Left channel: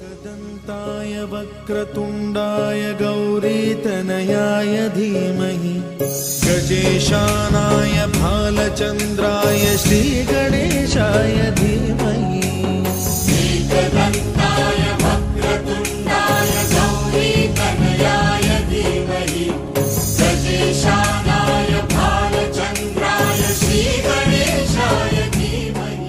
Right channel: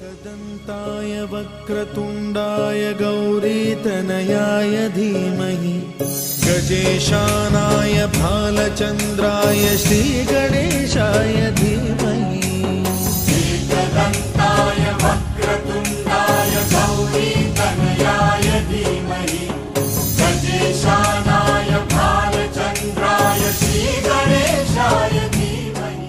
एकदन्ताय वक्रतुण्डाय गौरीतनयाय धीमहि गजेशानाय भालचन्द्राय श्रीगणेशाय धीमहि। एकदन्ताय वक्रतुण्डाय गौरीतनयाय धीमहि गजेशानाय भालचन्द्राय श्रीगणेशाय धीमहि।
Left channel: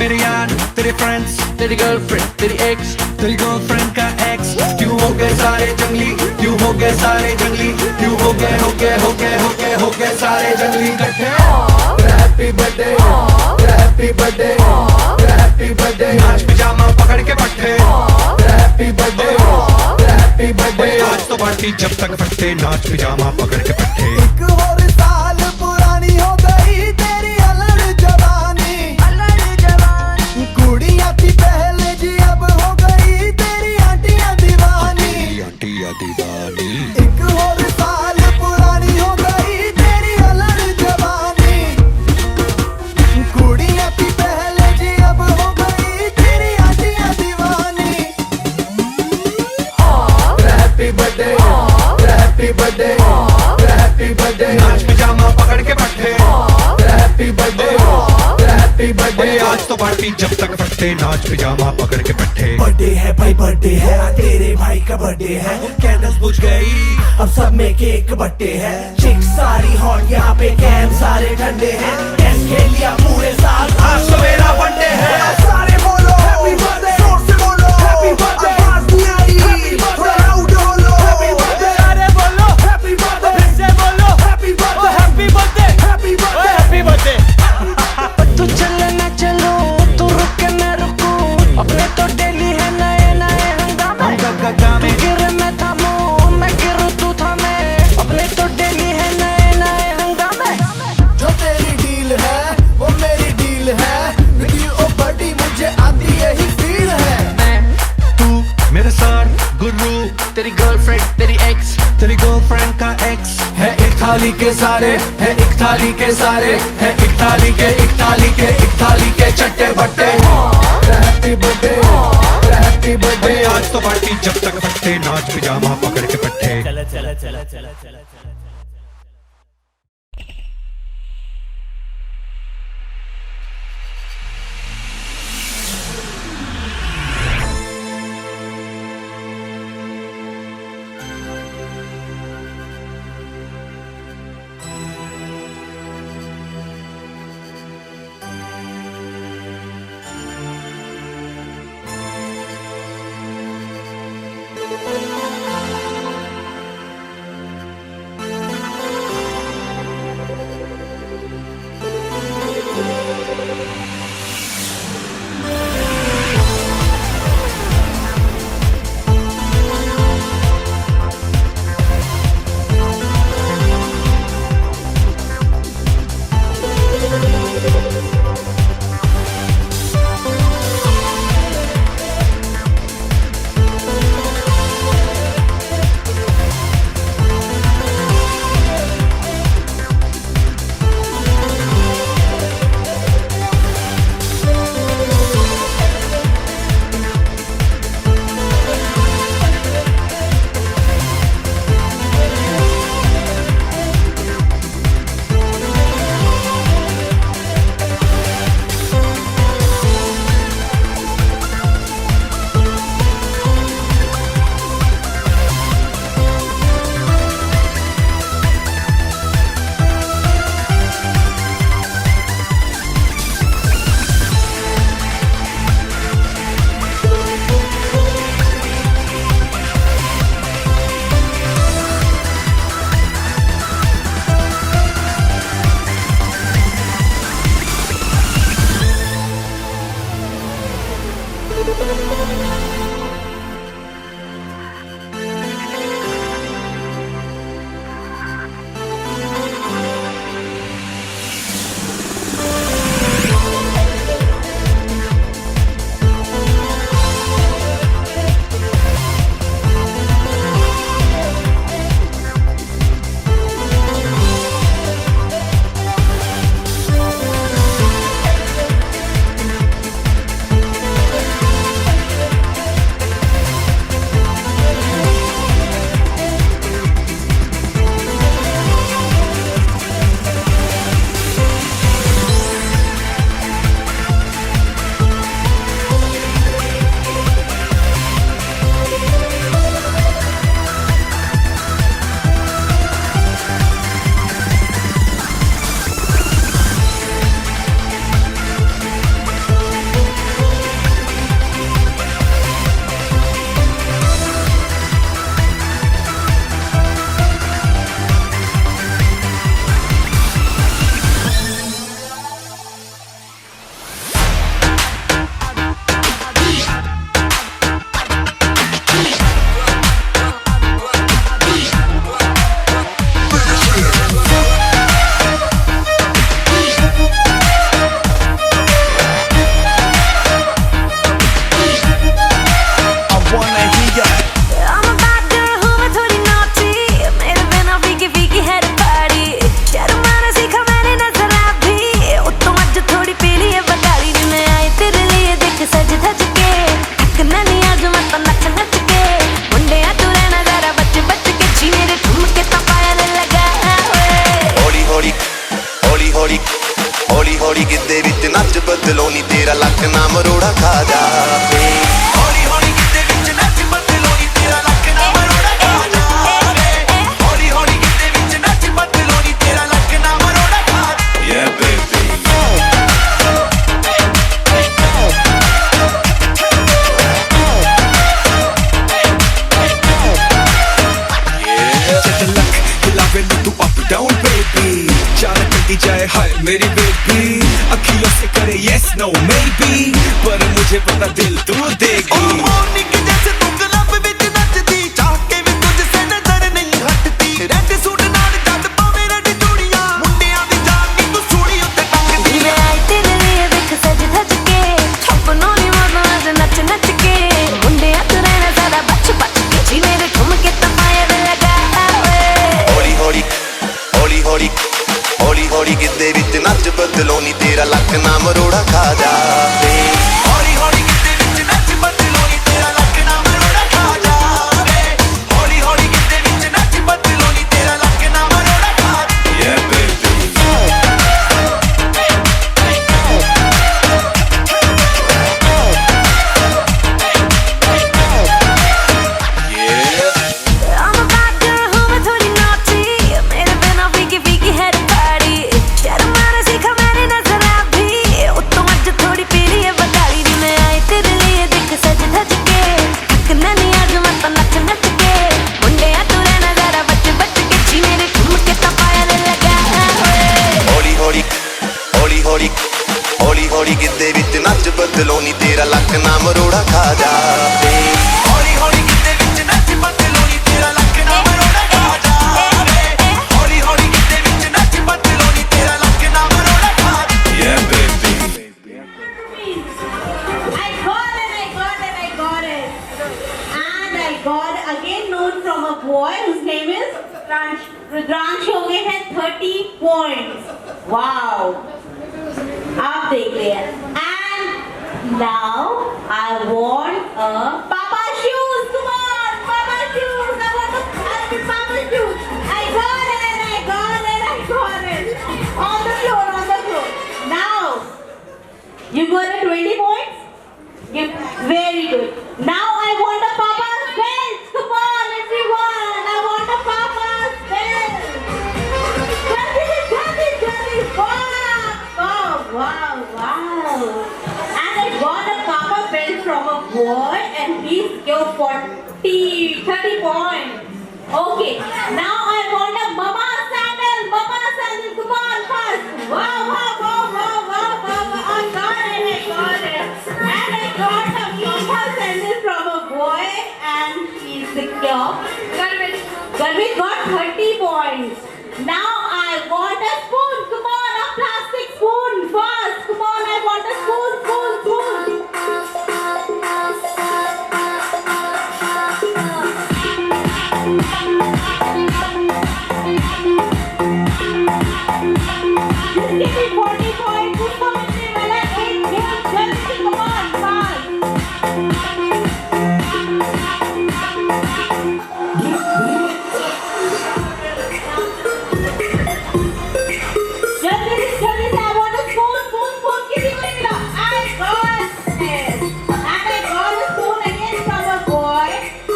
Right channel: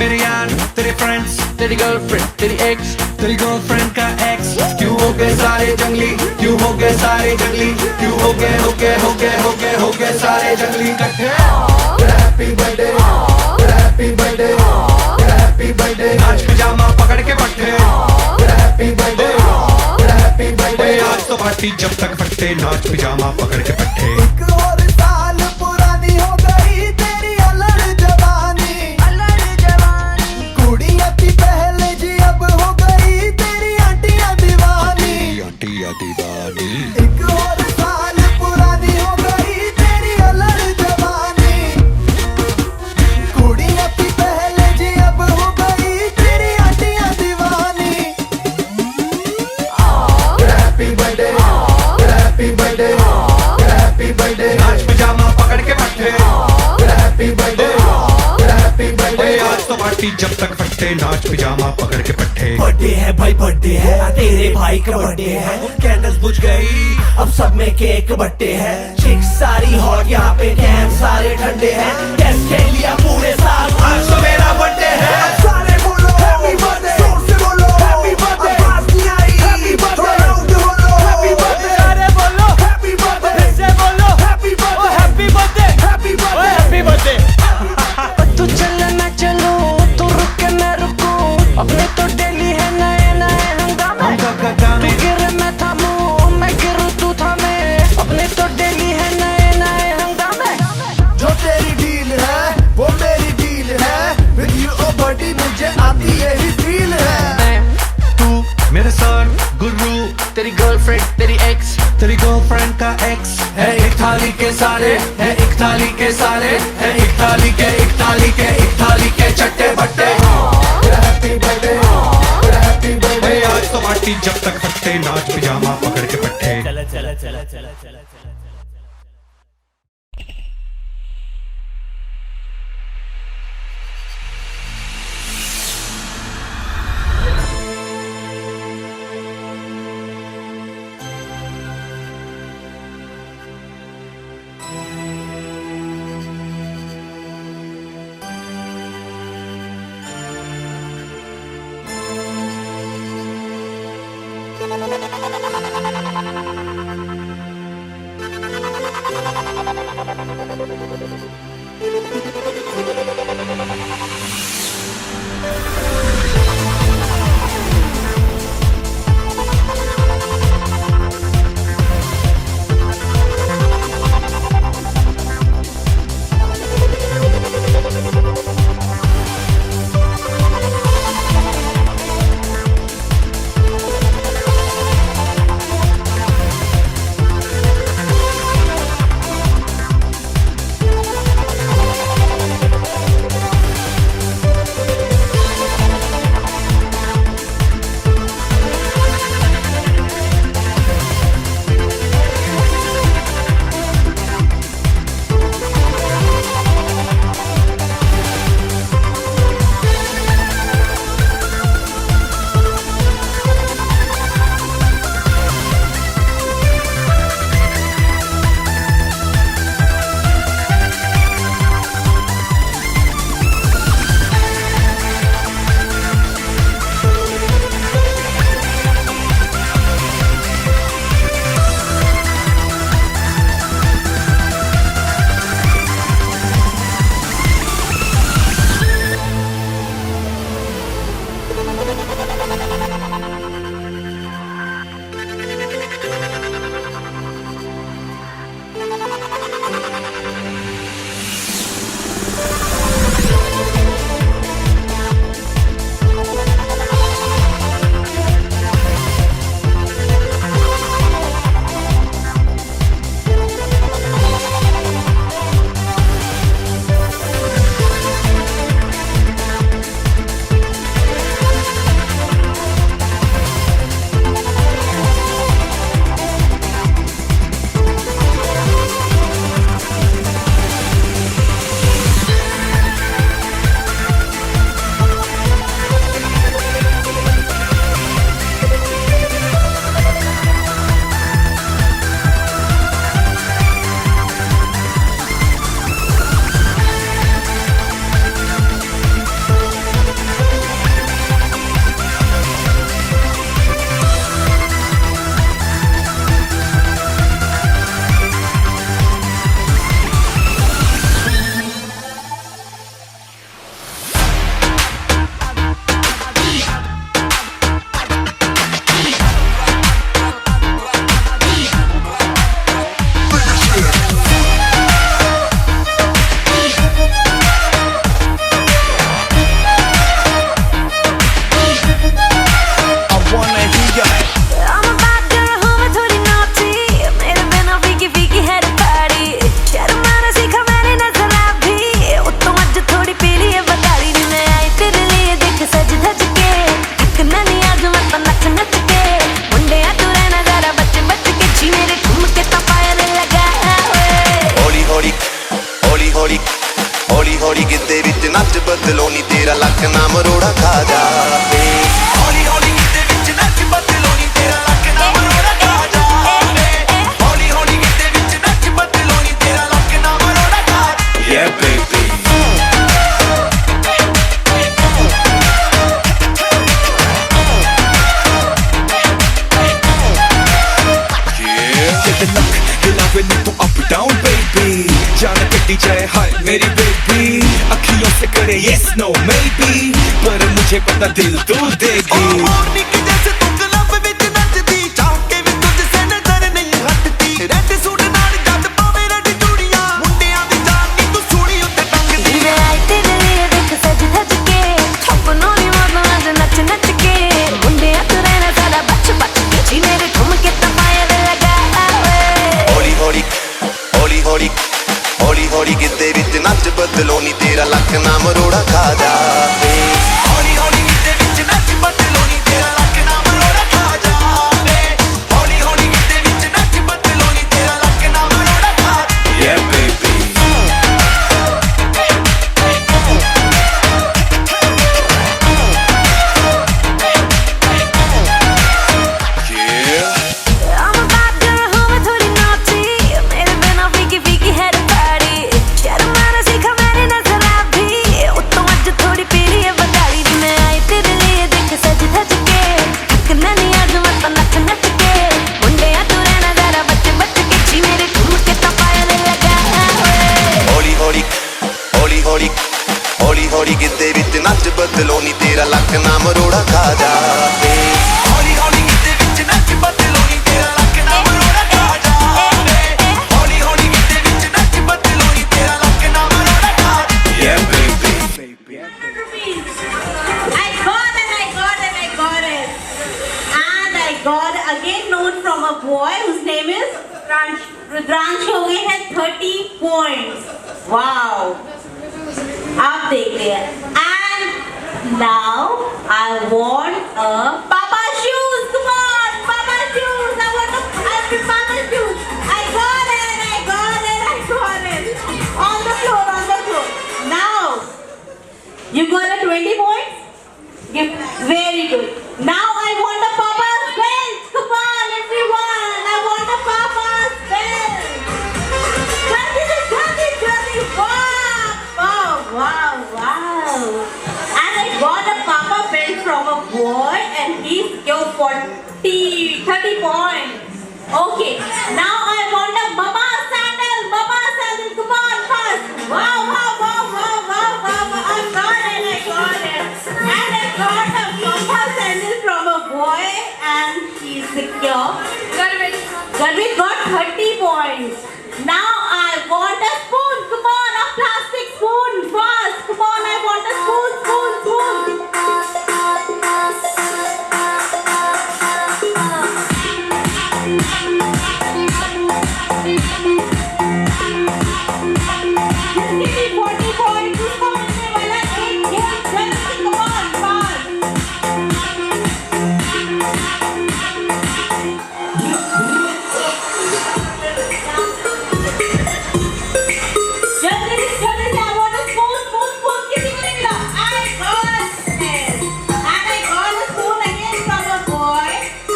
मेरे यार, तेरे फ्रेंड्स, तेरी गर्लफ्रेंड, तेरी एक्स, तेरी गर्लफ्रेंड का एक्स, क्यों हो गए सारे जंगली, क्यों हो गए सारे जंगली, क्यों हो गए सारे जंगली इकट्ठे। Happy birthday, happy birthday, happy birthday, नाच पिजामा पकड़ के पट्टे। हैप्पी बर्थडे, हैप्पी बर्थडे, आज तो पार्टी जब तक फटते, नाच पिजामा पकड़ के पट्टे। एक और साल पुरानी हो गई तेरी अलड़ जवानी, कुड़ियां थी पहले जी अब हो गई तेरी आंटियां दीवानी, आंटियां दीवानी। एक और साल पुरानी हो गई तेरी अलड़ जवानी, कुड़ियां थी पहले जी अब हो गई तेरी आंटियां दीवानी। Happy birthday, happy birthday, happy birthday, नाच पिजामा पकड़ के पट्टे। हैप्पी बर्थडे, हैप्पी बर्थडे, आज तो पार्टी जब तक फटते, नाच पिजामा पकड़ के पट्टे। बर्थडे है भाई बर्थडे है, तेरे भाई का बर्थडे है, कैंडल्स बुझ गई, अब सब में केक बट्टे है, चिक सारी हॉट यहाँ पे कैंप सारे ठंडे हैं, टेस्ट खेल लिया पूरे साल, आज तो मेरा बर्थडे है। सारे बोलो हैप्पी बर्थडे, जोर से बोलो हैप्पी बर्थडे, आवाज नहीं आई हैप्पी बर्थडे, लाउड बोलो हैप्पी बर्थडे, अरे बोलो हैप्पी बर्थडे, फिर से बोलो हैप्पी ओ बर्थडे, हैप्पी बर्थडे, हैप्पी ओ बर्थडे। Happy birthday. तू चले ना चलो, तू रुक के मैं रुकूं, अपने तो डेली है नए नए हंगामे। तू गिरे मैं थामूं, मैं गिरूं तू थामे, अपने तो डेली है नए नए हंगामे। जो तेरी डील है वो मेरी डील है, विद यू ओ बडी मुझे आती यही फील है। मैं, तू मेरे सर गुरु, तेरी गर्लफ्रेंड, तेरी एक्स, तेरी गर्लफ्रेंड का एक्स, है एक थाली के सारे, है एक थाली के सारे, है एक थाली के चट्टे बट्टे। हैप्पी बर्थडे, हैप्पी बर्थडे, आज तो पार्टी जब तक फटते, नाच पिजामा पकड़ के पट्टे। चला चला चला चला चला चला। ਹੌਲੀ ਹੌਲੀ ਗਿੱਧੇ ਵਿੱਚ ਨੱਚ ਬਦਲੋ ਨੀ ਤੇਰਾ ਲੱਕ ਨਾ ਮਰੋੜਾ ਖਾ ਜਾਵੇ ਹੌਲੀ ਹੌਲੀ ਗਿੱਧੇ ਵਿੱਚ ਨੱਚ ਬਦਲੋ ਨੀ ਤੇਰਾ ਲੱਕ ਨਾ ਮਰੋੜਾ ਖਾ ਜਾਵੇ ਹੌਲੀ ਹੌਲੀ ਗਿੱਧੇ ਵਿੱਚ ਨੱਚ ਬਦਲੋ ਨੀ ਤੇਰਾ ਲੱਕ ਨਾ ਮਰੋੜਾ ਖਾ yeah baby मेरी बेटी अखियों से करे yes no maybe पर मुझे पता दिल तू देगी ओ मोरनी के जैसे तू क्लब विच नचदी चाह के भी तुझसे नजर नहीं हटती रेड सूट नाल जद पावे रेड चूड़ियां मुंडियां दी जान नी तू सूली उत्ते टंगदी मैं आई तेरे लिए देख सज धज के अपनों नी मौत आज नच नच के मुंडिया तू रहना सारा बच बच के जी मेरे ठुमके तपाए लगा हौली हौली हौली हौली ਹੌਲੀ ਹੌਲੀ ਗਿੱਧੇ ਵਿੱਚ ਨੱਚ ਬਦਲੋ ਨੀ ਤੇਰਾ ਲੱਕ ਨਾ ਮਰੋੜਾ ਖਾ ਜਾਵੇ ਹੌਲੀ ਹੌਲੀ ਗਿੱਧੇ ਵਿੱਚ ਨੱਚ ਬਦਲੋ ਨੀ ਤੇਰਾ ਲੱਕ ਨਾ ਮਰੋੜਾ ਖਾ ਜਾਵੇ ਹੌਲੀ ਹੌਲੀ ਗਿੱਧੇ ਵਿੱਚ ਨੱਚ ਬਦਲੋ ਨੀ ਤੇਰਾ ਲੱਕ ਨਾ ਮਰੋੜਾ ਖਾ yeah baby I'm a bad girl हूँ मैं थोड़ी naughty मेरे बिना फीकी फीकी है पार्टी शर्माना सीखा मैंने नजरा भी उत्तम आज थोड़ी पीली है बताड़ी नी मैं आई तेरे लिए देख सज धज के थकना नहीं आज मत नच नच के मुंडिया तू रहना जरा बच बच के जी मेरे ठुमके तपाए लगा ਹੌਲੀ ਹੌਲੀ ਹੌਲੀ ਹੌਲੀ ਹੌਲੀ ਹੌਲੀ ਗਿੱਧੇ ਵਿੱਚ ਨੱਚ ਬਦਲੋ ਨੀ ਤੇਰਾ ਲੱਕ ਨਾ ਮਰੋੜਾ ਖਾ ਜਾਵੇ ਹੌਲੀ ਹੌਲੀ ਗਿੱਧੇ ਵਿੱਚ ਨੱਚ ਬਦਲੋ ਨੀ ਤੇਰਾ ਲੱਕ ਨਾ ਮਰੋੜਾ ਖਾ ਜਾਵੇ ਹੌਲੀ ਹੌਲੀ ਗਿੱਧੇ ਵਿੱਚ ਨੱਚ ਬਦਲੋ ਨੀ ਤੇਰਾ ਲੱਕ ਨਾ ਮਰੋੜਾ ਖਾ yeah baby I got it, I got it, I got it. And I got it again known from a boy whose name is Rudransh हो गए हैं 30 points. Wow. आप देख लिया. And now I want a Papa shoes. Come on, Papa shoes. I want a Papa shoes. I got it, I got it, I got it. On the floor, on the floor. Now. You got a 20 points? Very good. Now I want a Papa's belt. Come on, everyone. I want a Papa's belt. Jaldi. Wow. And I got a Papa belt from a boy and he's your 30 points. Okay. Now I want a Mama sandal. Come on, fast. Wow. I got it. And I got a Mama sandal from a boy and he's secure. But we got 30 points. Now I want a spoon. Come on, a plastic spoon. Fast. Come on, I want a spoon. Give me 40 points. Come on, come on, fast. Jolly, I want a spoon. किसी को नहीं मिला. I got it. And I got a spoon again from a boy.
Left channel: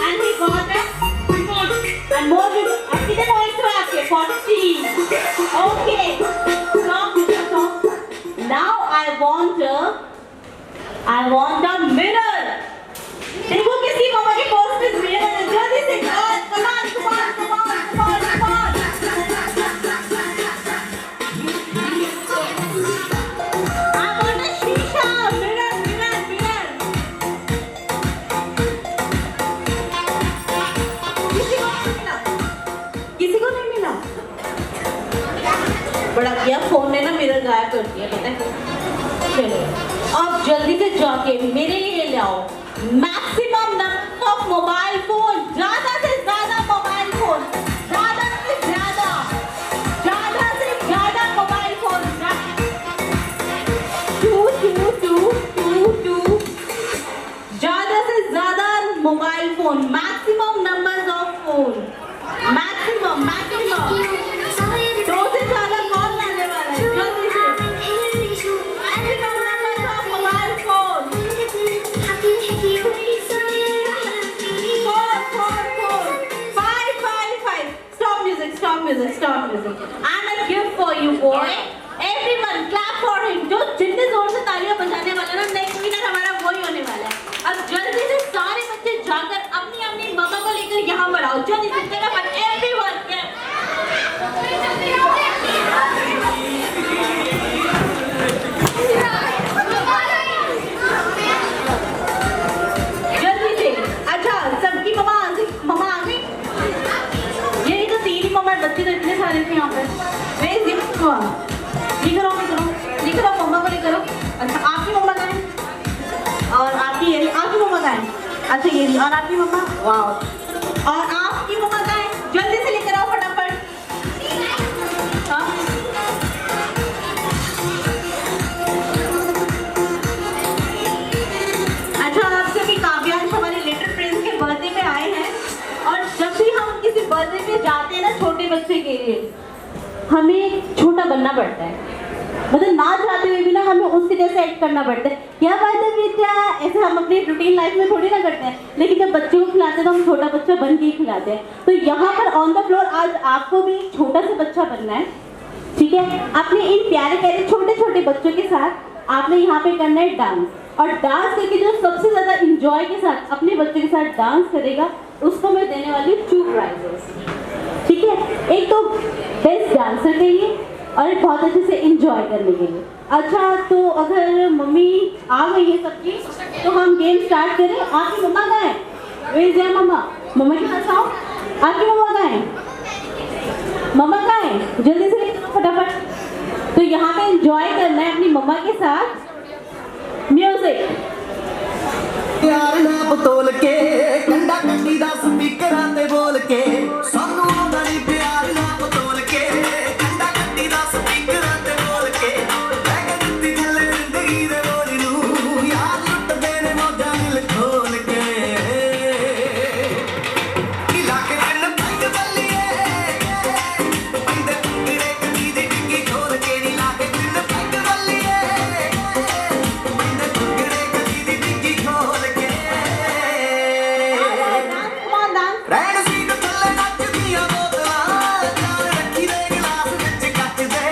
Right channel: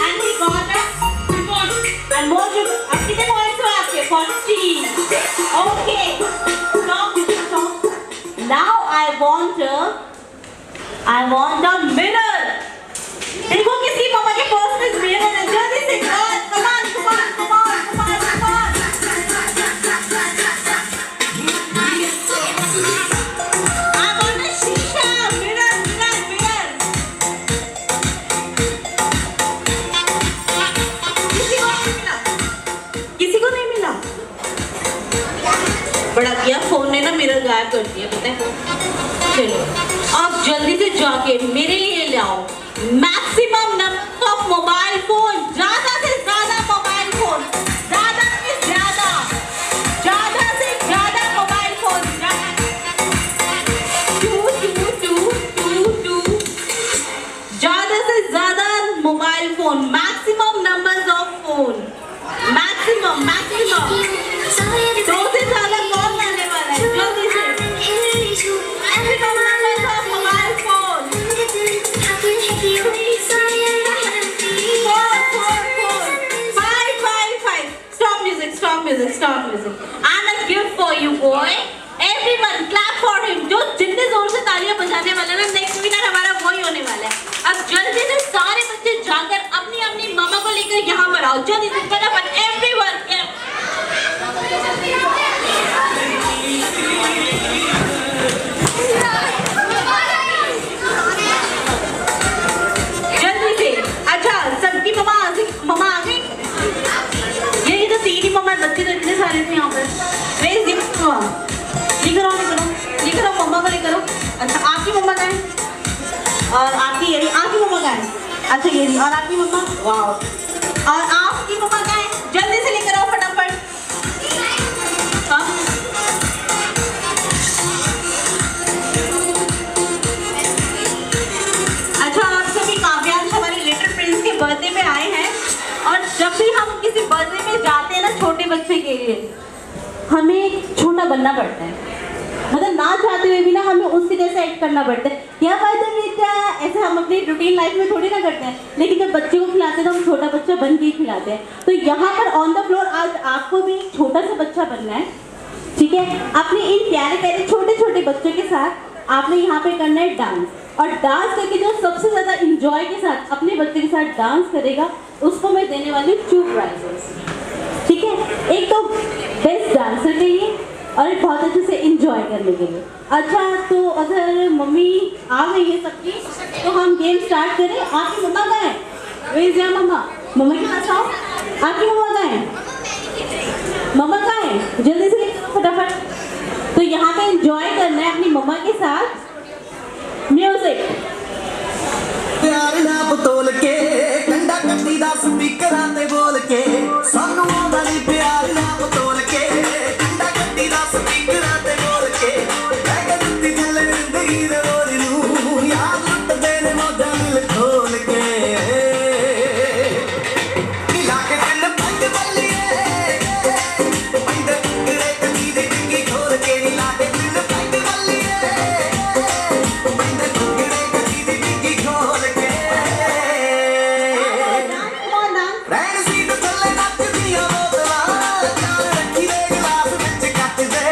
And he got a spoon. And more people. अब कितने points हुए आपके? 40. Okay. Stop. Now I want a mirror. देखो किसी पापा के पर्स में mirror है. जल्दी से come on. I want a shisha mirror. किसी को नहीं मिला. बड़ा किया फोन ने ना मिरर गायब कर दिया पता है. चलो अब जल्दी से जाके मेरे लिए ले आओ maximum number of mobile phone. ज्यादा से ज्यादा मोबाइल फोन. ज्यादा से ज्यादा मोबाइल फोन. 2 ज्यादा से ज्यादा mobile phone. Maximum numbers of phone. Maximum 2 से ज्यादा कॉल आने वाला है. जल्दी से background music and a gift for you boy everyone clap for him जो जितने जोर से तालियां बजाने वाला ना नेक्स्ट विनर हमारा वही होने वाला है अब जल्दी से सारे बच्चे जाकर अपनी अपनी मम्मा को लेकर यहाँ पर आओ जल्दी से फटाफट एवरीवन जल्दी से अच्छा सबकी मम्मा आ गई ये तो तीन ही मम्मा बच्चे तो इतने सारे थे यहाँ पर रेस गिफ्ट ये करो मम्मा को लेकर अच्छा आपकी मम्मा का है और आपकी मम्मा का है अच्छा ये और आपकी मम्मा वाह और आपकी मम्मा का है जल्दी से लेकर आओ फटाफट हाँ अच्छा आप सभी काव्यांश हमारे लिटिल प्रिंस के बर्थडे पे आए हैं और जब भी हम किसी बर्थडे में जाते हैं ना छोटे बच्चे के लिए हमें छोटा बनना पड़ता है मतलब ना चाहते हुए भी ना हमें उसके जैसे एक्ट करना पड़ता है क्या बात है बेटा ऐसे हम अपनी रूटीन लाइफ में थोड़ी ना करते हैं लेकिन जब बच्चे को खिलाते हैं तो हम छोटा बच्चा बन के ही खिलाते हैं तो यहाँ पर ऑन द फ्लोर आज आपको भी एक छोटा सा बच्चा बनना है ठीक है आपने इन प्यारे प्यारे छोटे छोटे बच्चों के साथ आपने यहाँ पे करना है डांस और डांस करके जो सबसे ज्यादा इंजॉय के साथ अपने बच्चे के साथ डांस करेगा उसको मैं देने वाली हूँ 2 प्राइजेस ठीक है एक तो बेस्ट डांसर के लिए और एक बहुत अच्छे से इंजॉय करने के लिए अच्छा तो अगर मम्मी आ गई है सबकी तो हम गेम स्टार्ट करें आपकी मम्मा कहाँ है वेयर इज मम्मा के पास आओ आपकी मम्मा कहाँ है मम्मा कहाँ है जल्दी से फटाफट तो यहाँ पे इंजॉय करना है अपनी मम्मा के साथ म्यूजिक प्यार ना बतोल के कंडा कंडी दा स्पीकरां ते बोल के सानू आंदा नी प्यार ना बतोल के कंडा कंडी दा स्पीकरां ते बोल के मैं दित्ती दिल जिंदगी दे बोल नू यार लुट गए ने मौजा दिल खोल के मिला के दिल पंज बल्लिए पंज टुकड़े कदी दे डिंगी खोल के मिला के दिल पंज बल्लिए पंज टुकड़े कदी दे डिंगी खोल के रैन सी तो चल नच दिया बोतला जान रखी दे गिलास विच कट दे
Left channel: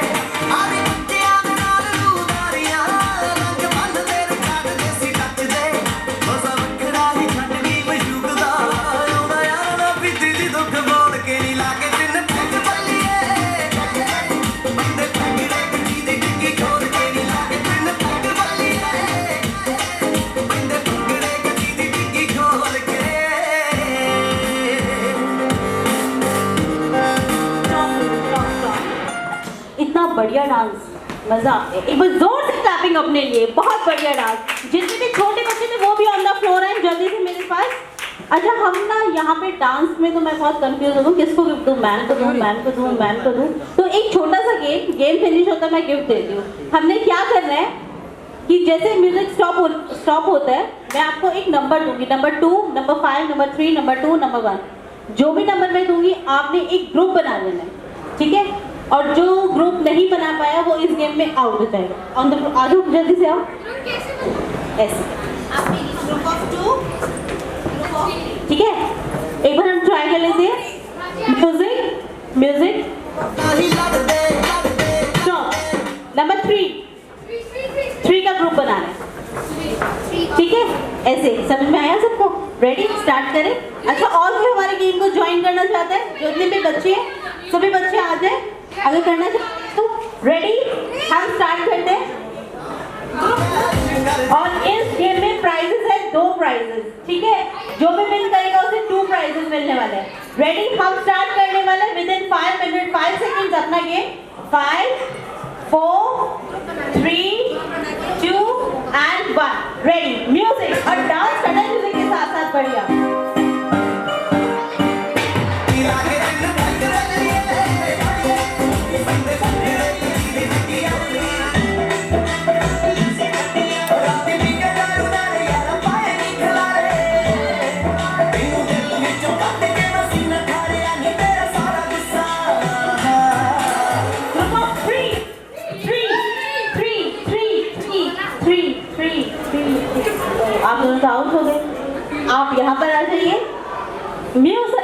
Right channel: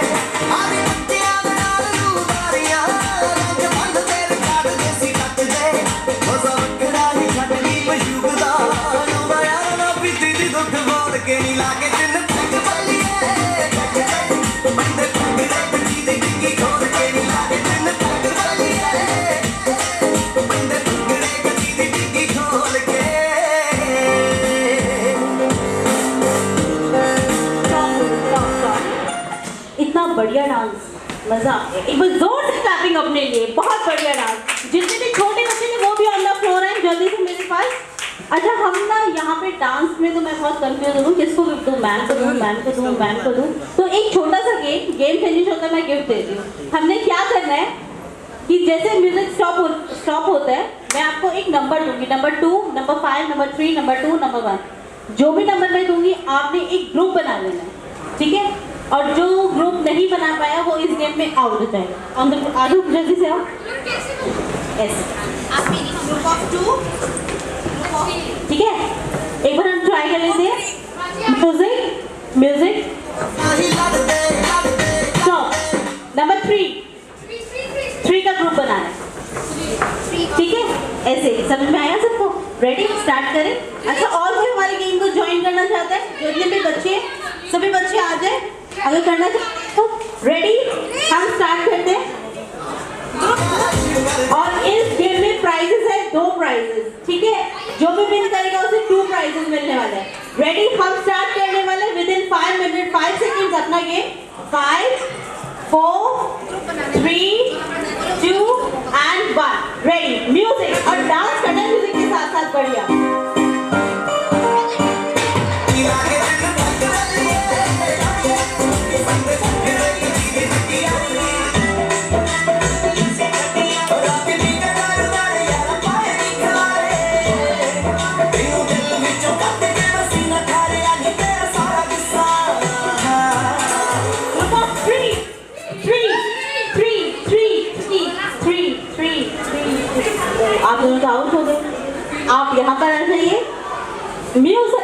आवे बच्चियां दे नाल रूबारियां रंग बंद तेरे काट दे सी कट दे ओ वखरा नी खड़नी मयूब दा रूबारियां ना पिट दी दुख बोल के नी लागे चिन पंज बल्लिए पंज टुकड़े कदी दे डिंगी खोल के नी लागे चिन पंज बल्लिए पंज टुकड़े कदी दे डिंगी खोल के इतना बढ़िया डांस मजा आ गया एक बार जोर से क्लैपिंग अपने लिए बहुत बढ़िया डांस जितने भी छोटे बच्चे थे वो भी ऑन द फ्लोर हैं जल्दी से मेरे पास अच्छा हम ना यहाँ पे डांस में तो मैं बहुत कंफ्यूज हूँ किसको गिफ्ट दूँ मैन को दूँ तो एक छोटा सा गेम फिनिश होता है मैं गिफ्ट देती हूँ हमने क्या करना है कि जैसे म्यूजिक स्टॉप होता है मैं आपको एक नंबर दूंगी number 2 number 5 number 3 number 2 number 1 जो भी नंबर मैं दूंगी आपने एक ग्रुप बना लेना है ठीक है और जो ग्रुप नहीं बना पाया वो इस गेम में आउट हो जाएगा आगे जल्दी से आओ यस ग्रुप ऑफ 2 ठीक है एक बार हम ट्राई कर लेते हैं म्यूजिक स्टॉप नंबर 3 का ग्रुप बनाना है ठीक है ऐसे समझ में आया सबको रेडी स्टार्ट करें अच्छा और कोई हमारे गेम को ज्वाइन करना चाहता है जो जितने भी बच्चे हैं सभी बच्चे आ जाए अगर करना चाहते हैं तो रेडी हम स्टार्ट करते हैं और इस गेम में प्राइजेस है 2 प्राइजेस ठीक है जो भी विन करेगा उसे 2 प्राइजेस मिलने वाले हैं रेडी हम स्टार्ट करने वाले विद इन 5 मिनट 5 सेकंड्स अपना गेम 5 4 3 2 and 1 रेडी म्यूजिक और डांस करना म्यूजिक के साथ साथ बढ़िया आप दोनों तो आउट हो गए आप यहाँ पर आ जाइए म्यूजिक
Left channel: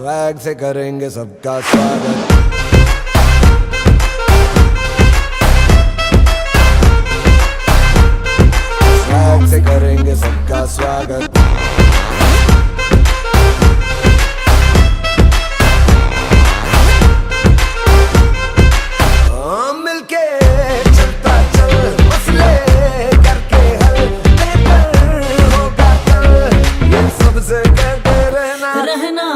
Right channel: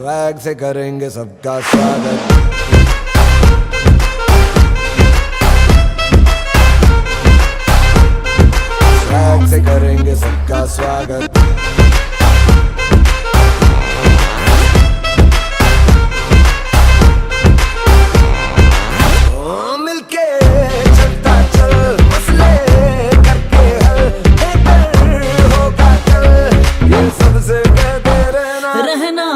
स्वैग से करेंगे सबका स्वागत। स्वैग से करेंगे सबका स्वागत। मिलके चलता चल, मसले करके हल, बेहतर होगा कल, ये सबसे कहते रहना। रहना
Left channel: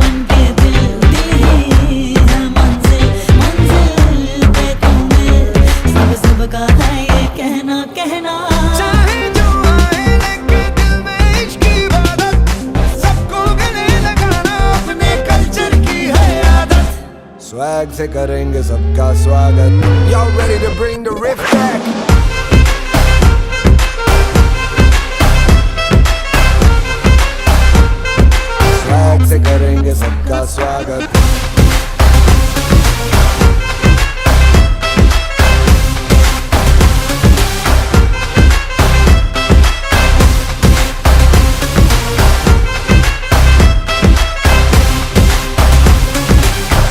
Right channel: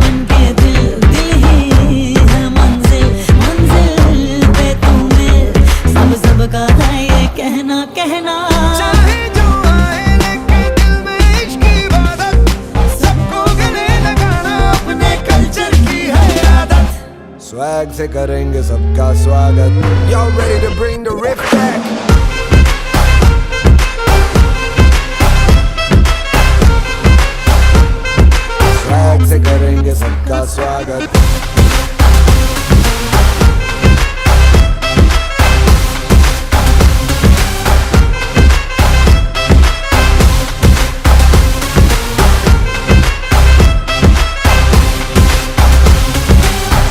बनके दिल, दिल ही है मंजिल, मंजिल पे तू मिल, सब सबका है ये कहना कहना। चाहे जो आए लेके दिल में इश्क की इबादत, सबको गले लगाना अपने कल्चर की है आदत। स्वैग से करेंगे सबका स्वागत। Y'all ready to bring the riff back? Swag से करेंगे सबका स्वागत।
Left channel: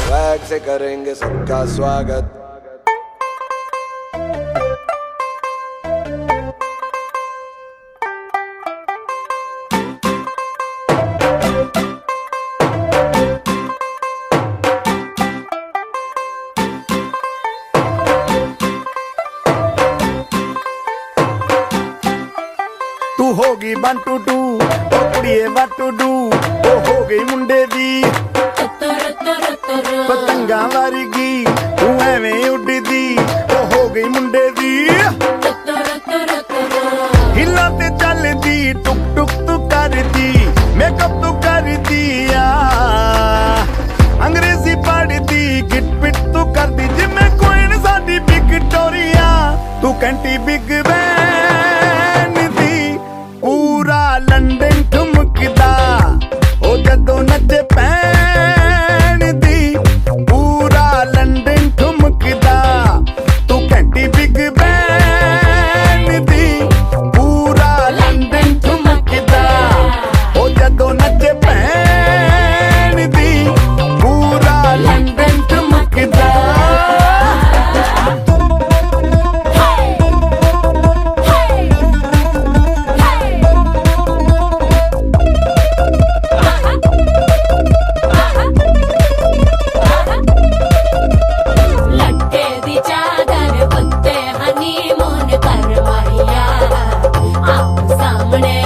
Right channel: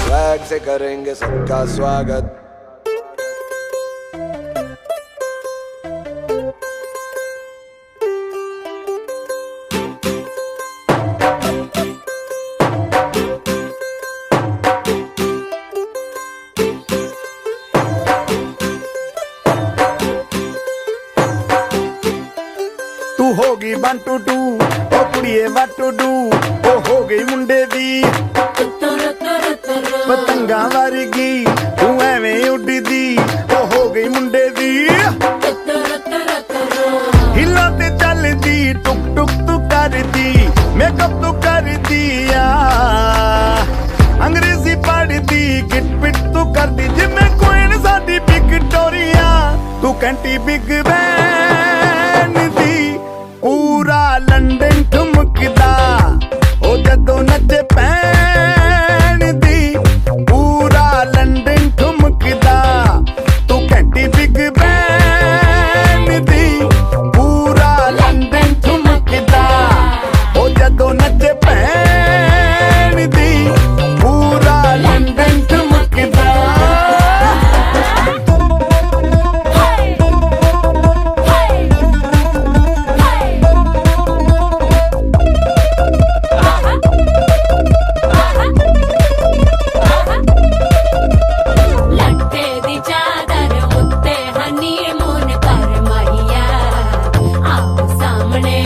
स्वैग से करेंगे सबका स्वागत। तू होगी 1 2 2 ओ कुड़िए what to do, ओ हो गई मुंडे दी ਪਤੰਗਾਂ ਵਰਗੀ ਤੂੰ ਐਵੇਂ ਉੱਡਦੀ, ਉਹ ਹੋ ਗਈ ਮੁੰਡੇ ਦੀ। ਹਿੱਲਾਂ ਤੇ ਚੱਲਦੀ ਟੁਕ ਟੁਕ ਤੂੰ ਕਰਦੀ, ਮੇਕਅਪ ਤੂੰ ਕਰਦੀ ਆ, ਅੰਗਰੇਜ਼ੀ ਪੜ੍ਹਦੀ, ਗਿਟ ਪਿਟ ਤੂੰ ਕਰਦੀ ਜਿਵੇਂ ਕੁਈਨ ਸਾਡੀ ਵਿਕਟੋਰੀਆ। ਤੂੰ ਘੰਟੀ ਬਿਗ ਬੈਨ ਦੀ, ਪੂਰਾ ਲੰਡਨ ਠੁਮਕਦਾ, ਉਹ ਜਦੋਂ ਨੱਚੇ ਪੈਣ ਦੀ, ਪੂਰਾ ਲੰਡਨ ਠੁਮਕਦਾ। ਤੂੰ ਘੰਟੀ ਬਿਗ ਬੈਨ ਦੀ, ਪੂਰਾ ਲੰਡਨ ਠੁਮਕਦਾ, ਉਹ ਜਦੋਂ ਨੱਚੇ ਪੈਣ ਦੀ, ਪੂਰਾ ਲੰਡਨ ਠੁਮਕਦਾ। लट्टे दी चादर उत्ते हनीमून कर माहिया। आप सामने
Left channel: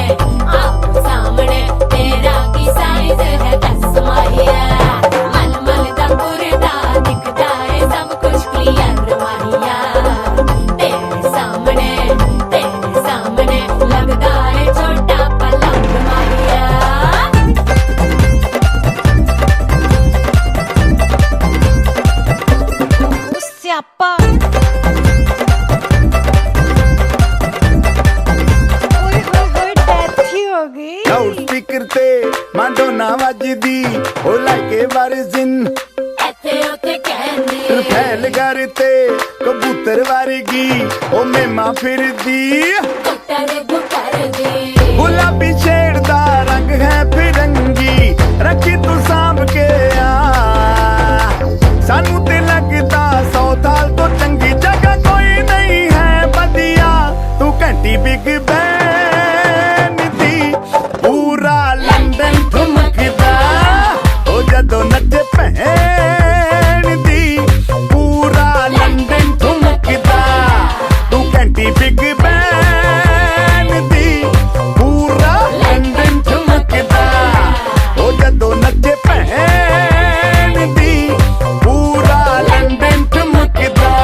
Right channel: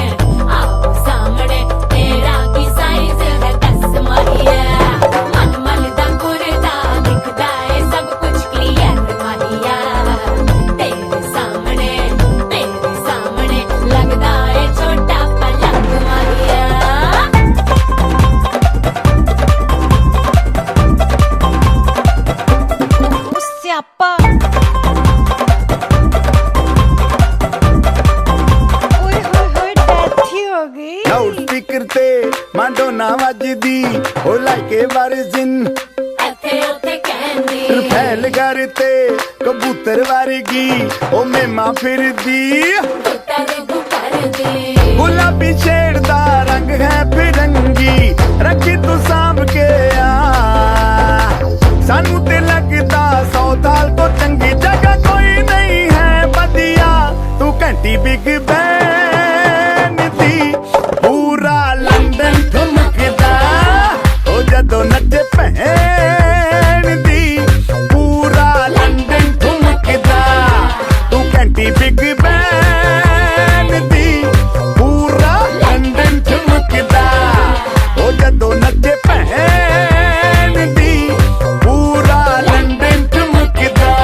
तेरा की साइज है 10 माहिया। मन मन दा गुरदा दिखदा है सब कुछ क्लियर माहिया। तेरे सामने लगदा है छोटा पलंग माहिया। ਸਿਆਪਾ ਓਏ ਹੋਏ ਹੋਏ ਡੈਥ ਹੀ ਹੋ ਗਈ। ਲਾਊਡ ਸਪੀਕਰ ਤੇ ਮਾਡੋਨਾ ਵੱਜਦੀ, ਉਹ ਲਾਈਕੇ ਵਰਜ਼ਨ ਇੱਥੇ ਉੱਥੇ ਕਹਿੰਦੀ ਰਫੈਲ ਘਰ ਤੇ ਕਬੂਤਰ ਵਰਗੀ, ਉਹ ਮੇਮਾ ਫਿਰਦੀ। ਗੁੱਟਰ ਦੀ ਗੁਲਾਬੀ ਸ਼ੇਡ ਦਾ ਰੰਗ ਹੈ ਫਿਰੰਗੀ, ਰੱਖੀ ਤੂੰ ਸਾਂਭ ਕੇ ਆ, ਸਾਨੂੰ ਤੇ ਲੱਗਦਾ 100 ਸਾਲ ਤੋਂ ਚੰਗੀ ਜਗ੍ਹਾ ਕੋਈ ਨਹੀਂ ਹੈ ਵਧੀਆ। ਤੂੰ ਘੰਟੀ ਬਿਗ ਬੈਨ ਦੀ, ਪੂਰਾ ਲੰਡਨ ਠੁਮਕਦਾ, ਉਹ ਜਦੋਂ ਨੱਚੇ ਭੈਣ ਦੀ, ਪੂਰਾ ਲੰਡਨ ਠੁਮਕਦਾ। ਤੂੰ ਘੰਟੀ ਬਿਗ ਬੈਨ ਦੀ, ਪੂਰਾ ਲੰਡਨ ਠੁਮਕਦਾ, ਉਹ ਜਦੋਂ ਨੱਚੇ ਭੈਣ ਦੀ, ਪੂਰਾ ਲੰਡਨ ਠੁਮਕਦਾ।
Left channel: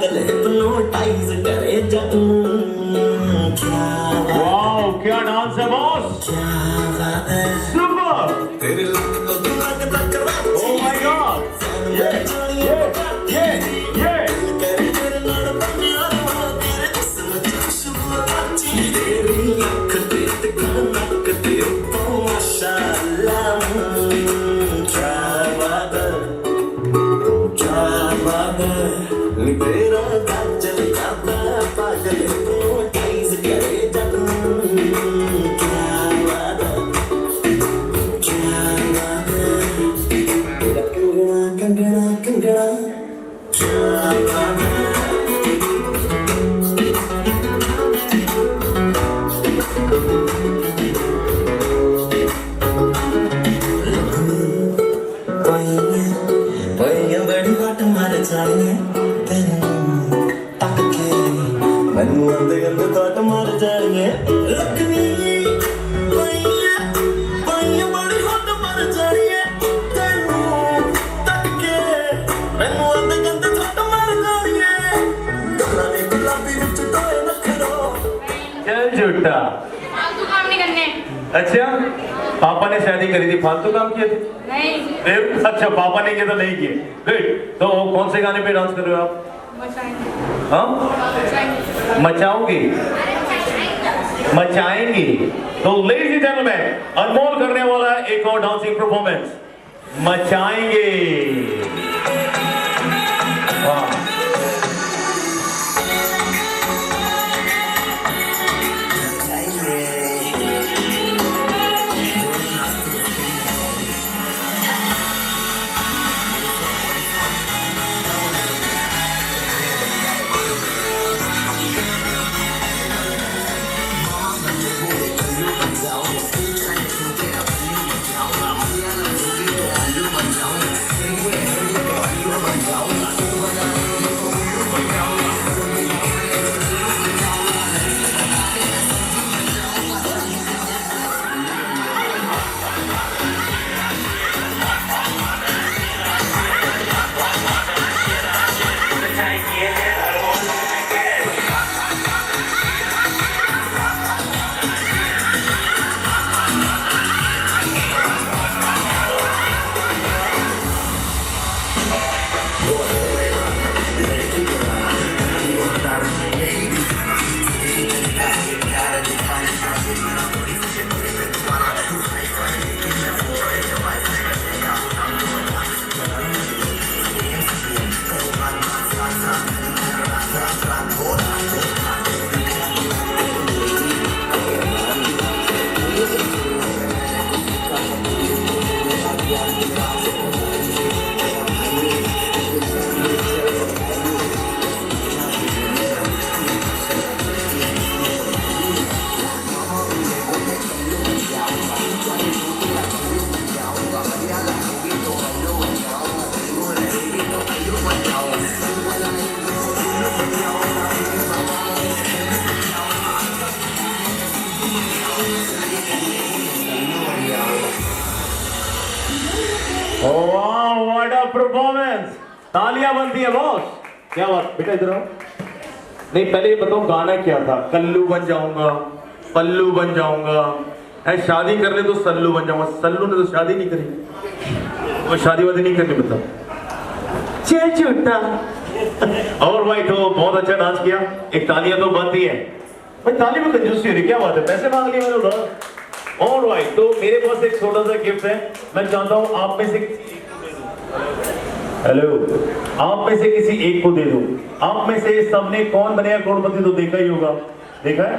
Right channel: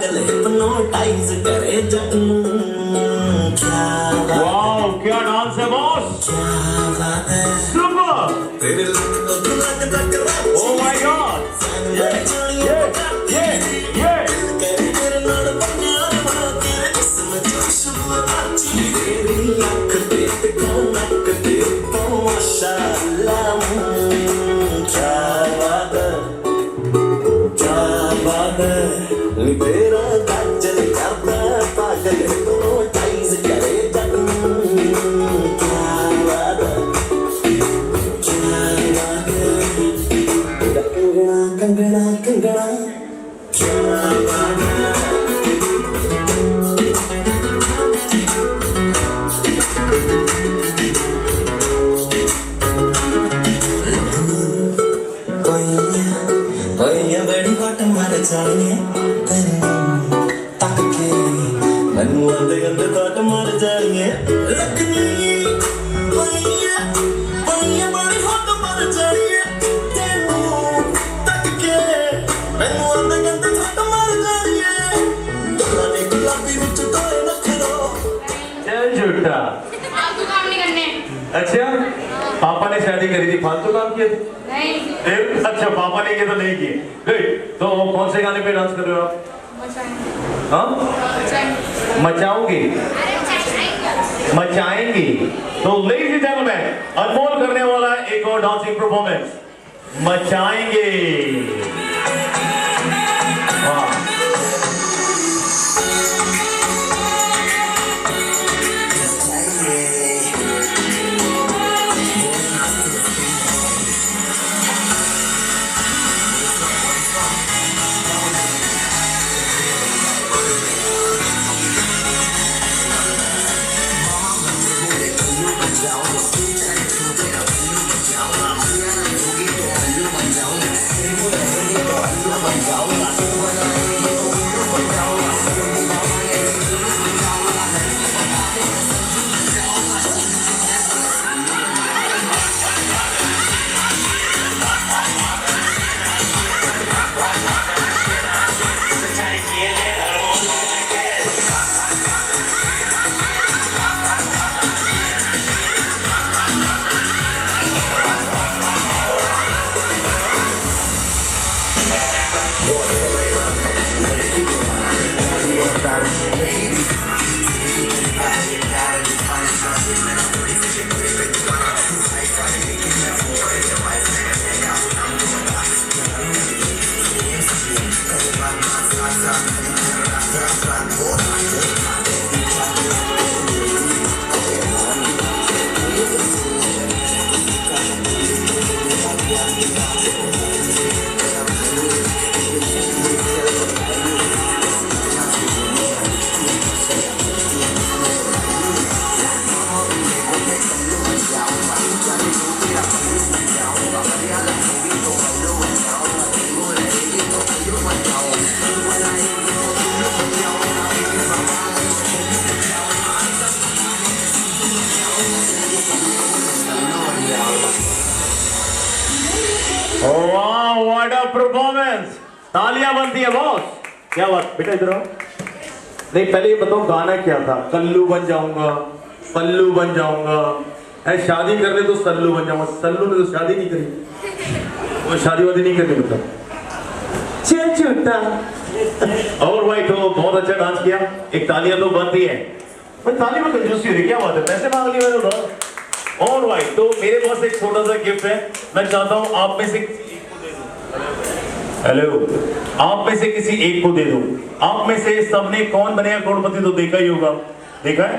पागल हिप्नोटाइज करे जग नूं क्या वाओ क्या डांस है बॉस बात है सुपर तेरे लग तक ओह माय गॉड ये तेरे नाल बन्या तेरे जिस्म च खुशबू आची तेरी अख ते कनक ते तो माशाअल्लाह क्या बात है नी तेरा काजल करदा पागल हिप्नोटाइज करे जग नूं क्या बात है कंगना कंगना क्या बात है पईया बड़ी वाट मार जानिए तेनू तक के मैनू आंदे गंदे वाट मार जानिए लखनी पईया बड़ी वाट मार जानिए तेनू तक के मैनू आंदे गंदे वाट मार जानिए गल्ला ने गुलाबी विच टोए नखरो चल झूठा फालतू काम नहीं करने। अच्छा पापा ने शादी करी थी फालतू काम किए थे नहीं अच्छा पापा ने किए तो नहीं किए गुड तो कौन से गाने पे डांस कर रहे हो आप हाँ मचाओगी मचाएंगी तो लेडीज एंड जेंटलमैन अनमोल करने वाला है एक और डांसिंग परफॉर्मेंस मचाएंगे वाह वाह व्हाट अ परफॉर्मेंस तालियां बनती है बॉस क्या बात बेटा इधर आओ नहीं पहले ये बताओ गाना क्या था कल्लू बन जाऊंगा पल्लू बन जाऊंगा है शादी करने तो सल्लू बन जाऊंगा सल्लू ने तो शादी नहीं करी वो शादी वादी नहीं करनी मतलब झूठा और भाई तो बहुत अच्छा डांस किया एक तालियां तो बनती है भाई ताली में कंजूसी हो रही क्या बात है पैसे मांग लिए मैंने उधर और भाई तो मेरे पास एक छोटा सा गिफ्ट है मैं चाहता हूं आप में से किसी एक को दे दूं हेलो आप में से किसी एक को दे दूं आप में से सबने कौन बनेगा करोड़पति तो देखा ही होगा देखा है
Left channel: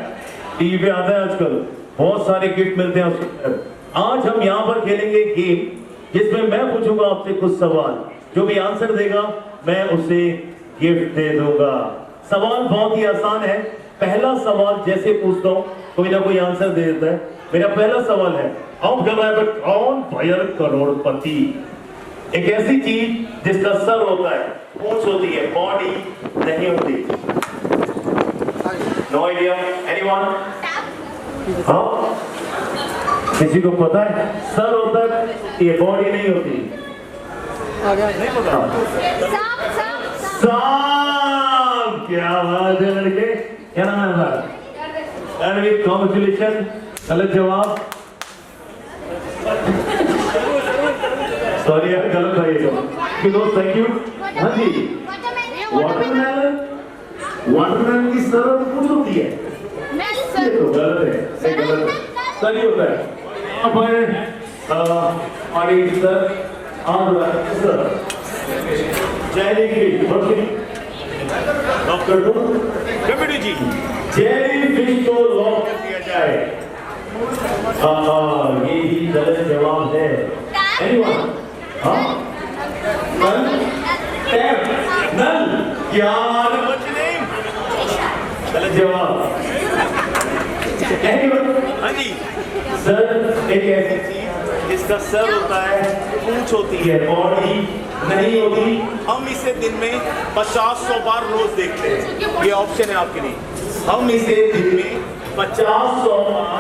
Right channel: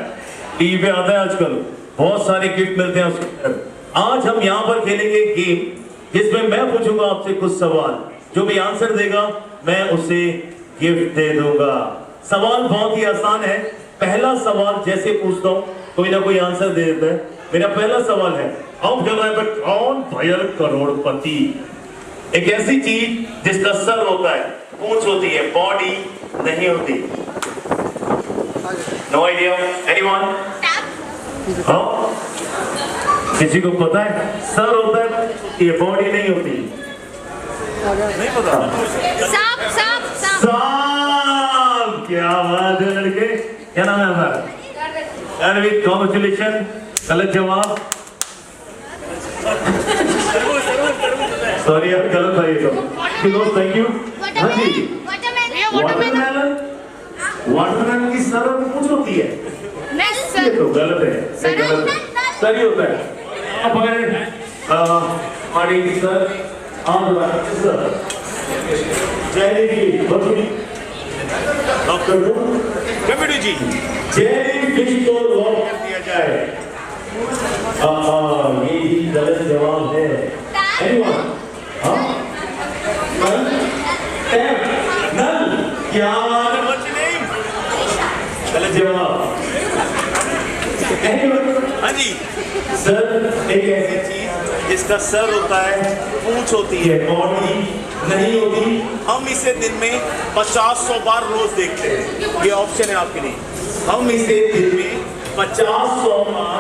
टीवी पे आता है आजकल बहुत सारे गिफ्ट मिलते हैं उसके आज हम यहाँ पर खेलेंगे गेम जिसमें मैं पूछूंगा आपसे कुछ सवाल जो भी आंसर देगा मैं उसे गिफ्ट दे दूंगा सवाल बहुत ही आसान है पहला सवाल जैसे पूछता हूँ कोई ना कोई आंसर दे देता है मेरा पहला सवाल है अब जब है कौन भयल करोड़पति एक ऐसी चीज जिसका सर होता है पूंछ होती है बॉडी नहीं होती नो आइडिया एनीवन हाँ किसी को पता है सर होता है ये बॉडी नहीं होती नहीं पता सांप सांप सांप सांप क्या बात है लड़के, क्या नाम है आपका? अरविंद, कॉन्ग्रेचुलेशन। गलत जवाब, सॉरी यार, गलत है ये तो। Thank you. हाँ जी, वाटरमेलन, वाटरमेलन की सरल पूछ होती है, ये तो गलत है, ये गलत है, सही होता है। आप आए हमारे सर, आप सर जयदेवी बसुरी डॉक्टर कमिटी जी, जयदेवी फिश को लॉक कर दिया जाए। ये भी गलत जवाब है। एनीवन? हाँ, नल, टैप, नल, यार व्हाट्स योर नेम? गलत जवाब। एनीवन? हाँ जी सर, एक ऐसी चीज जिसका सर होता है, पूंछ होती है, बॉडी नहीं होती, हम इसे दिन में 50-100 बार रोज देखते हैं। ये ऑप्शन है आपके लिए, हम इसे दिन में 50-100 बार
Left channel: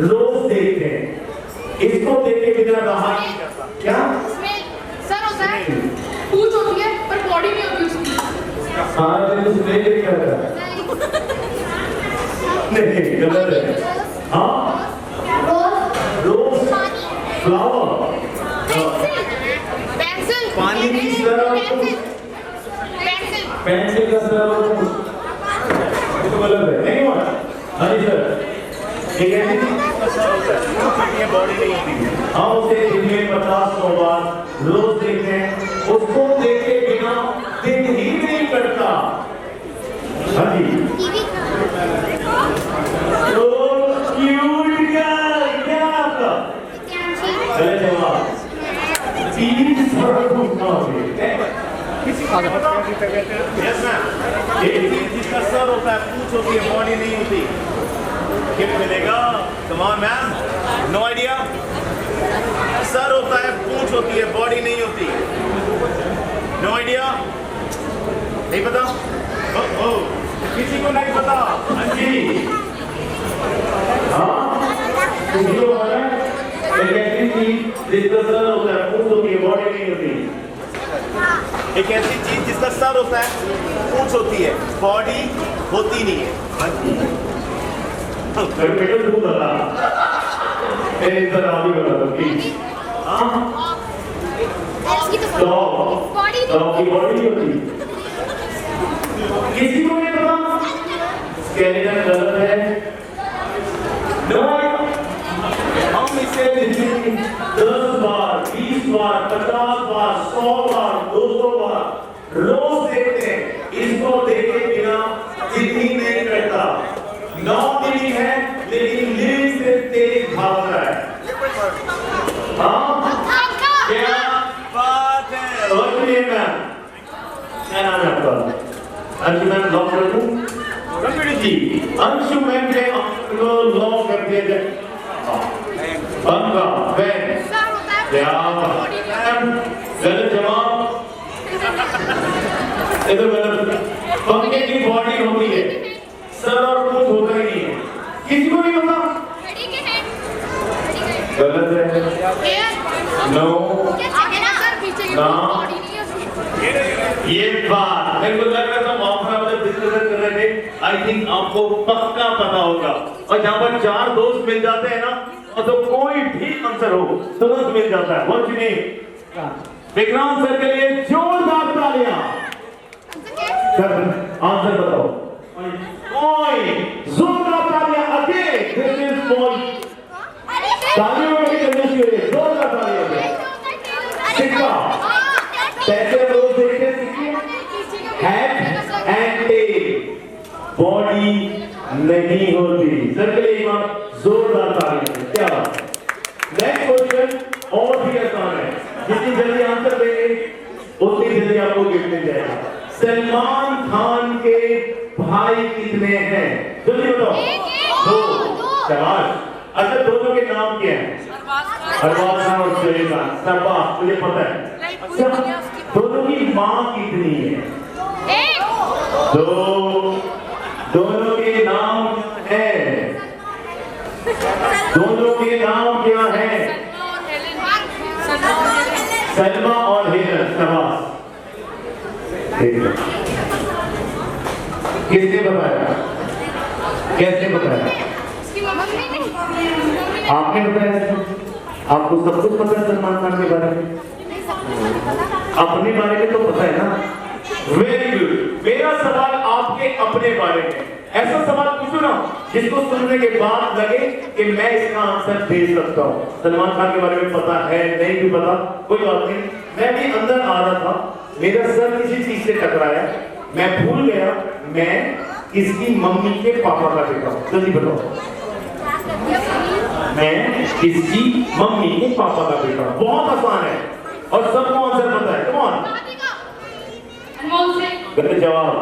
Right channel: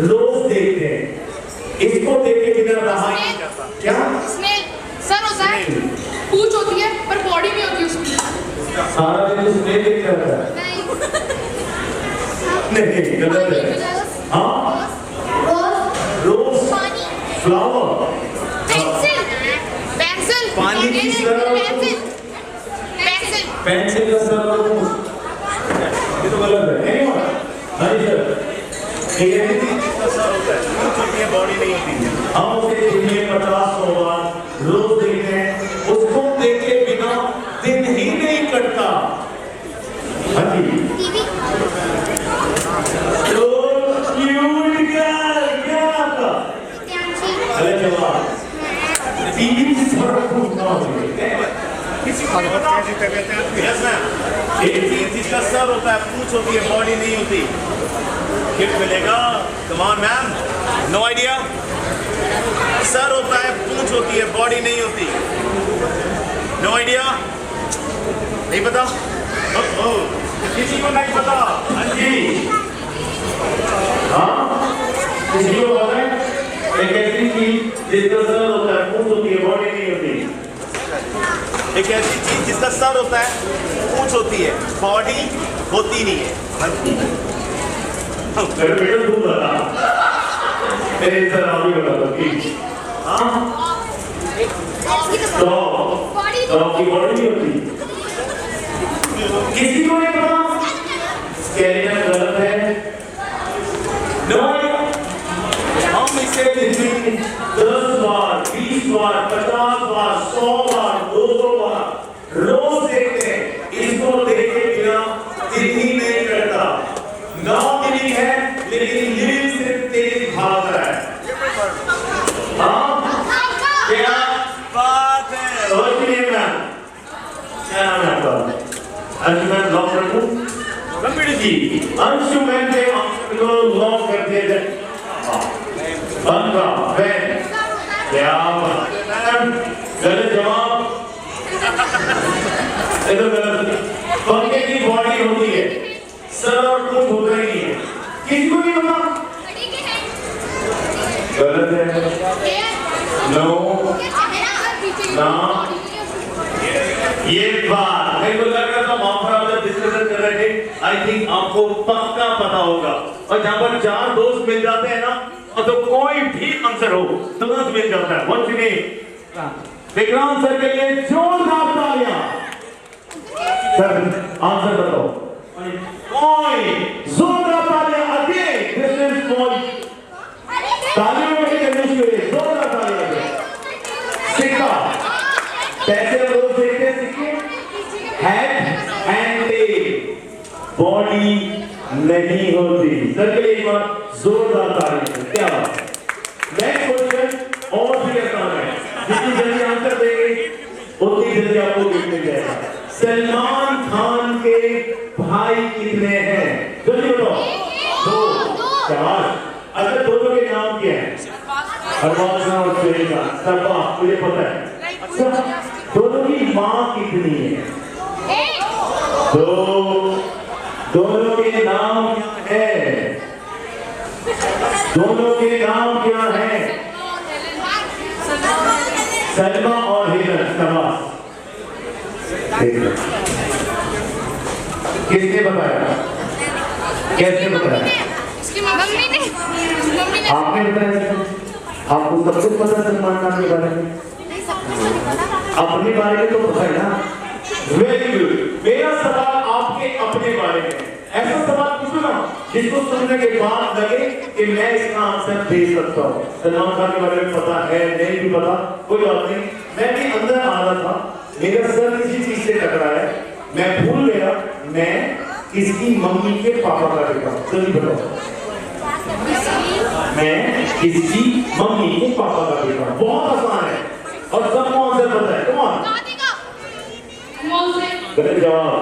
रोज देखते हैं। इसको देख के बिना रहा ही नहीं जाता। क्या? सर होता है, पूंछ होती है पर बॉडी नहीं होती उसकी। सारा दिन तो स्मेल देखता रहता है। नहीं, गलत है। हाँ, रोज, फ्लावर, पेंसिल, पानी की तरह, पेंसिल का सर, ये तो गलत है। नहीं हुआ? हाँ जी सर, एक ऐसी चीज जिसका सर होता है, पूंछ होती है, बॉडी नहीं होती, हम उसे दिन में 50-100 बार रोज देखते हैं। उसको देख के बिना दिन ही नहीं कटता। हाँ जी, तो क्यूट गर्ल, क्या आपका? गलत जवाब। किसी को नहीं पता? यस मैम, एक चीज जिसका सर होता है, पूंछ होती है, बॉडी नहीं होती, गिफ्ट मिलेगा। Come on ma'am, no idea? Sir होता है, पूंछ होती है, बॉडी नहीं होती, नो आइडिया? नहीं पता? किसी को नहीं पता? हाँ जी, हाँ, किसी को पता है? एक ऐसी चीज जिसका सर होता है, पूंछ होती है, बॉडी नहीं होती। एक ऐसी चीज जिसका सर होता है, पूंछ होती है, बॉडी होती नहीं है। हाँ जी, बेटा तू बता, मेरे सर आप ही बता दो प्लीज। हाँ, डॉग की बॉडी नहीं होती, किसी को नहीं पता? स्केलेटन गलत है। नो, हम इसे दिन में 10 बार, 20 बार, 50 बार, 100 बार, 200 बार रोज देखते हैं। इसको देखे बिना दिन ही नहीं करता। नॉन लिविंग है लेकिन लिविंग से तेज भागता है। हाँ, क्या बात है? और मैम, क्या नाम है आपका? अंशु मैम, लॉक कर दूं? कंप्यूटर जी, अंशु मैम के लॉक कर दिया जाए। पंखा, फैन, क्या मैम? गलत जवाब। पंखे की बॉडी होती है, सर और पूंछ होता ही नहीं है, किसी को नहीं होता? गलत है। नो, ना, ये बात मेरे को लग रहा था मामला डिस्कशन कर रहे थे। आई थिंक आपको पक्का पता होगा, और जहाँ पर 4 दोस्त मिल जाते हैं ना, तो कोई भी आंसर हो तुरंत मिल जाता है। What's your name? Vikrant sir के लिए जोरदार तालियां। सर आंसर बताओ। कोई जोरदार तालियां अगेन। दिस इज फॉर तालियों में करने के लिए जोरदार तालियां। सिक्का, पैसे रोज देखते सिक्के, हेड एंड टेल, बॉडी नहीं होती। सर के लिए एक बार जोरदार तालियां। क्या नेक्स्ट क्वेश्चन और भी आसान है, जितनी जल्दी आंसर देंगे उतनी जल्दी आपको गिफ्ट मिल जाएगा। सलमान खान के भाई कितने हैं? जल्दी बताओ। 2, 4। अच्छा, दोनों के नाम क्या हैं? हरवास और सुलेखा। सरबाज, तुझे पता है? अच्छा, दोनों की माँ कितनी है? 2। दोनों के नाम क्या है? दोनों के नाम क्या है? सलमा और हेलन। किसने बताया? कैसे बताया? उसकी मम्मी ने आपने बताया? आपको सब कुछ पता है सलमान खान के बारे में? अपने बारे में तो पता है ना? Very good. मेरा सवाल आपके अपने बारे में, ऐसा सवाल पूछो ना जिसको सुनने के बाद लगे कि मैं इसका आंसर दे सकता हूँ। सलमान खान के बारे में पता है, नहीं भी पता, कोई बात नहीं। मैं भी अंदर आ रहा था, मेरा सर किसी चीज से टकराया, मैं भूल गया मैं किसकी मम्मी के पापा का बेटा हूँ। जल्दी बताओ, मैं किसकी मम्मी के पापा का बेटा हूँ। बहुत आसान है और सबको आंसर पता है। कौन? गलत जवाब।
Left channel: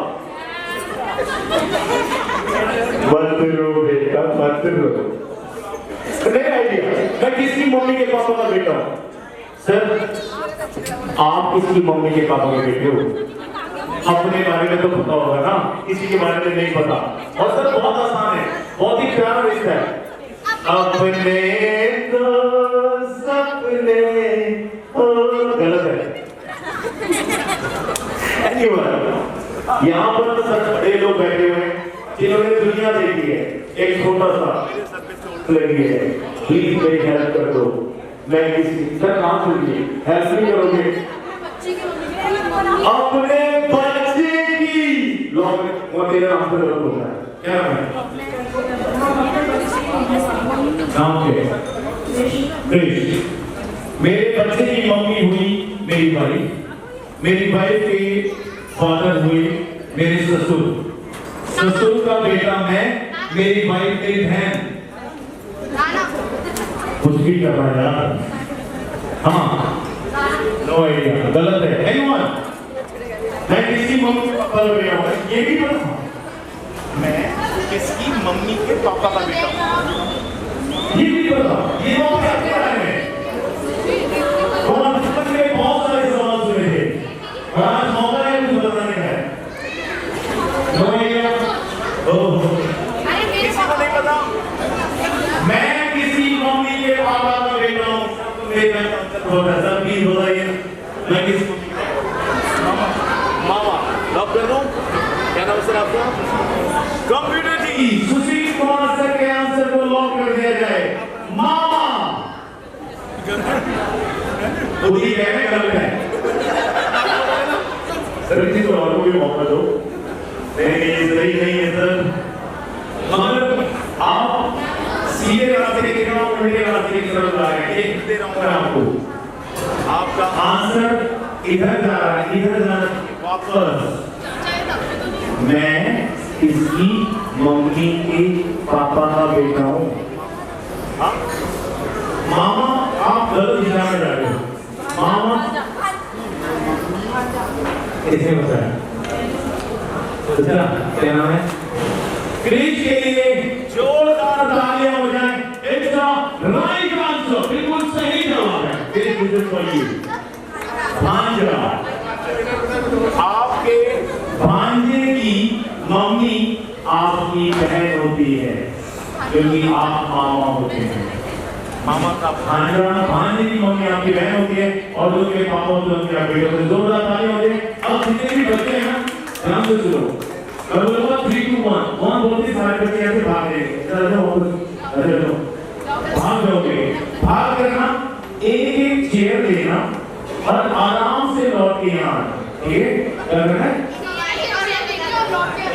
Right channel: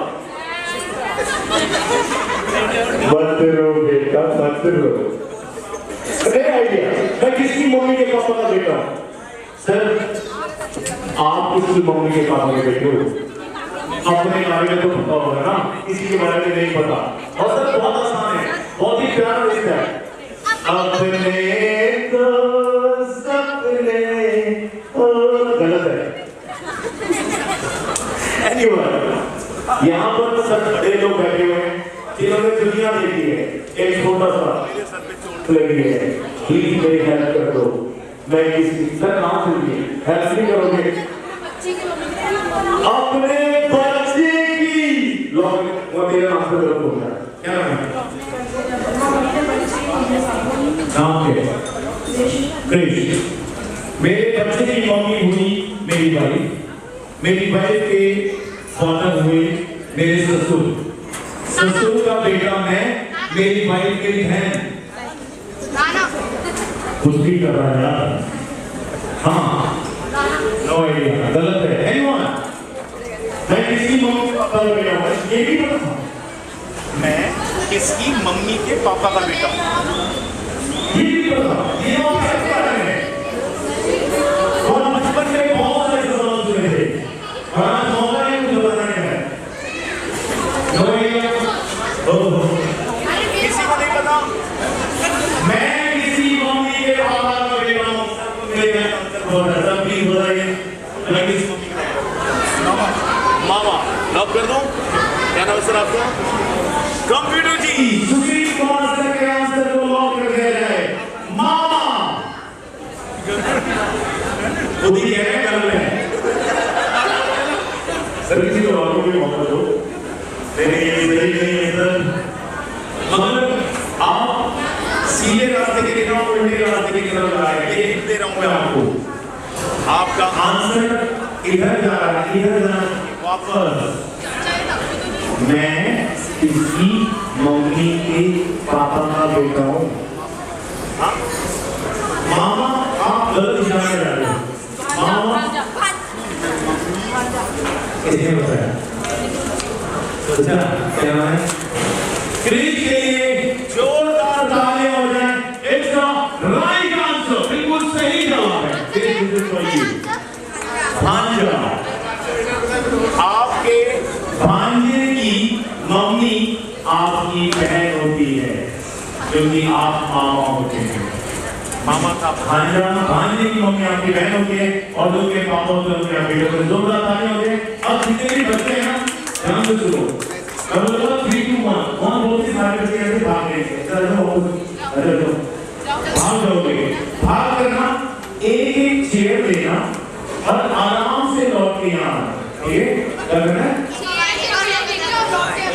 मत रो बेटा, मत रो। आइडिया, मैं किसकी मम्मी के पापा का बेटा हूँ? सर, आप किसकी मम्मी के पापा के बेटे हो? अपने बारे में तो पता होगा ना, किसी के बारे में नहीं पता। और सर बहुत आसान है, बहुत ही प्यारा रिश्ता है। अपने तो सपने गलत है। यहाँ पर सब बड़े लोग बैठे हुए हैं जिन्होंने दुनिया देखी है। एक छोटा सा मेरे सर पे चोट लगी है, प्लीज मेरी हेल्प कर दो। मैं किसी सर नाम सुनिए, हेल्प नहीं करोगे? अपने बच्चे की लोग वो मेरे नाम से जरूर होगा। क्या नाम है? नाम क्या है? कृष्ण। मेरे बच्चे की मम्मी हुई मेरी वाइफ, मेरी वाइफ के फादर हुए मेरे ससुर, ससुर का बेटा मैं, मेरी वाइफ मेरी बहन। कुछ भी कर रहा है यार। हाँ, नो आइडिया, गलत है। एनीवन? मैं किसकी मम्मी के पापा का बेटा हूँ? ये भी पता? मैं किसकी मम्मी के पापा का बेटा हूँ? ये भी पता? ये और बचपन में बहुत सारे सवाल सुने थे और आज मौका है मुझे बताने का है। No idea? किसी को नहीं पता? मैं किसी मम्मी के पापा का बेटा हूँ। सबको मेरे भाई आंसर बोल रहा है। सब प्लीज बताइए, मैं किस मम्मी का बेटा हूँ? मामा। मामा लॉक कर दूं? क्या नाम है सर आपका? कंप्यूटर जी। सुशील कुमार सर के आंसर को लॉक कर दिया जाए। मामा खुद ही कह रहे हैं, कर रहे हैं। सर किसी तो और को भी मौका दो। नहीं, ये सही नहीं है सर। मगर आप सीधे रास्ते की तरफ और उल्टे रास्ते की तरफ जा रहे हैं। ये दे रहा हूँ आपको। आपका आंसर इधर जा रहा है, इधर जाना चाहिए वापस। मैं किसकी मम्मी के पापा का बेटा हूँ? हाँ? मामा, आप गलत दिशा में जा रहे हो। मामा कैसे होता है? अच्छा, क्या नाम है? क्रिश के लिए जोरदार तालियां हो जाए। इट्स द राइट आंसर, बिल्कुल सही जवाब है। Krish is for you. भांजा, आपके भांजे की मम्मी आपकी बहन होती है, क्योंकि आप मामा होते हैं। मामा का भांजा, भांजे की मम्मी आपकी बहन होती है और उनके पापा होते हैं उनके बेटे होते हैं। जोरदार तालियां हो जाए। अब जितने भी बच्चे हैं ना, ध्यान से सुनो। मैं बोलूँगा 3, 2, 1 वहाँ बोलते सारे बच्चे ऐसे भागेंगे। भाग जाओगे। भाग करना, एक चेयर लेना और आराम से लौट के यहाँ आना। ठीक है? क्या करना है?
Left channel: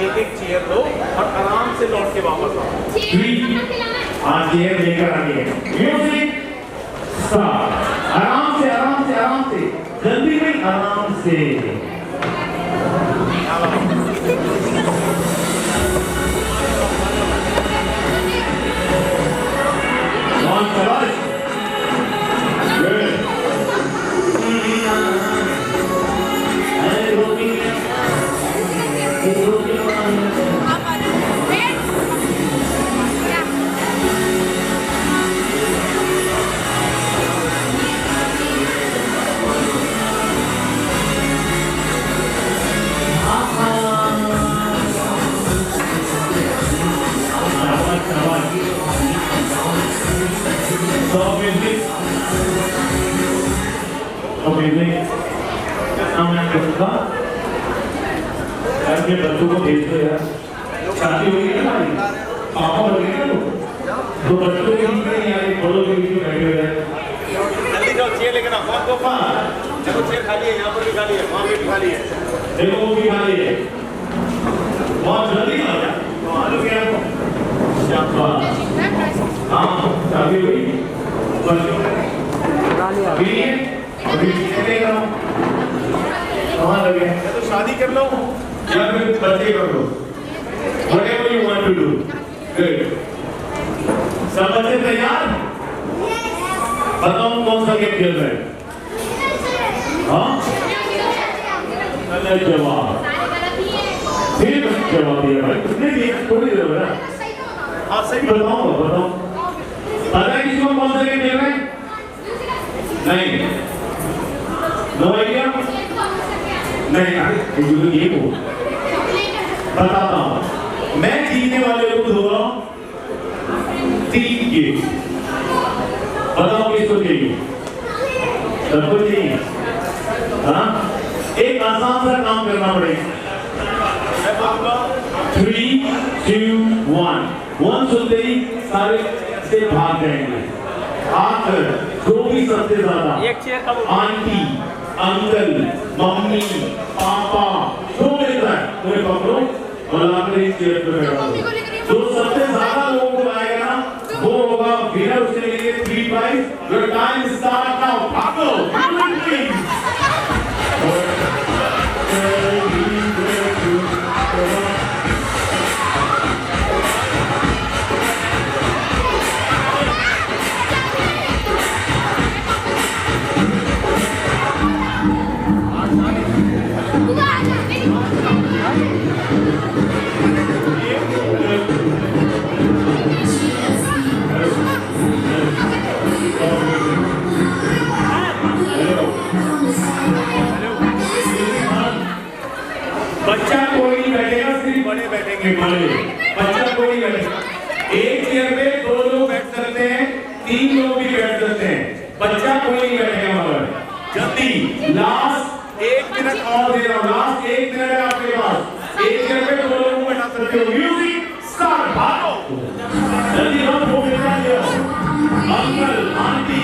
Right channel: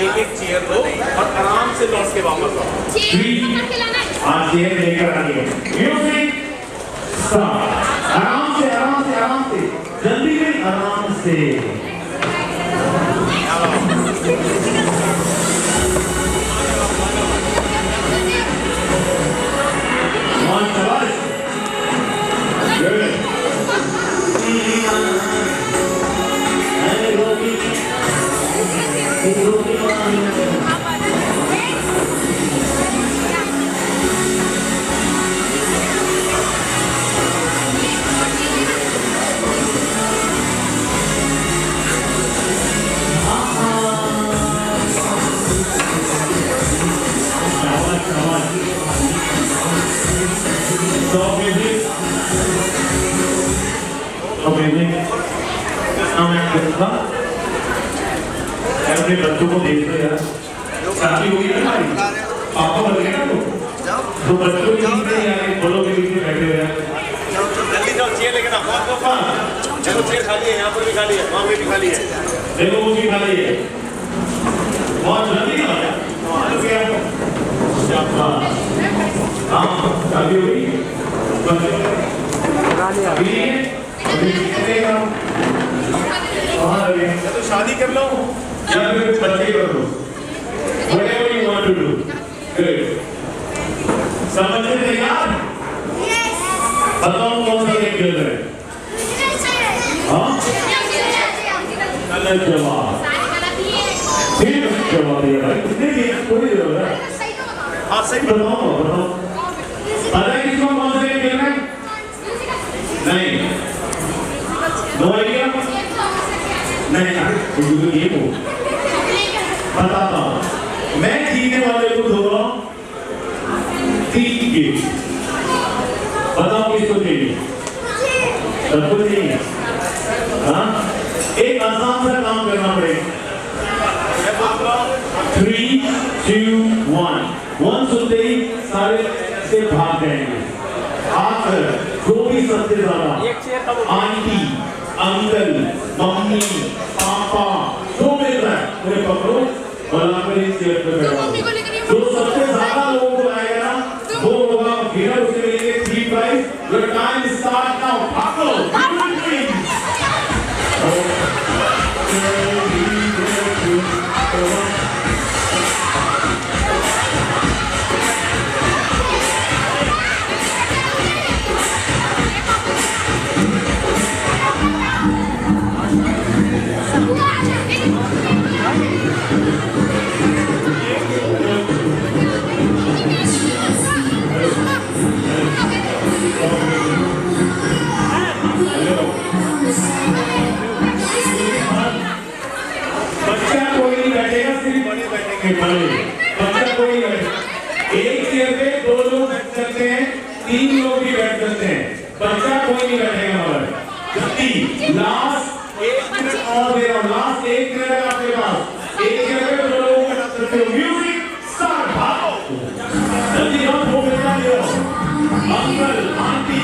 एक चेयर दो और आराम से लौट के वापस आओ। 3 आज चेयर लेकर आइए। Music start. आराम से, आराम से, आराम से, जल्दी में, आराम से। अपने बच्चों को भेज देगा। शादी हुई है ना पापा बोले ना तो बच्चों की बोलो के पीछे बैठे हुए हैं जल्दी जाओ चेयर लेके ना कौन को देखो चेयर खाली है यहाँ पर भी खाली है वहाँ पे भी खाली है देखो वो भी खाली है बहुत जल्दी ना हो जाए आलू क्या हाँ शादी हुई बच्चों तो शादी कर लो या फिर बच्चे कर लो whatever you want to do good सब बच्चे तैयार बताओ कौन सा गेम खेल रहे हैं हाँ गलत जवाब फिर गलत जवाब दिया भाई कितने गेम कोई नहीं रहा हाँ सही बताओ बताओ पता है किसको कौन सा गेम खेल रहे हैं नहीं नो आइडिया नहीं ये हो बताता हूँ मैं जीतने वाले को दो रहा हूँ 3 गिफ्ट बताओ किसको चाहिए सबको चाहिए हाँ एक आसान सा काम करना पड़ेगा मैं बोलूँगा 3, 2, 1 सुनते ही सारे से भाग जाएंगे आकर जो भी सबसे ज्यादा आंटी अंकल मम्मी पापा जो मिल रहा है उन्हें पकड़ो और लाकर इस चेयर पे बैठो जो सबसे ज्यादा लोगों को लाएगा ना वो होगा विनर उसे मिलेंगे 3 prize your time start now भागो बच्चा कोई नहीं बैठेगा सिर्फ बड़े बैठेंगे बच्चा कोई नहीं एक चेयर पे 2 लोग बैठ सकते हैं 3 लोग भी बैठ सकते हैं बच्चा कोई नहीं बैठेगा मगर जल्दी लास्ट 1 मिनट और दे रहा हूँ लास्ट 1 मिनट है आपके पास एक चेयर पे 2 लोग बैठ सकते हो म्यूजिक स्टार्ट भागो जल्दी आओ वो बेटा ले आओ अंकल आंटी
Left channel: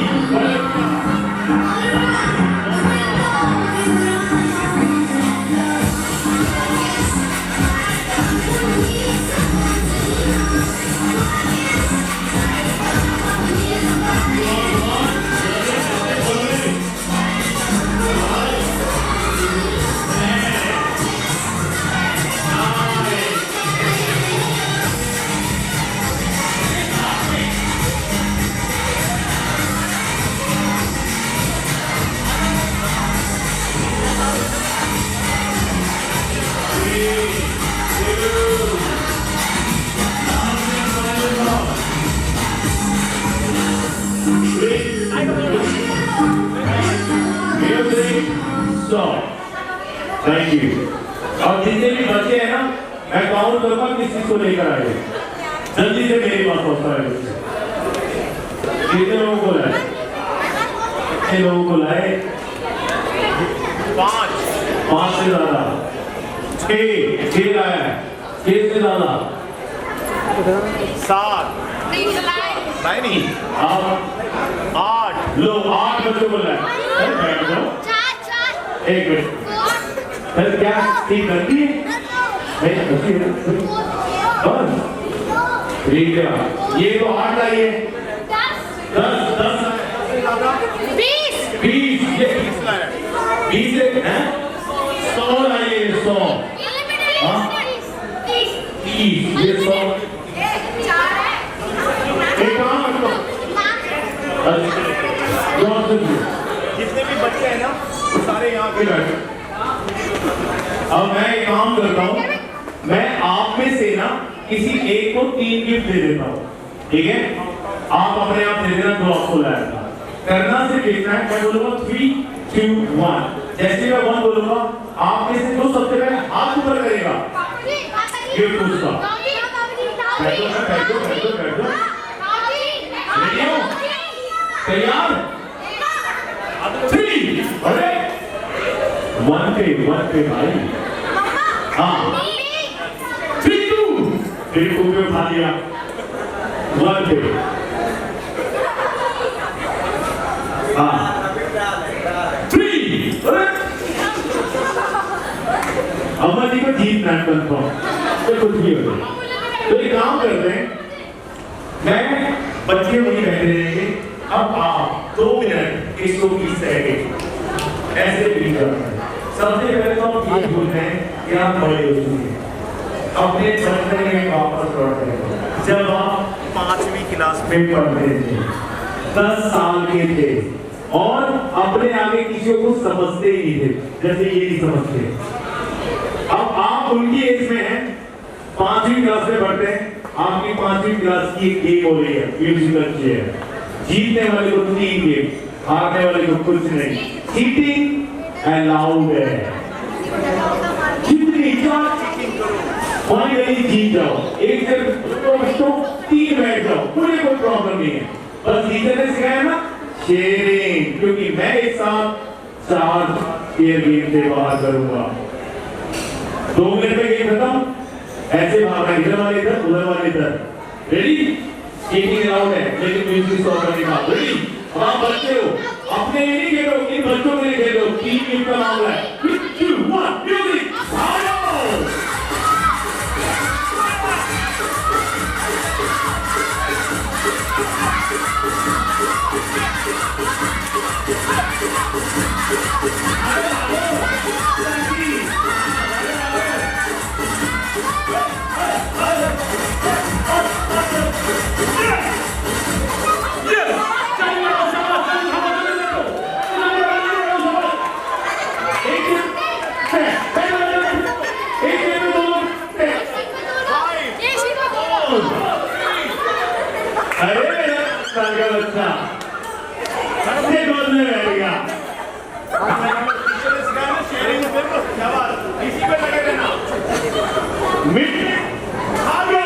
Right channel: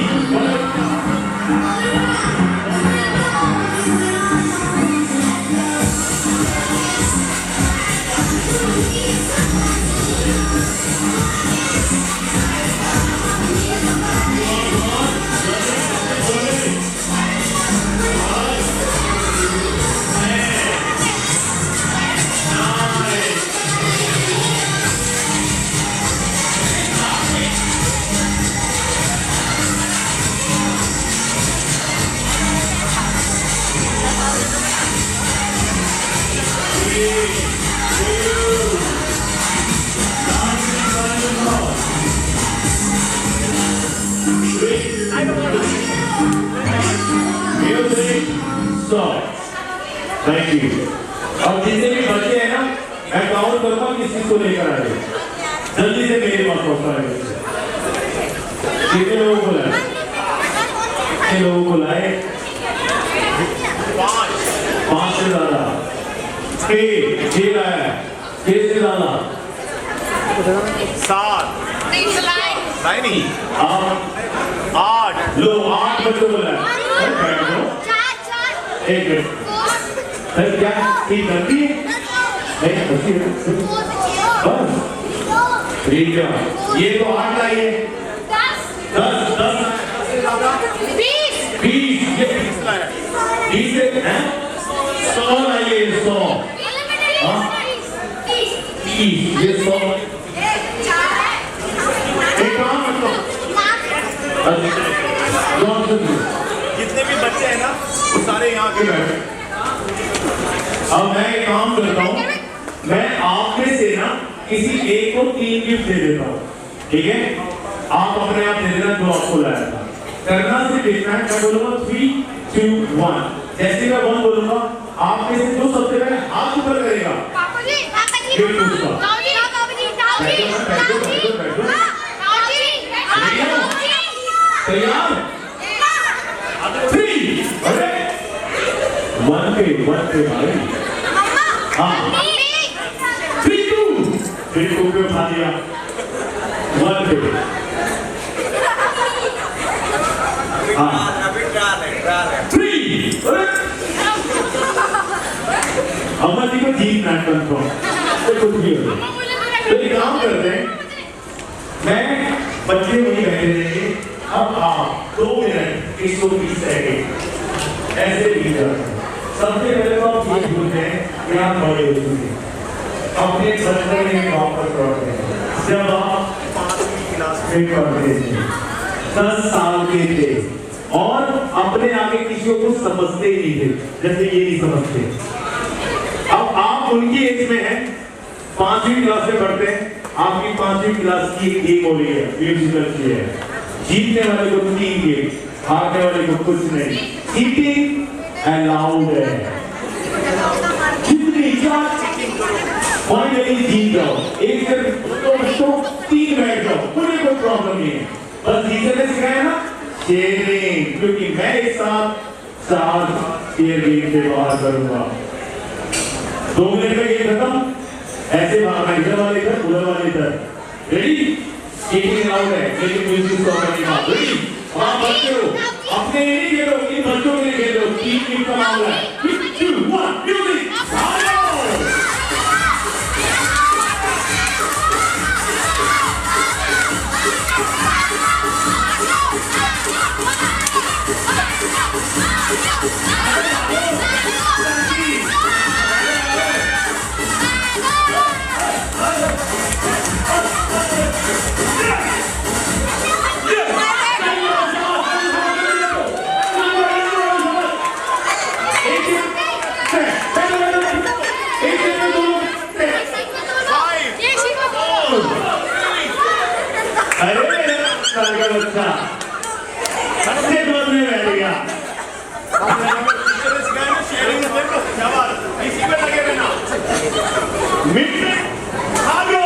थैंक यू और जितने भी बच्चे हैं ना मैं काउंट करूंगा किस चीज को लेकर आए जल्दी से मेरे पास पहुंचता है कितने लोगों को लाए 5 से ज्यादा 6 लाया 6 से ज्यादा 7 नहीं 8 लो 8 बच्चों को लाए एक मिनट सर क्या ठीक करती है नहीं करती है बस ठीक है ये तो 8 लाइए 10 20 ये 20 लाया 20 हैं 100 लाइए 100 हाँ 30 ये 100 एक काम करो जितने भी बच्चे हैं ना वो सारे यहाँ के बैठे अब मैं एक काम करता हूँ मैं आप में से ना किसी एक को 3 गिफ्ट दे देता हूँ ठीक है आप अपने आप दे देना जो आपको लाया था करना सिर्फ इतना है मैं बोलूंगा 3, 2, 1 जैसे मैं 1 बोलूंगा आप में से जो सबसे पहले हाथ ऊपर करेगा गिफ्ट उसका बैठो तैयार 3 अरे 1 पे भाई हाँ 3, 2 फिर खूब में उठा दिया वन पे। हाँ अम्मा जी को जीतना है कंफर्म, तो कुछ भी हो जाए। तो एक काम करते हैं, मैं बच्चे वहीं बैठे रहेंगे, अब आप 2 मिनट 120 सेकेंड ऐसे भी जाते। सबसे पहले तो आप ये बोलते हैं कि आप बड़े हो चुके, अपने बचपन में वापस लौटते हैं जब आप 5वीं क्लास में पढ़ते थे, 10 साल के थे और अपने आगे किसी को समझते ही नहीं थे, जैसे ये नहीं समझते। अब आप उनकी एज में हैं, 5वीं क्लास में पढ़ते हैं, आपकी 5वीं क्लास की एक गेम हो रही है, म्यूजिकल चेयर। जीतने वाले को 3 गेम, हारने वाले को कुछ नहीं। चीटिंग अलाउड है, जितनी चीटिंग करो फाइनली जीत जाओ। एक जगह 2 बच्चों 3 बैठ जाओ, कोई प्रॉब्लम नहीं है। बस जीतने से सिखाया ना शेयरिंग, क्योंकि मैं एक साथ 4 शेयर गेम से बाहर करूंगा। 2 मिनट में गेम खत्म, ऐसे भागना, इधर वाले इधर, उधर वाले इधर। रेडी? चीटिंग अलाउड है, लेकिन म्यूजिक स्टॉप करने का। रेडी? अब आप बच्चे हो, अपने नहीं खेलो, इन बच्चों के लिए खेलो। 3 गेम का मामला है। 3, 2, 1 म्यूजिक भागो। अच्छा सबसे गोद में बैठ गया। शेयरिंग में देखो क्या बात, इसी पे लगे रहना। मिट्टी भागो।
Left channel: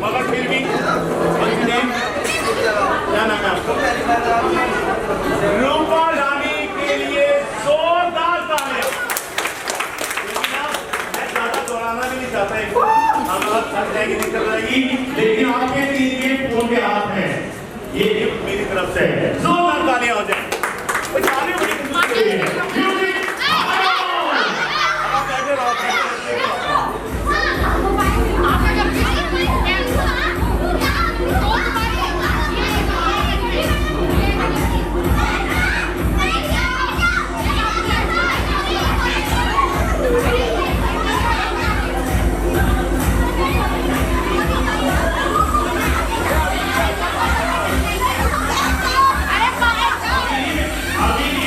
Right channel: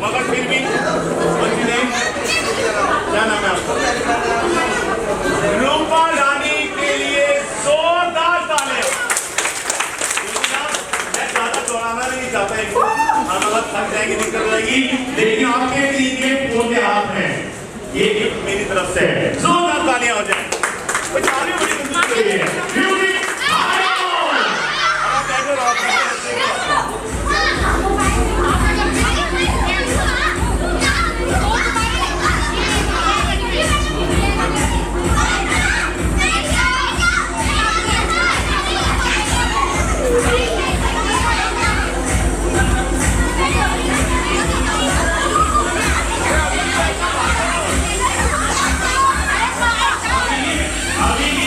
मगर फिर भी क्या नाम है आपका? रूपा रानी के लिए जोरदार तालियां। मैं ज्यादा दौड़ाना नहीं चाहता, बहुत थक जाएगी, निकल जाएगी, लेकिन आपके 3 गेम फोन के हाथ में, ये गिफ्ट मेरी तरफ से है। जोरदार तालियां हो जाए। तालियां बड़ी मजबूत हो रही है। अभी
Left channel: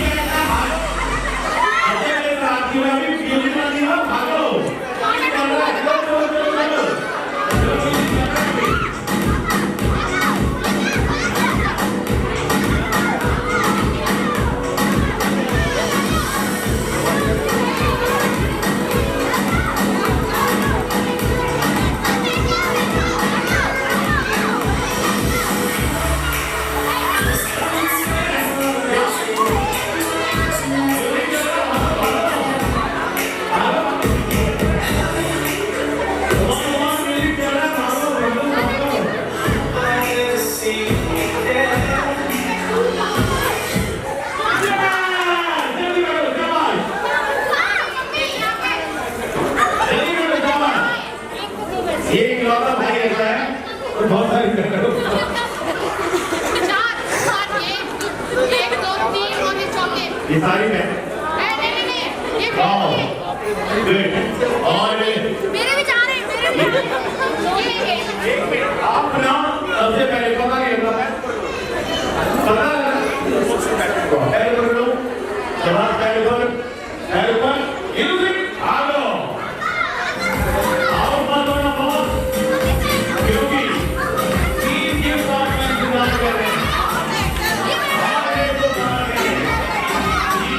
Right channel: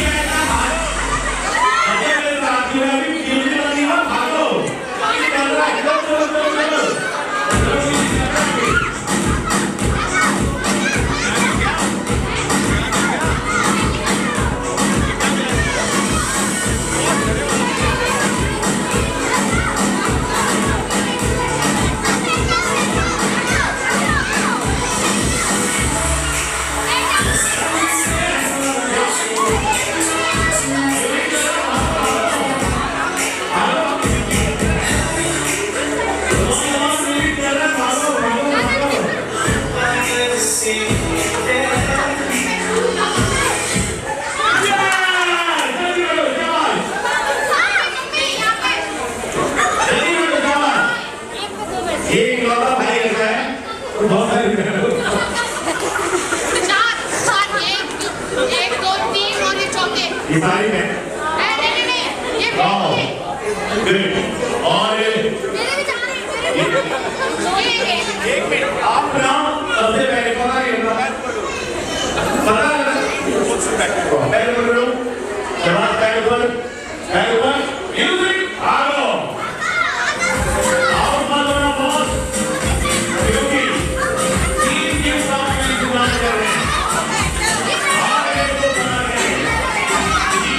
भाई ऐसा है बहुत सारी बहनों चार एक दो तीन और ये चौथे ये सारी बहन नहीं ये मेरे और भी चार हैं मेरे एक मिनट आप ना सबसे पहले पता नहीं होता है पता पहले कर लो जवाब पहले पर म्यूजिक आगो आओ मत होना बहुत क्योंकि तीन के साथ में इंतजार कर रहे हैं आगे तो बना रहे हैं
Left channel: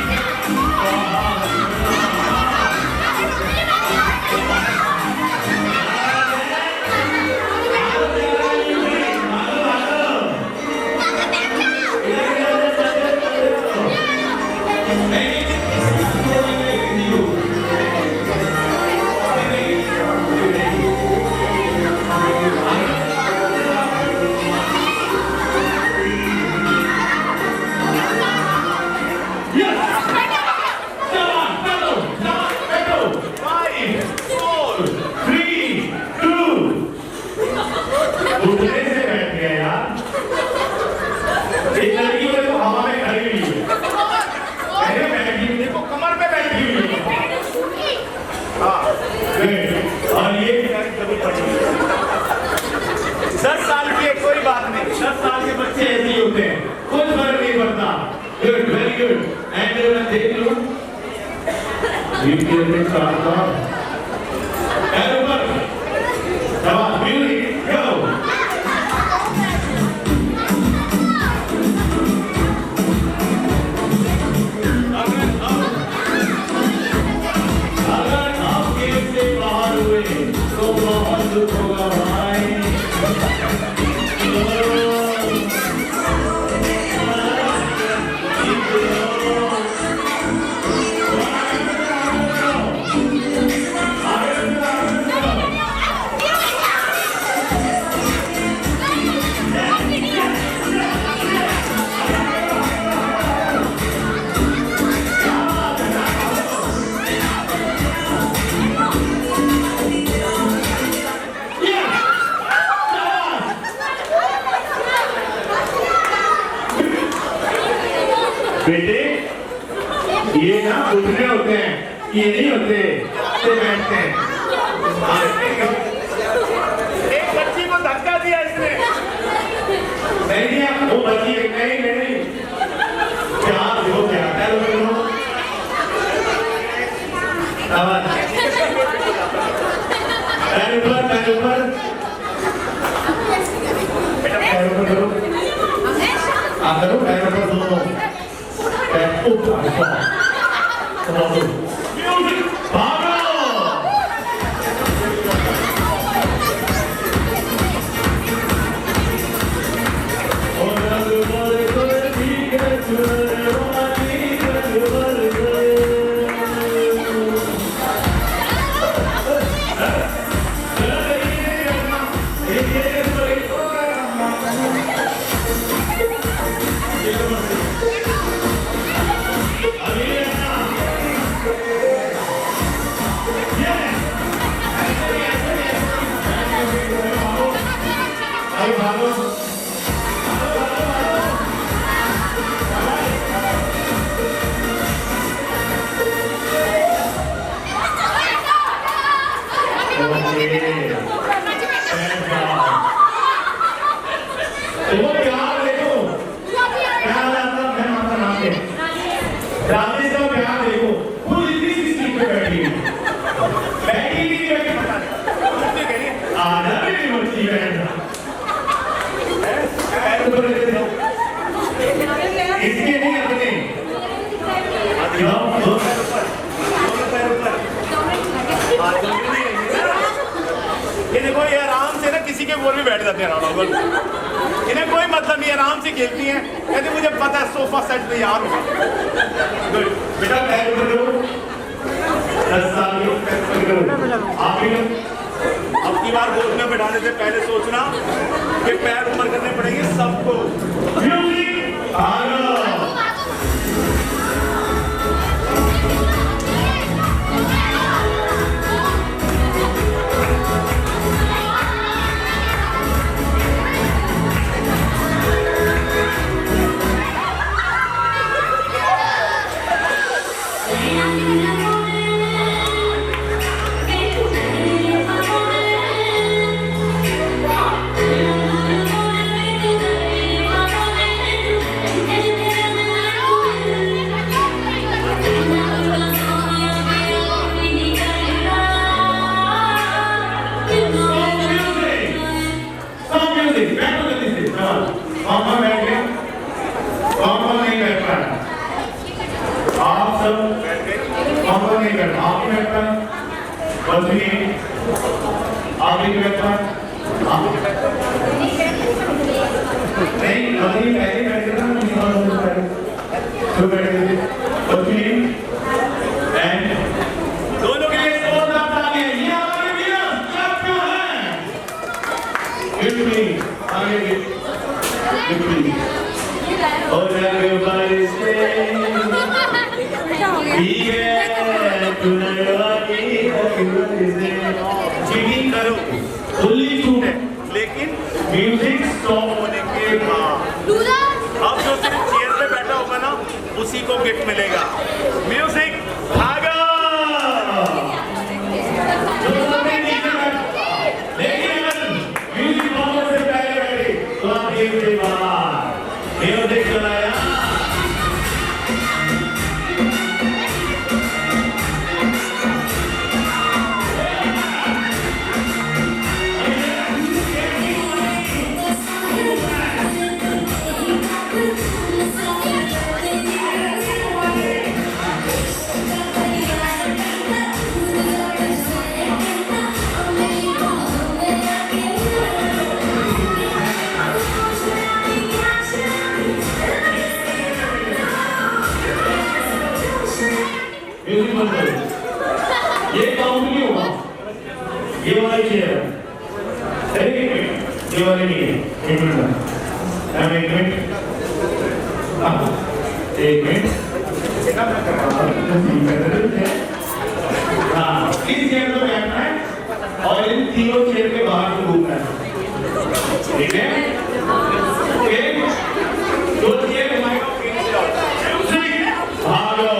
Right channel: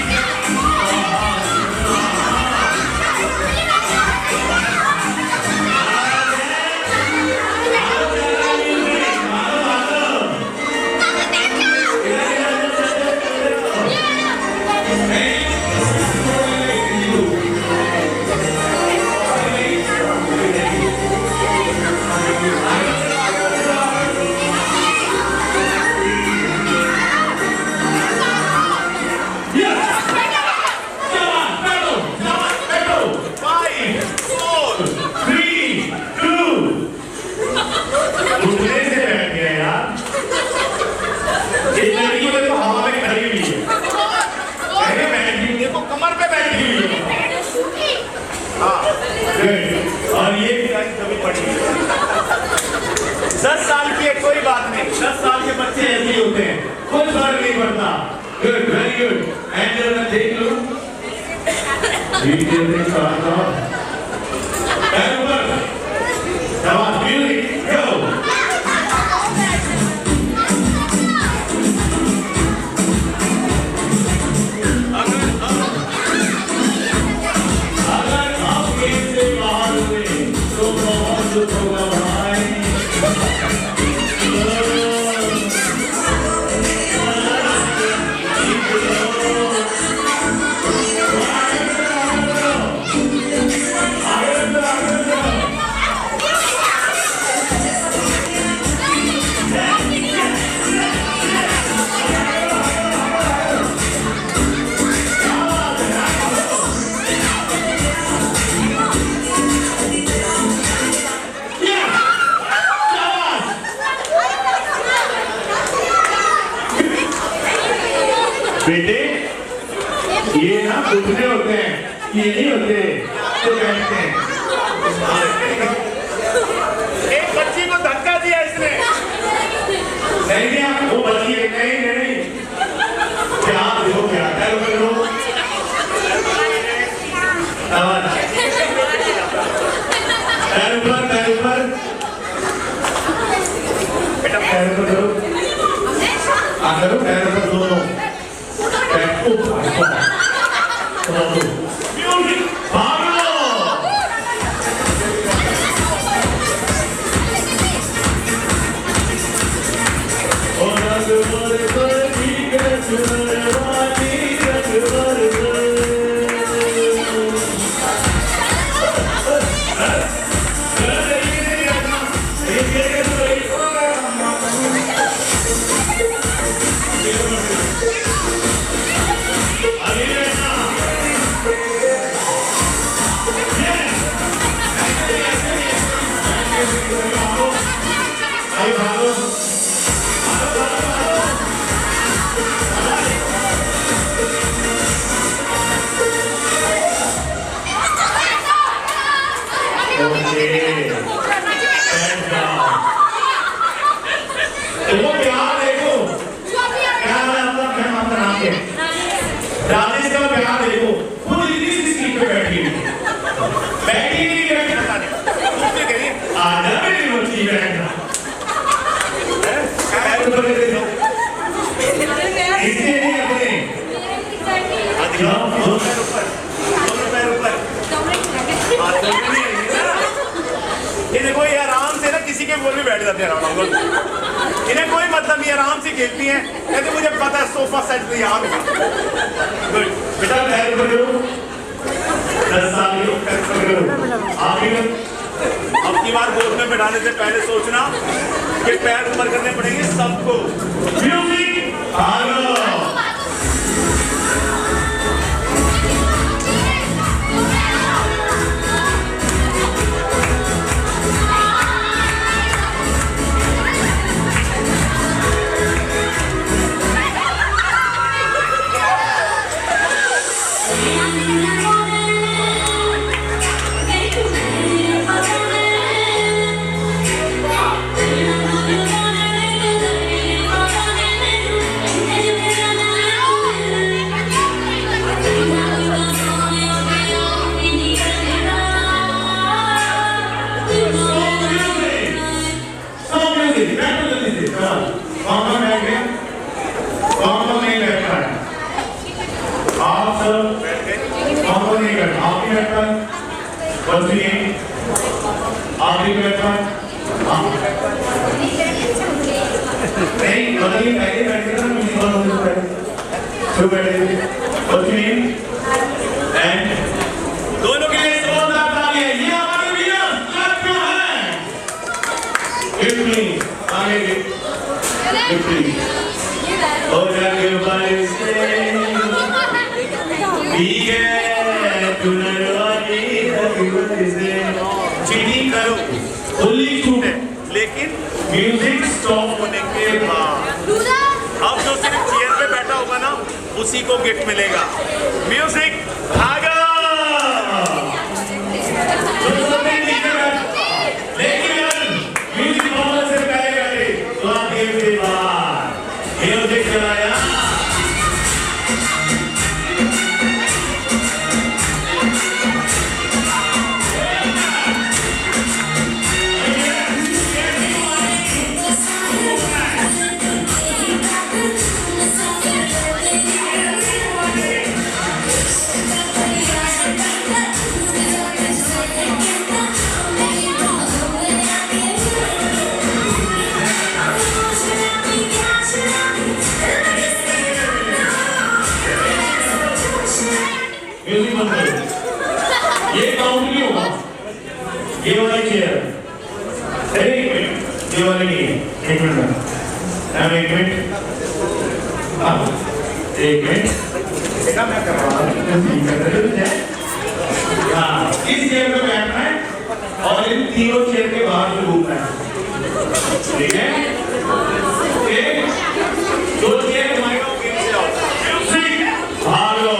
कमर पे बैठी हुई और ये कभी पड़ी 10 साल की है कोई बात नहीं 10 साल के बच्चे ऐसे ही होते हैं कोई फर्क नहीं पड़ता गुड वेरी गुड एंड देख लो म्यूजिक गो बेटे ये ना उठने होते हैं ये नहीं होते तो बैठते हैं एक बच्ची को धक्का दिया इसने नहीं वो बच्ची नहीं प्यार हो गया पैर ऊपर बेटा पैर ऊपर करो करो पैर ऊपर दोनों म्यूजिक भागो ये देखो ये आराम से ना किसी के बोल में बैठ जाते हैं आराम इन्हें कोई मतलब नहीं आराम से खेलती हैं कहते मुझे पता है सोफा सेट में यहाँ होगा गुड बेटा पैर ऊपर करो 10 साल के पैर ऊपर करो आप अब की बार गोद में बैठाने से पहले सोचना कि पैर ऊपर करने पड़ेंगे सबको music Alo What's your name? आपकी बैठा नहीं बताइए पहले बैठे थे ना तो बैठे What's your name? And दोनों के लिए जोरदार तालियां ये हमारे विनर क्लब का है Lift please आगे lift please और जग बरसे भीगे चुनरवाली जग बरसे चीटिंग करो फुल्ली छूट है लेकिन म्यूजिक स्टॉप होने के बाद अब जो सिर्फ चेयर पे बैठा होगा ना उसी को गिफ्ट मिलेगा म्यूजिक भागा लेकिन अगर म्यूजिक होने से पहले बैठे तो आप के बाद म्यूजिक चलाया ये काउंट नहीं होगा ये वाला चेयर अरे एक मिनट ये वाले नहीं है एक मिनट एक मिनट हाँ इस चेयर पे बैठना है और इन तीनों चेयर के बाहर से घूमना है ठीक है एक दो चेयर घुमाएगा भागो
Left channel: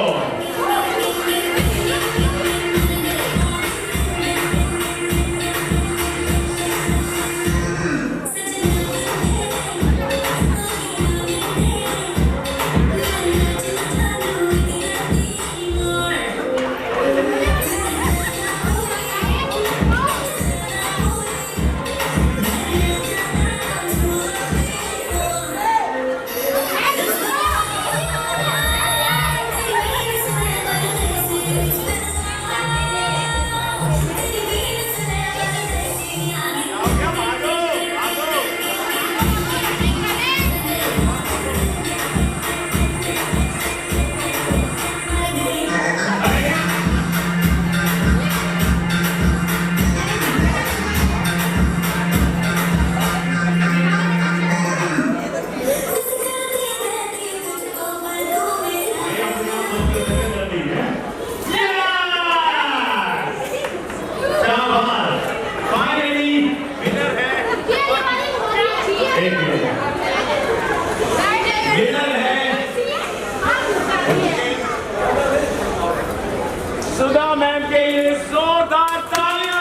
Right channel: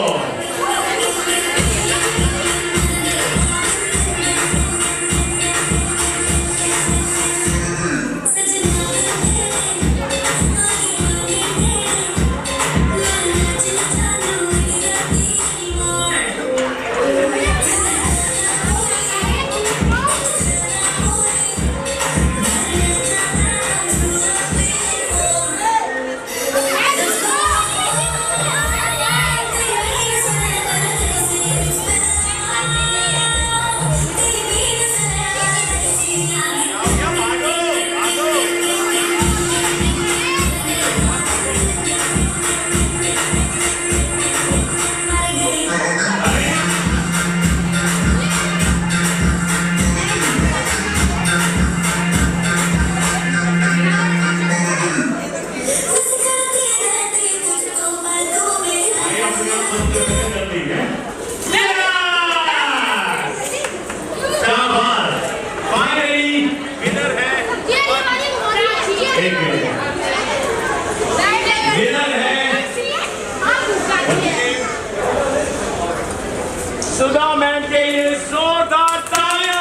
सुधा मैम के लिए जोरदार तालियां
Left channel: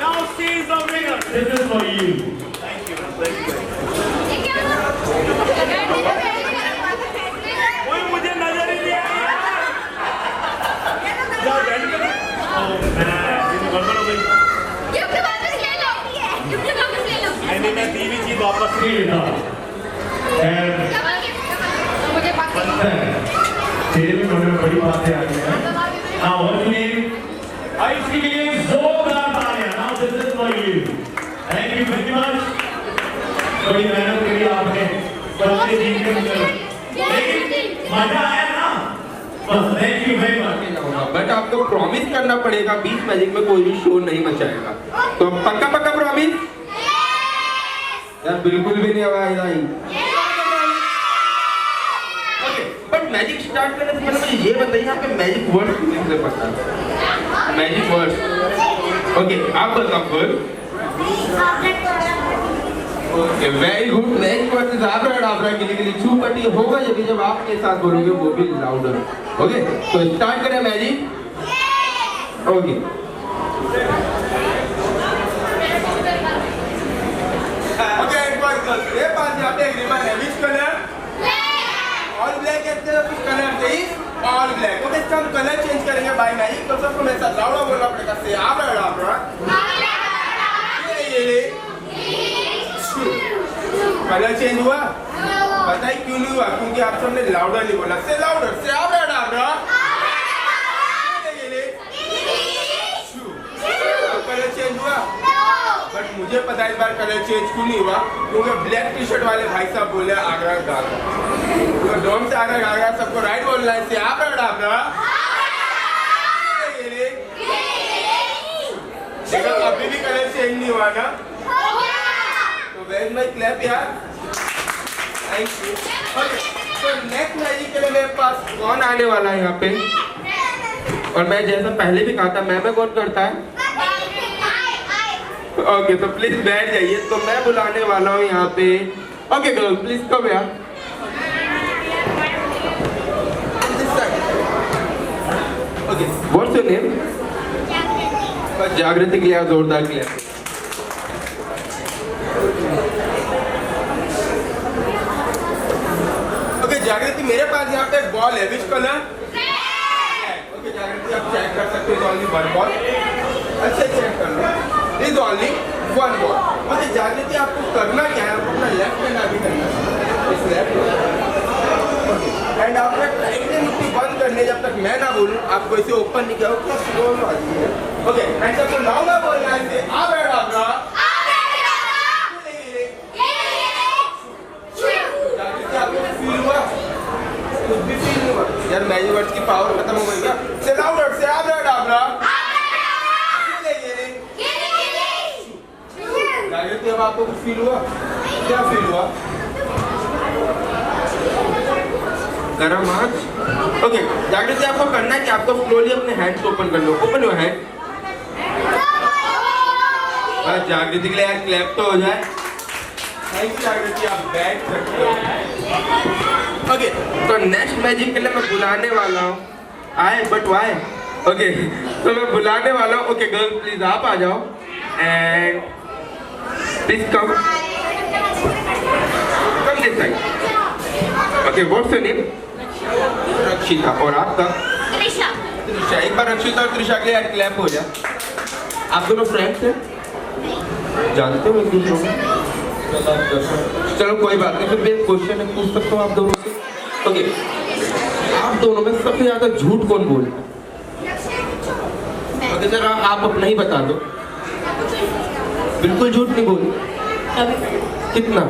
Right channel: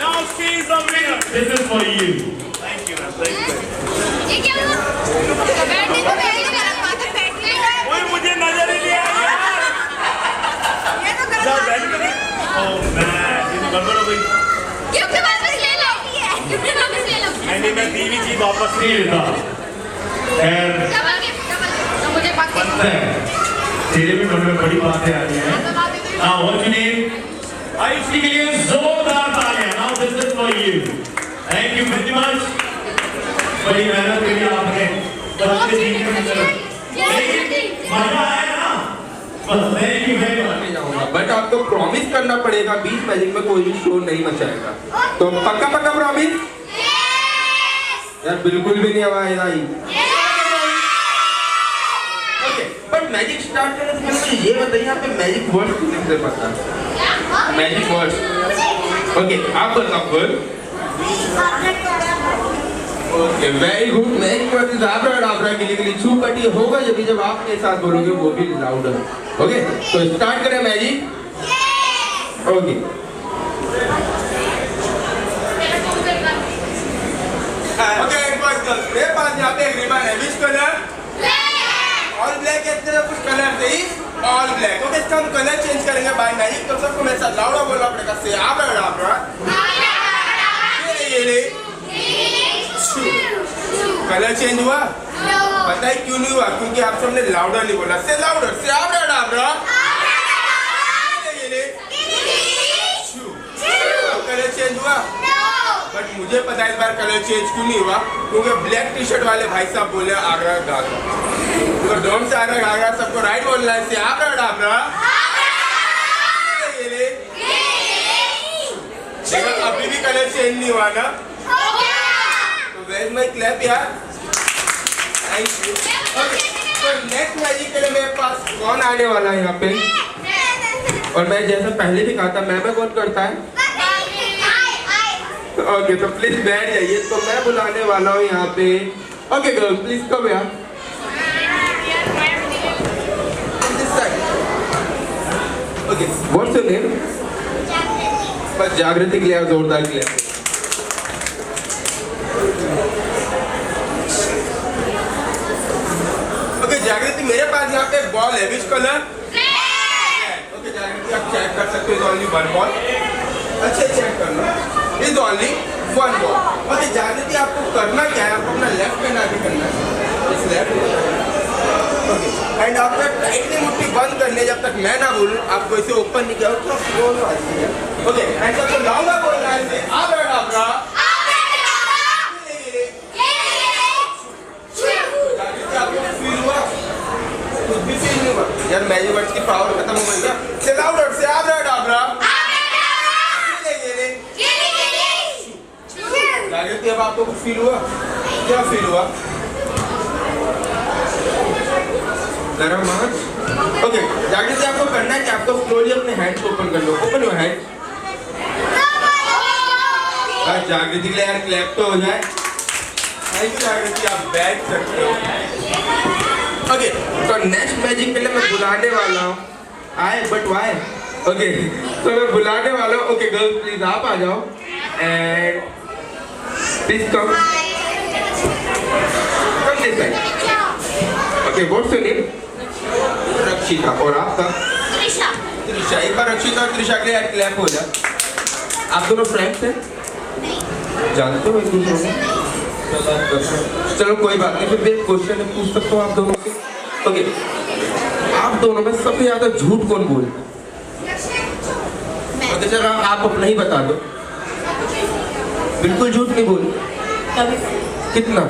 now she is the winner this is for you thank you ma'am thank you कोई मुझे नजर ही नहीं आया जाओ बैठ कर ओ मैम ये गड़बड़ हो गई गिफ्ट वापस ले लो गिफ्ट वापस ले लो नहीं मैं दी हुई चीज वापस नहीं लेता मुझे बात बनता है तेरे में हमें बड़ी बातें आती हैं हाँ व्हाट्स योर नेम आयुषी के लिए जोरदार तालियां now this is for you thank you very much बड़ी मेहनत करी आपने बच्चे सीखने में मजा आया ना बस thank you very much but आपको प्रॉमिस करना पड़ेगा बीच मैजिक में कोई भी शोर नहीं मचाएगा तो पक्का पक्का प्रॉमिस यार बिल्कुल भी नहीं आवाज आई बट मैजिक स्टार्ट करने से पहले मुझे ये बताइए यहाँ पे मैजिक वर्ड्स कितने से पता है मैजिक वर्ड्स ओके आप बताओ word okay very good magic word is abracadabra के लिए छू पटी होगा जब आप के साथ बोलोगे वो भी लाउडर ओके तो स्टार्ट करें मैजिक ओके ओके मेरे पास यहाँ पे एक रिबन है विच कलर ऑल ब्लैक है कुछ कलर से ही ऑल ब्लैक ओके इसका हम कलर चेंज करेंगे बाय मैजिक तो सबको मेरे साथ लाउडा बोलना पड़ेगा से आब्राडाब्रा ये कलर चेंज हुआ पता है क्यों नहीं हुआ क्योंकि आप सबने लाउडर नहीं बोला से आब्राडाब्रा चेंज हुआ? बट मुझे पता है इस बार कलर चेंज क्यों नहीं हुआ, क्योंकि ब्लैक टी शर्ट वाले भाई साहब बोले आगरा घाघरा, तो डोम से आगरा घाघरा सबको राइट बोलना है, से आप डाबरा। देखो अभी भी कलर चेंज नहीं हुआ ना, तो वेयर माय क्लैप यार, थैंक यू। तो नेक्स्ट मैजिक के लिए मेरे पास कौन आने वाला है यहाँ पे, और मैं जैसा पहले भी कहा था मैं कौन करता है? ओके तो प्लीज बैठ जाइए, तो मैं बुलाने वाला हूँ यहाँ पे। ओके गर्ल प्लीज कम यार, ओके व्हाट्स योर नेम? बस जागृति के लिए जोरदार के लिए। ओके जागृति मेरे पास यहाँ पे एक बॉल है, विच कलर? ओके जागृति आप चेक कर सकते हो, ओनली वन बॉल, अच्छे चेक कर लो, is only one ball. Okay Jagriti आपको करना क्या है, आपको अपना लेफ्ट हैंड आगे करना है, इस लेफ्ट एंड आपको टाइटली मुट्ठी बंद करनी है जब तक मैं ना बोलूं, आपको इसे ओपन नहीं किया हो दोनों आ जाइए। ओके एंड सबको लाऊंगा बोलना है इसे आप डाबरा। जागृति आपको फील हुआ? कुछ भी फील नहीं हुआ यार, मैजिक वर्ड्स की पावर खत्म हो गई क्या? से लाउडर से आप डाबरा। जागृति अब आपको कुछ फील हुआ? क्या फील हुआ? गरम हाथ। ओके जागृति आपको करना है कि आपको स्लोली अपने हैंड्स ओपन कर लो, ओपन योर हैंड। जागृति के लिए यार क्लैप तो हो जाए, थैंक यू जागृति, आप बैठ सकते हो। ओके तो नेक्स्ट मैजिक के लिए मैं बुलाने वाला हूँ, आए बट वाई। ओके तो मैं बुलाने वाला हूँ, ओके गर्ल प्लीज आप आ जाओ and please come this side. Okay what's your name? रक्षिता, और आपका? त्रिशा। त्रिशा, एक बार रक्षिता और त्रिशा के लिए यार क्लैप हो जाए। आप दोनों फ्रेंड्स हैं? जानते हो एक दूसरे को? चलो कोई बात नहीं, फिर मैं क्वेश्चन पूछ सकता हूँ आप दोनों से। ओके आप दोनों में सबसे ज्यादा झूठ कौन बोलता है? ओके चलो आप अपना ही बता दो। बिल्कुल झूठ नहीं बोलते? कितना?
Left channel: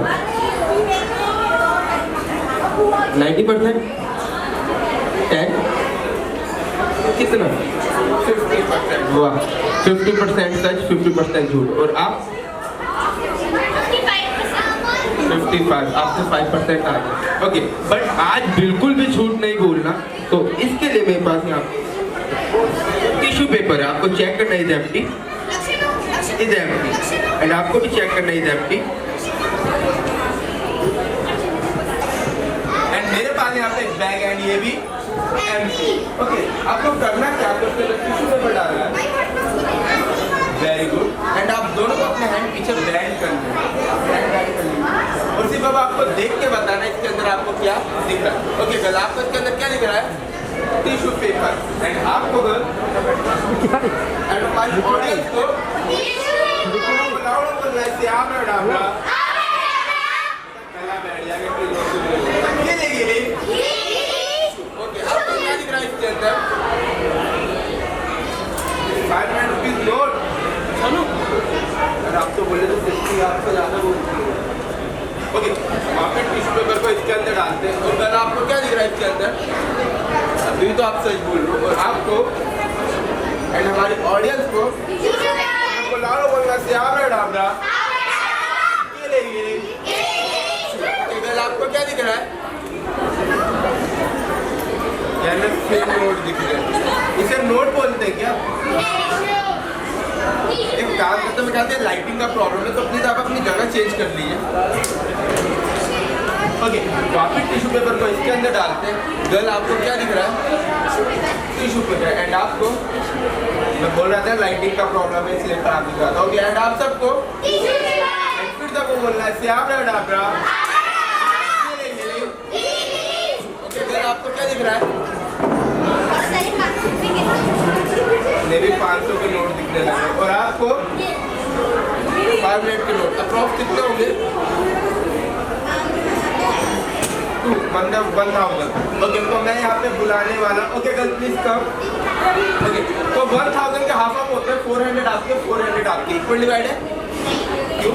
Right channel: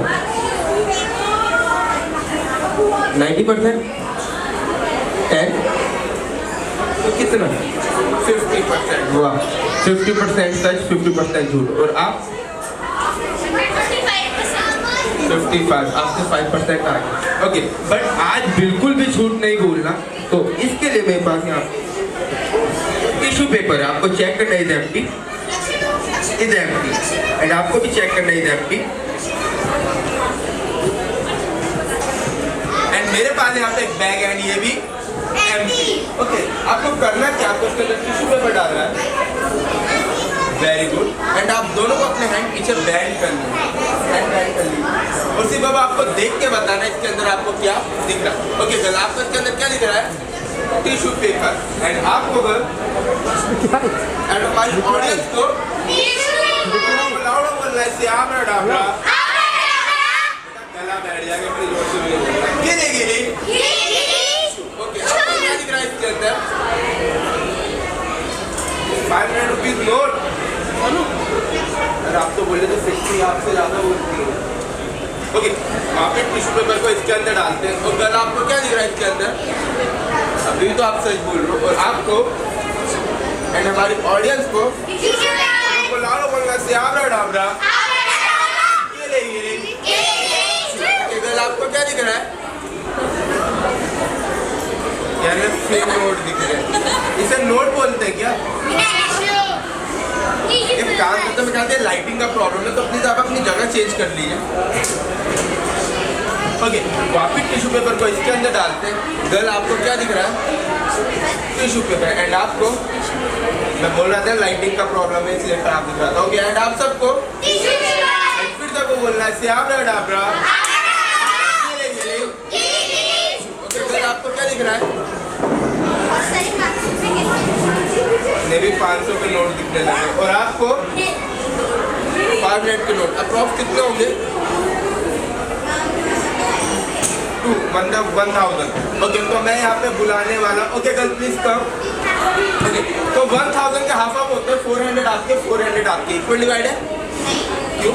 90%? 10? कितना? 50%। वाह 50% सच, 50% झूठ। और आप? 55, आपसे 5% आगे। ओके बट आज बिल्कुल भी झूठ नहीं बोलना, तो इसके लिए मेरे पास यहाँ टिश्यू पेपर है, आपको चेक करना है, is empty, is empty, and आपको भी चेक करना है, इज एम्प्टी। एंड मेरे पास यहाँ पे एक बैग है, ये भी एम्प्टी। ओके आपको करना क्या, आपको उसके अंदर टिश्यू पेपर डालना है, वेरी गुड, एंड आप दोनों को अपने हैंड पीछे बैंड करना है, हैंड बैंड कर लीजिए, और सिर्फ अब आपको देख के बताना है इसके अंदर आपको क्या दिख रहा है। ओके गर्ल आपको इसके अंदर क्या दिख रहा है? टिश्यू पेपर, एंड आपको गर्ल एंड हमारी ऑडियंस को बोलना है, आप डाबरा, गला बैठ जाएगा, फिर जोर से बोलो, गिले गिले। ओके आपको क्या दिख रहा है इसके अंदर? 500 रुपीज नोट। अरे आप तो बोले तो 50 आपसे ज्यादा बोलती है। ओके आप टिश्यू पेपर को इसके अंदर डालते हैं, और गला आपको क्या दिख रहा है इसके अंदर? अभी तो आप सच बोल रहे हो, और आपको एंड हमारी ऑडियंस को लाओ बोलना से आप डाबरा, गिले गिले। गला आपको क्या दिख रहा है? फिर नोट दिख रहे हैं, इसे नोट बोलते हैं क्या? एक काम करते मैं कहते हैं लाइटिंग का प्रॉब्लम है, तो प्लीज आप अपनी जगह चेंज कर लीजिए। ओके वापिस टिश्यू पेपर को इसके अंदर डालते हैं। गर्ल आपको क्या दिख रहा है? टिश्यू पेपर, एंड आपको मैं बोल रहा था लाइटिंग का प्रॉब्लम है इसलिए खराब दिख रहा था। ओके एंड आप सबको फिर सबको बोलना है, आप डाबरा। ओके गर्ल आपको क्या दिख रहा है? भी 500 के नोट दिखने लगे, और आपको 500 के नोट अप्रॉक्स कितने होंगे? 1000। ओके तो मैं यहाँ पे बुलाने वाला, okay girl please come. Okay, तो 1000 के हाफ ऑफ होते हैं 400 आपके 400 आपके इक्वल डिवाइड है क्यों?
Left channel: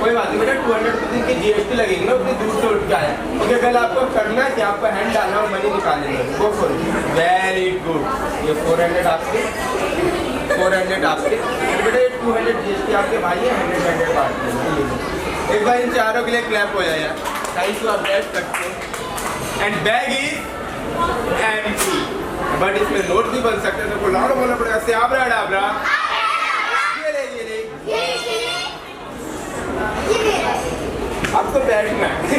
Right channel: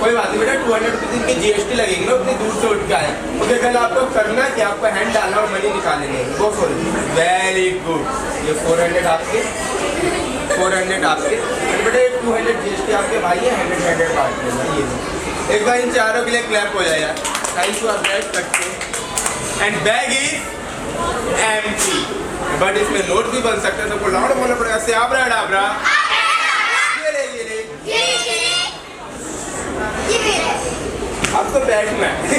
कोई बात नहीं बेटा, 200 रुपीज इनके जीएसटी लगेंगे ना, उतनी दूर से उठ के आया। ओके, कल आपको करना है कि आपको हैंड डालना और मनी निकालने है। Go for it, very good. ये 400 आपके 400 आपके एंड बेटा ये 200 जीएसटी आपके भाई है, 100 बांट लेना। ये एक बार इन चारों के लिए क्लैप हो जाए यार। थैंक यू, आप बैठ सकते हैं। And bag is empty, but इसमें नोट भी बन सकते हैं। सबको लाउड बोलना पड़ेगा, से आबरा डाबरा। ये ले अब तो बैठना है।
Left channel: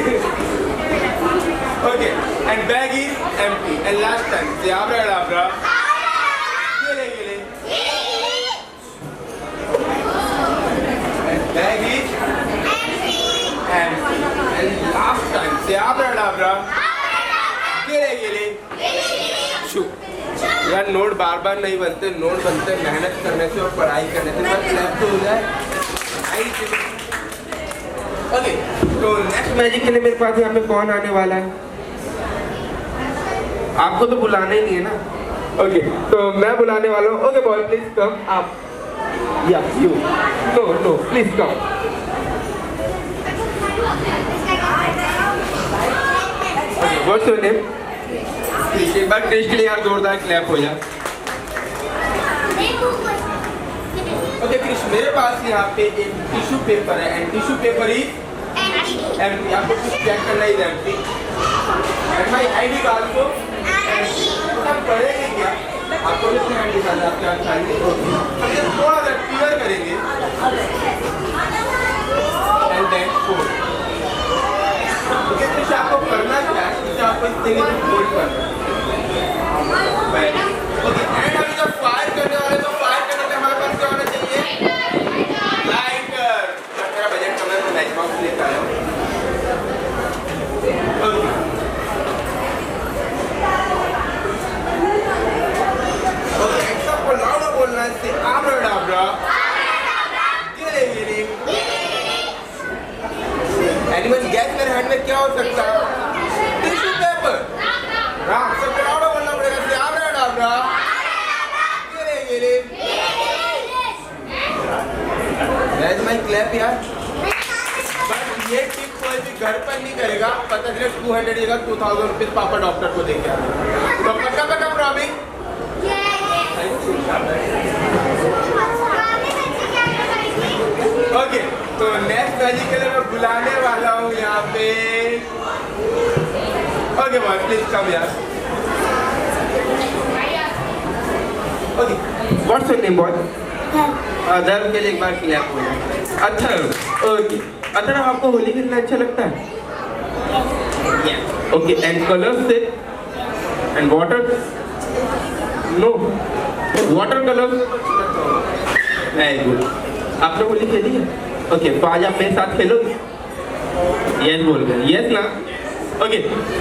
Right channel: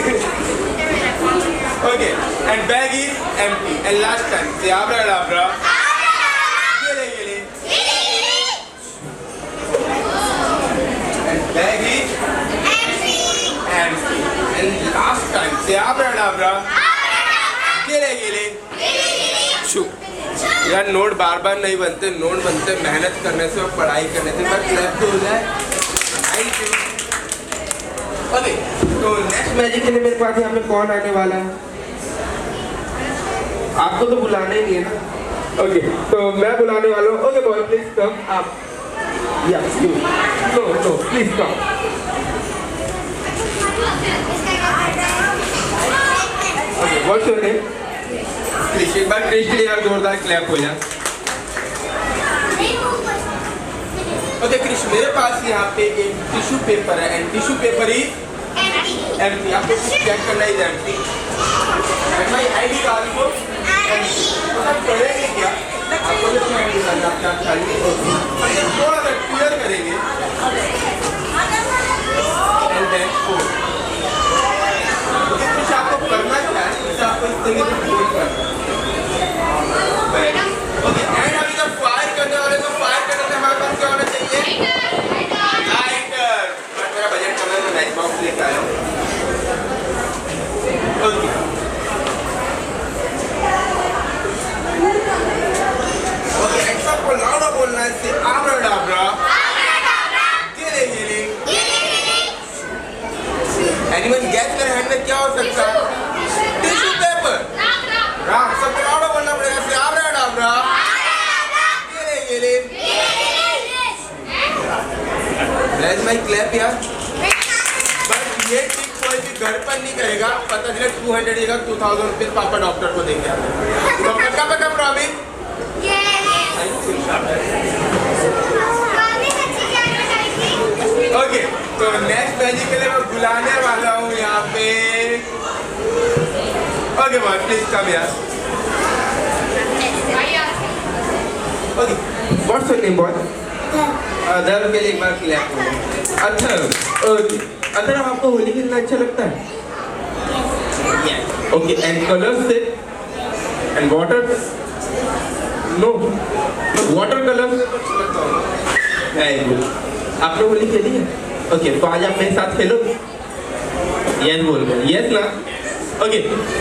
Okay, and bag is empty and last time से आबरा डाबरा। ये ले and bag is empty and last time से आबरा डाबरा। गेले शू। यार नोट बार बार नहीं बनते, नोट बनते मेहनत करने से और पढ़ाई करने से। बस क्लैप तो हो जाए। ओके, तो नेक्स्ट मैजिक के लिए मेरे पास यहाँ पे कौन आने वाला है? आपको तो बुलाना ही नहीं है ना। ओके, तो मैं बुलाने वाला हूँ। ओके बॉय, प्लीज कम आप। Yes, no no please come. Okay, what's your name? Krish. एक बार क्रिश के लिए यार जोरदार क्लैप हो जाए। ओके क्रिश, मेरे पास यहाँ पे एक टिश्यू पेपर है and tissue paper is empty. आपको कुछ चेक करना है empty. And my ID card को एम्प्टी। सब करेंगे क्या? आपको कितने आईडी कार्ड आप क्या चाहिए? थोड़ा सा क्लियर करेंगे एंड देन 4। ओके क्रिश, आपको करना क्या है? इससे आपको इस तरीके से फोल्ड करना है। ओके, एंड अभी जब फायर करने वाले तो फायर करने के हमारे पास क्या होना चाहिए? लाइटर। बट मेरा बजट कम है, मैं मैच बॉक्स लेकर आया हूँ। ओके, ओके, एंड सबको लाउड बोलना है, से आबरा डाबरा। गिले गिले। एनीवन गेस मेरे हैंड में क्या हो सकता है? Tissue paper. राम, सबको लाउड बोलना पड़ेगा, से आबरा डाबरा। गिले गिले। Where's my clap यार? बट ये टिप कोई भी घर पर नहीं करेगा। पता चले 200 जगह 2000 रुपीज पापा डॉक्टर को देंगे। तो पक्का पक्का प्रॉमिस? ओके, तो नेक्स्ट मैजिक के लिए मैं बुलाने वाला हूँ यहाँ पे। ओके बॉय, प्लीज कम यार। Okay, what's your name boy? Other के लिए एक बार क्लैप हो जाए। अथर। ओके, अथर आपको होली कितना अच्छा लगता है? ओके, एंड कलर से and water? No, water colour से तो अच्छा लगता होगा। Very good. आपने होली खेली है? ओके, तो आज आप मेरे साथ खेलोगे? यस बोल रहे, यस ना? ओके,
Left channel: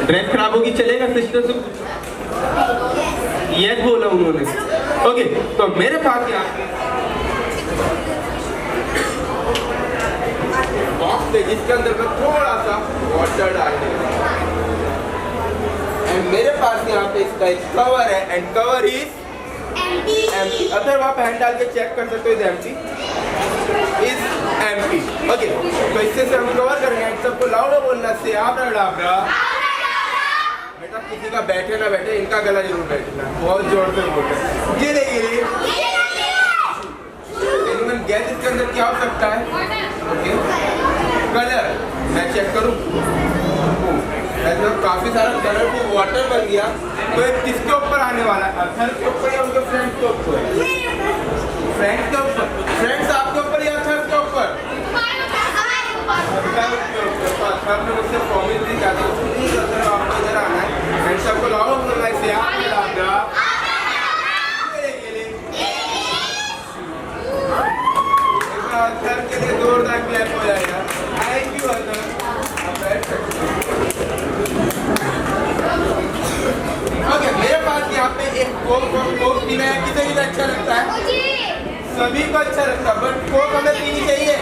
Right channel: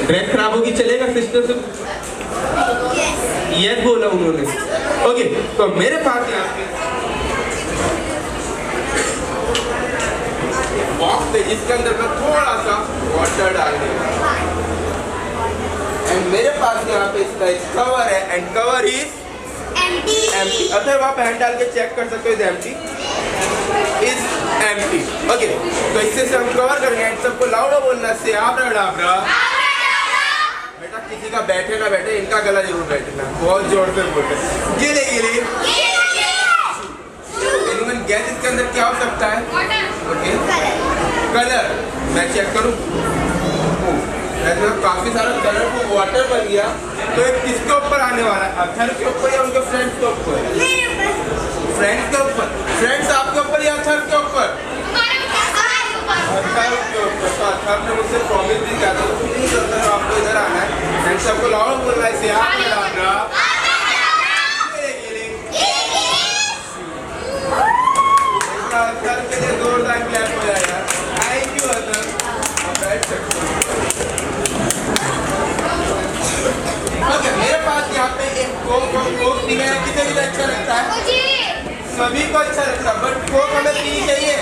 ड्रेस खराब होगी चलेगा सिस्टर से? यस बोला उन्होंने। ओके, तो मेरे पास यहाँ पे बॉक्स है जिसके अंदर मैं थोड़ा सा वाटर डालने वाला। एंड मेरे पास यहाँ पे इसका एक कवर है एंड कवर इज एम्प्टी। अगर आप हैंड डाल के चेक कर सकते हो, is empty, is empty. Okay, तो इससे से हम कवर करेंगे। सबको लाउड बोलना, से आबरा डाबरा। बेटा किसी का बैठे ना बैठे, इनका गला जरूर बैठना। बहुत जोर से बोलते। गिले गिले। एनीवन गैस इसके अंदर क्या हो सकता है? ओके, कलर मैं चेक करूं। काफी सारा कलर को वाटर बन गया। तो एक किसके ऊपर आने वाला है? अथर के ऊपर या उनके फ्रेंड्स के ऊपर? फ्रेंड्स के ऊपर। फ्रेंड्स आपके ऊपर या अथर के ऊपर? अथर के ऊपर। तो अथर ने मुझसे प्रॉमिस भी किया था, प्लीज अथर आपको इधर आना है एंड सबको लाउड बोलना है, से आप डालना। अथर के लिए जोरदार क्लैप हो जाएगा। थैंक यू अथर, आप बैठ सकते हो। ओके, मेरे पास यहाँ पे एक कोक पीना है। किसे भी अच्छा लगता है? सभी को अच्छा लगता है, बट कोक हमें पीनी चाहिए।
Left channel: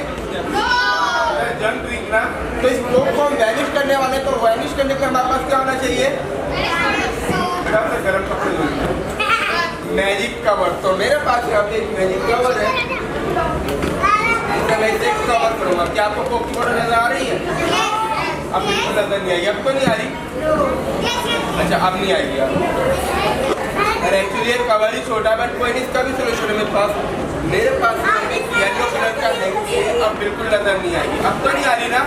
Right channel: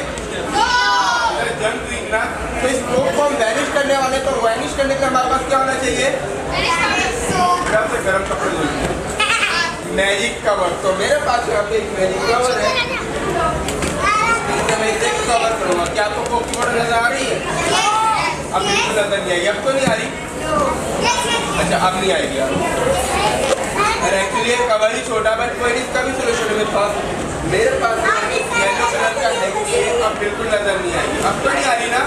जन ड्रिंक ना, तो इस कोक को हम वैनिश करने वाले, तो वैनिश करने के लिए हमारे पास क्या होना चाहिए? एकदम से गर्म कपड़े धुलते हैं। मैजिक कवर, तो मेरे पास यहाँ पे एक मैजिक कवर है, इससे मैं इसे कवर करूँगा। क्या आपको कोकी बॉटल नजर आ रही है? अब बिल्कुल नजर नहीं आई। अब तो नहीं आ रही? अच्छा, अब नहीं आएगी यार। एक्चुअली ये कवर ही छोटा, बट कोई नहीं, इसका भी सोल्यूशन मेरे पास। मेरे पास येलो कलर का हैंकी है, अब बिल्कुल नजर नहीं आएगी। अब तो नहीं आ रही ना?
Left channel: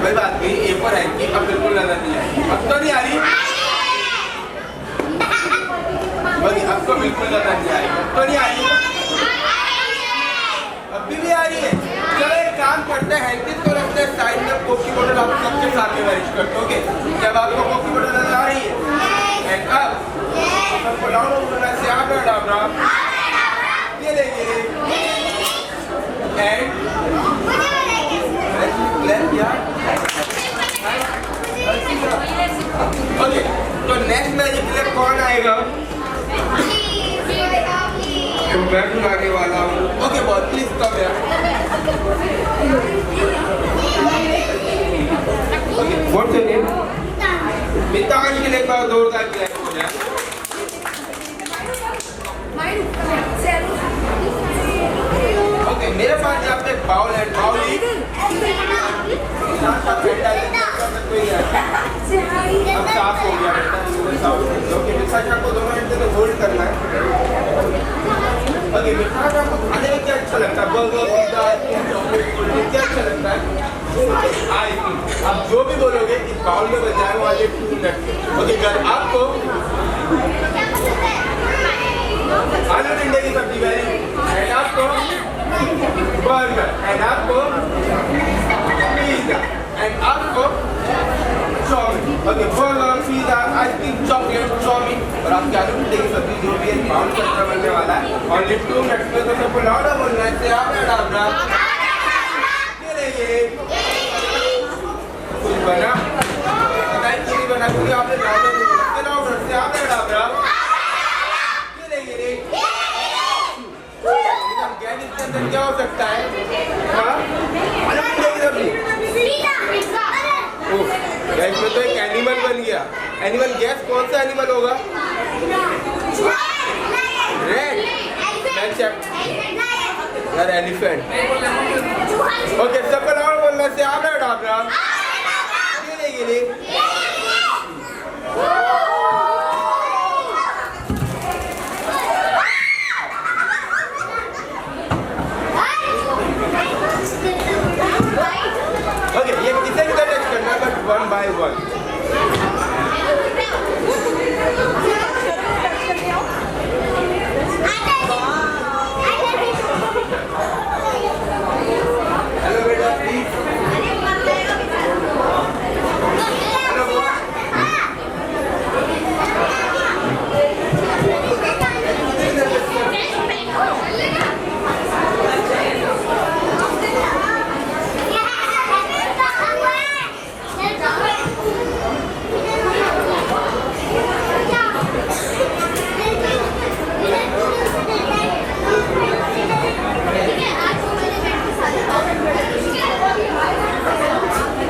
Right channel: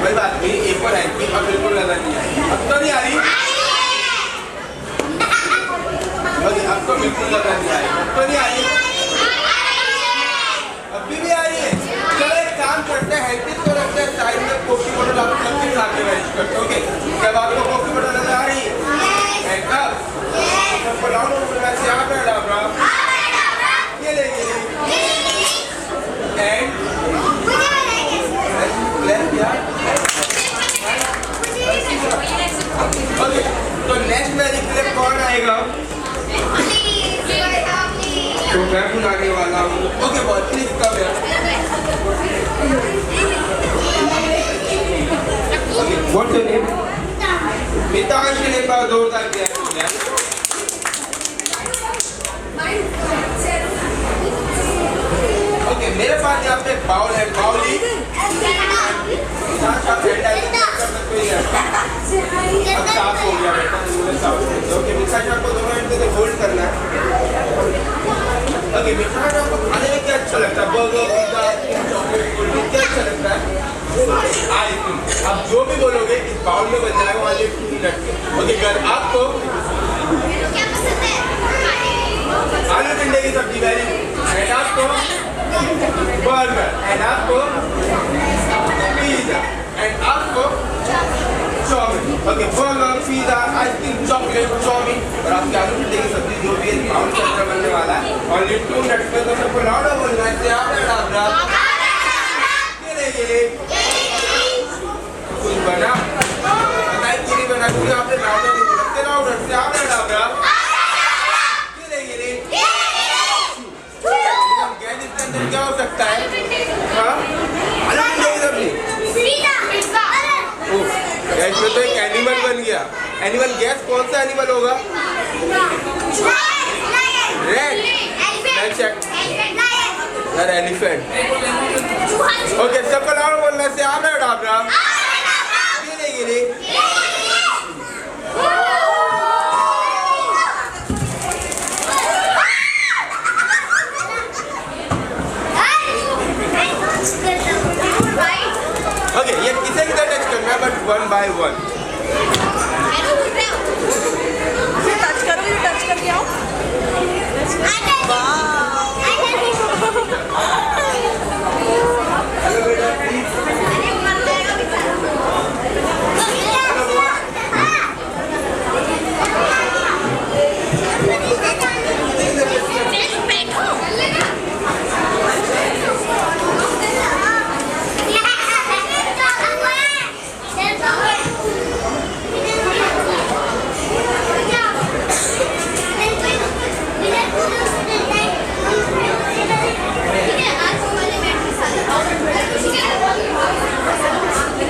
कोई बात नहीं, एक और हैंकी अब बिल्कुल नजर नहीं आएगी। अब तो नहीं आ रही? अब तो बिल्कुल नजर नहीं आएगी। अब तो नहीं आ रही? अभी भी आ रही है। चलो एक काम करते हैं, हैंकी तो रखते हैं साइड में, कोकी बॉटल आपको सबके साथ में मैनेज करते हैं। ओके, जब आपको कोकी बॉटल नजर आ रही है एंड अब सबको डाउन होना से आप डाबरा ये लेंगे एंड लेफ्ट यार। ओके, तो नेक्स्ट मैजिक के लिए कौन आएगा? तो मैं भी आने वाला हूँ। ओके बॉस, प्लीज कम यार। Okay, what's your name? Meeta का एक बार जोरदार क्लैप हो जाए। ओके, मेरे पास यहाँ पे बाउल है, बाउल ही अब साफ हो गया बेटा, साफ हो गया। ओके, मिक्सर जार को दोनों एंड से होल्ड करना है। ओके, मिक्सर जार को खाने में क्या अच्छा लगता है? Burger, pizza, chocolate, cold drink, क्या अच्छा लगता है? आइसक्रीम। आप जो भी बोलोगे इस बाउल में बन जाएगा वाले 2 मिनट के। ओके, कल आपको आलू टिंडे की सब्जी वेरी एंड आपको बर्गर एंड आपको पिज्जा एंड आपको chowmein. Okay, burger, pizza, ice cream, chocolate, chowmein और आपकी आलू टिंडे की सब्जी जो भी है बाउल के अंदर बनने वाला है। ओनली 2 मिनट में तो सबको लाउडर बोलना है से आप डाबरा ये कुछ बना बताइए, क्यों नहीं बना? क्योंकि आपने लाउडर नहीं बोला। से लाउडर से आप डाबरा इसके अंदर क्या हो सकता है? हाँ, आलू टिंडे की सब्जी। ओह, इसमें तो एक एनिमल बन गया। एनिमल, गैस कौन सा एनिमल होगा? रेड यार, एलिफेंट। ओके, सबको लाउड बोलना से आप ना डाबरा गिरे। ओके, ये किसे किधर टच करना है, बट 1 by 1। हेलो बेटा, प्लीज।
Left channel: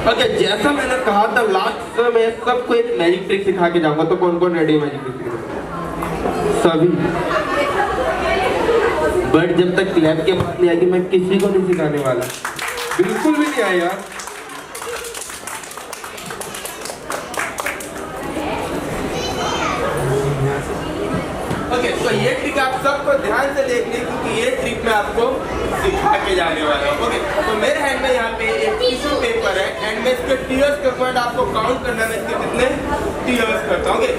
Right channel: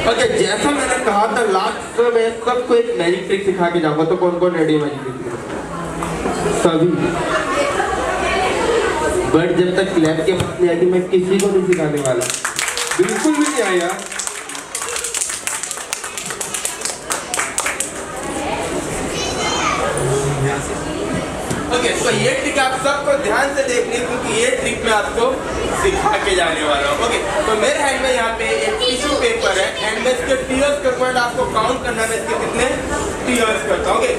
ओके, जैसा मैंने कहा था लास्ट में मैं सबको एक मैजिक ट्रिक सिखा के जाऊंगा। तो कौन कौन रेडी मैजिक ट्रिक? सभी। बट जब तक क्लैप के पास नहीं आएगी मैं किसी को नहीं सिखाने वाला, बिल्कुल भी नहीं आया। ओके, तो ये ट्रिक आप सबको ध्यान से देखनी, क्योंकि ये ट्रिक मैं आपको सिखा के जाने वाला हूँ। ओके, तो मेरे हैंड में यहाँ पे एक टिश्यू पेपर है एंड मैं इसके टीयर्स करता हूँ। आपको काउंट करना है मैं इसके कितने टीयर्स करता हूँ। Okay,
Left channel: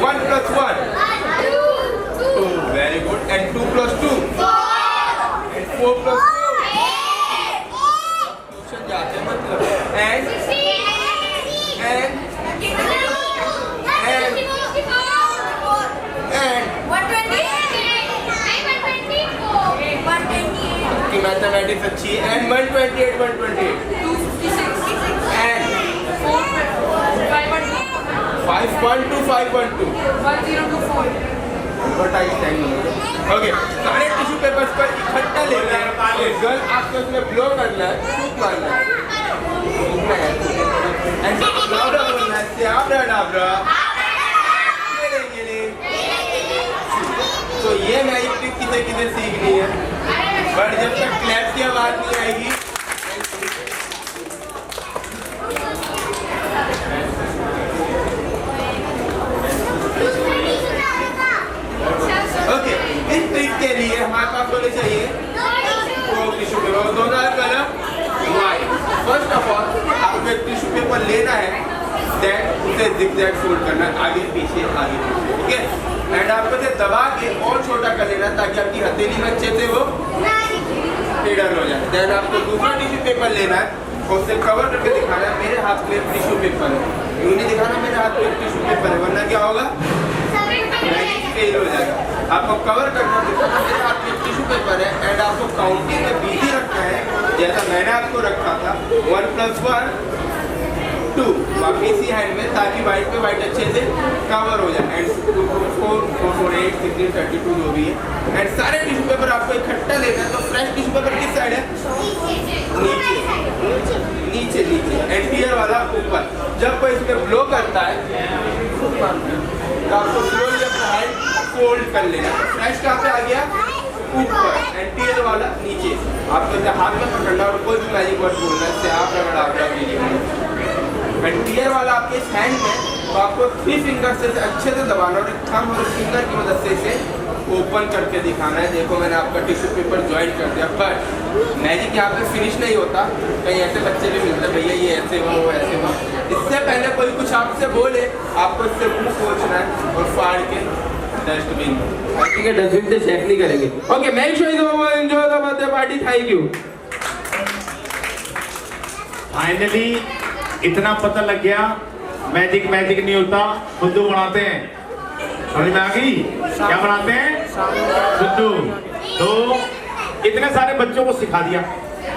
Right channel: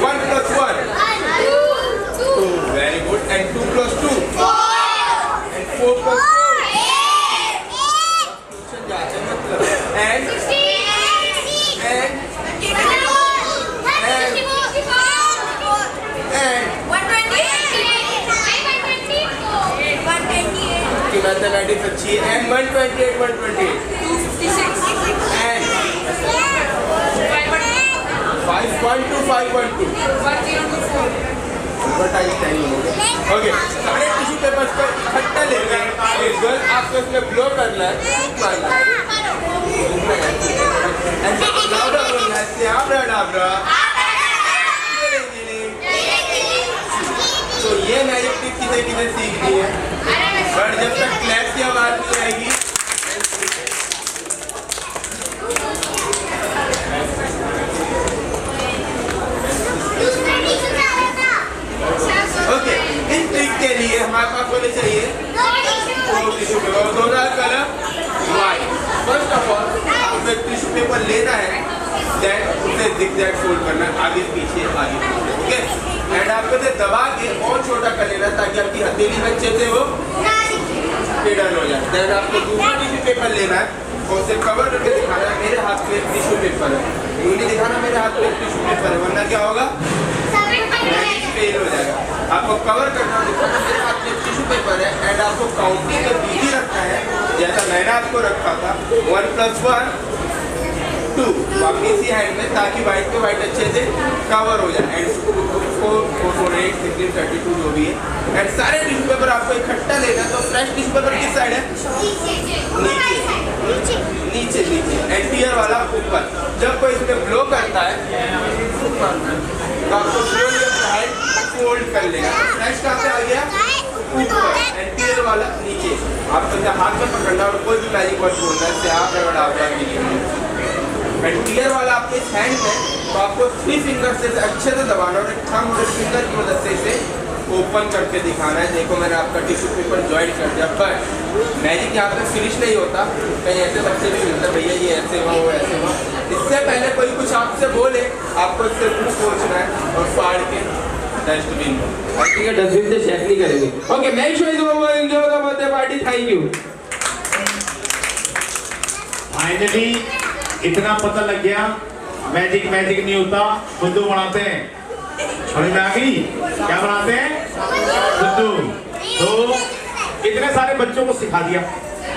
1 + 1 2, very good, and 2 + 2 and 4 + 4 मतलब एंड 128 मैथमेटिक्स अच्छी है एंड 128 एंड 512 ओके, सारे टिश्यू पेपर्स पर इकट्ठा लेना है। गर्ल आपको इसमें ब्लो करना है, मारना है एंड लाउडर बोलना है ऐसे आप डाबरा तो ये मैजिक ट्रिक किसे किसे सीखनी है, बट जब तक क्लैप की आवाज नहीं आएगी ओके। इस ट्रिक के लिए हमारे पास होने चाहिए टिश्यू पेपर, दोनों colour white. First of all आपको एक टिश्यू पेपर लेना है, देन उसे जिगजैग फोल्ड करना है, आगे पीछे ओके। एंड आपको इसे दबा के और छोटा कर लेना ताकि आपकी हथेली में अच्छे से वो पेडल हो जाए। देन आपको दूसरा टिश्यू पेपर लेना है और उसे कवर करके दिखाना है मेरे हाथ में एक टिश्यू पेपर है, ये नहीं दिखाना मेरे हाथ में एक टिश्यू पेपर है, वरना क्या होगा फेल हो जाएगा। आपको कवर करना दिखाना मेरे हाथ में टिश्यू पेपर है एंड आपको काउंटिंग में बिजी रखना है जैसा मैंने आपको रखा था 1 + 1 2 अपनी इसी हैंड में, ताकि वाइट पे वाइट अच्छे से कवर हो जाए। एंड 4 4 4 8 16 32 जो भी है। एंड सारे टिश्यू पेपर आपको इकट्ठा लेना है। तो फ्रेश टिश्यू पेपर किस साइड है, नीचे नीचे नीचे, एंड टीयर वाला ऊपर। जब कोई इसमें ब्लो करता है तो आपको स्लोली अपना हैंड फोल्ड कर लेना। फ्रेश कहाँ से आ गया, ऊपर, एंड टीयर वाला नीचे। आपको हाथ में पकड़ना और कोई भी मैजिक वर्ड बोलना है, से आप डाबरा टीयर वाला आपके इस हैंड में, तो आपको 3 फिंगर से अच्छे से दबाना और एक थंब और फिंगर की मदद से इसे ओपन करके दिखाना है। देखो मैंने आपका टिश्यू पेपर ज्वाइन कर दिया, बट मैजिक यहाँ पे फिनिश नहीं होता। कहीं ऐसे बच्चे भी मिलते हैं, भैया ये ऐसे हुआ वो ऐसे हुआ। इससे पहले कोई कुछ आपसे बोले आपको इससे मुँह पोंछना है और फाड़ के डस्टबिन में, ठीक है, डस्टबिन से शेक नहीं करेंगे। Okay, make sure you enjoy the birthday party, thank you. Finally इतना पता लग गया, मैजिक नहीं होता, बुद्धू बनाते हैं। समझ में आ गई क्या बनाते हैं, बुद्धू। तो इतने सारे बच्चों को सिखा दिया,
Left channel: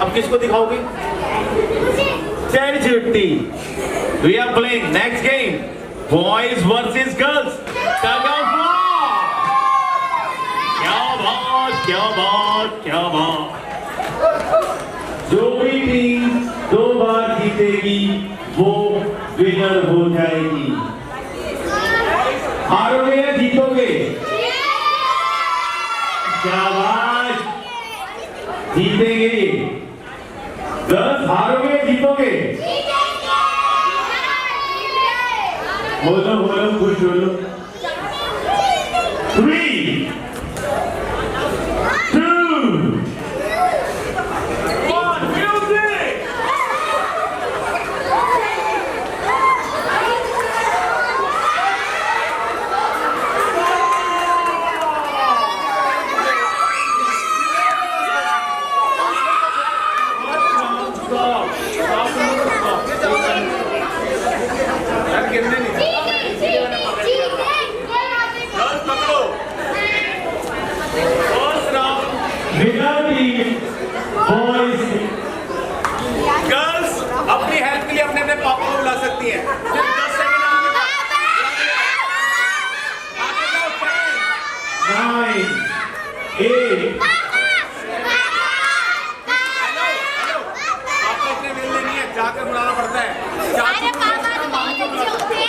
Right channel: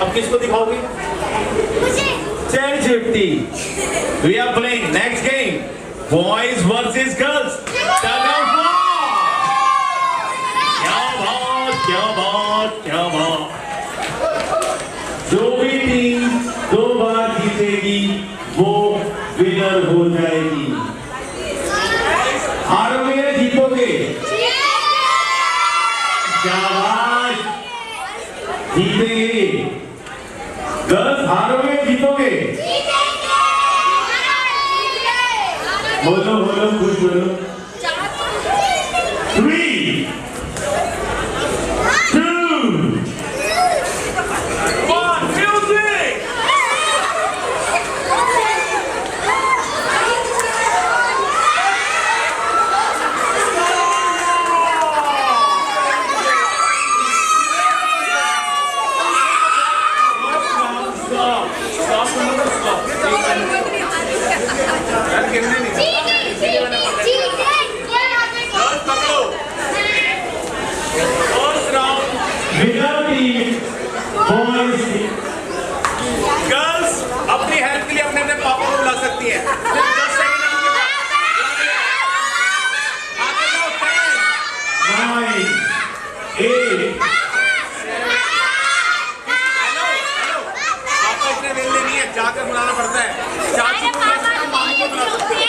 अब किसको दिखाओगे, चल चिट्टी। We are playing next game, boys versus girls. क्या बात। जो भी टीम 2 बार जीतेगी वो विनर हो जाएगी। हारोगे या जीतोगे, शाबाश, जीतेंगे। गर्ल्स हारोगे या जीतोगे, बोलो कुछ बोलो। 3 2 1 म्यूजिक। गर्ल्स अपनी हेल्प के लिए अपने पापा को बुला सकती हैं। 10 सेकंड आपके पास। आगे जाओ, 10 9 8 हेलो आपको इतने वेले नहीं है, जाकर बुलाना पड़ता है। चाचू को बुला सकते हो, मामू को बुला सकते हो।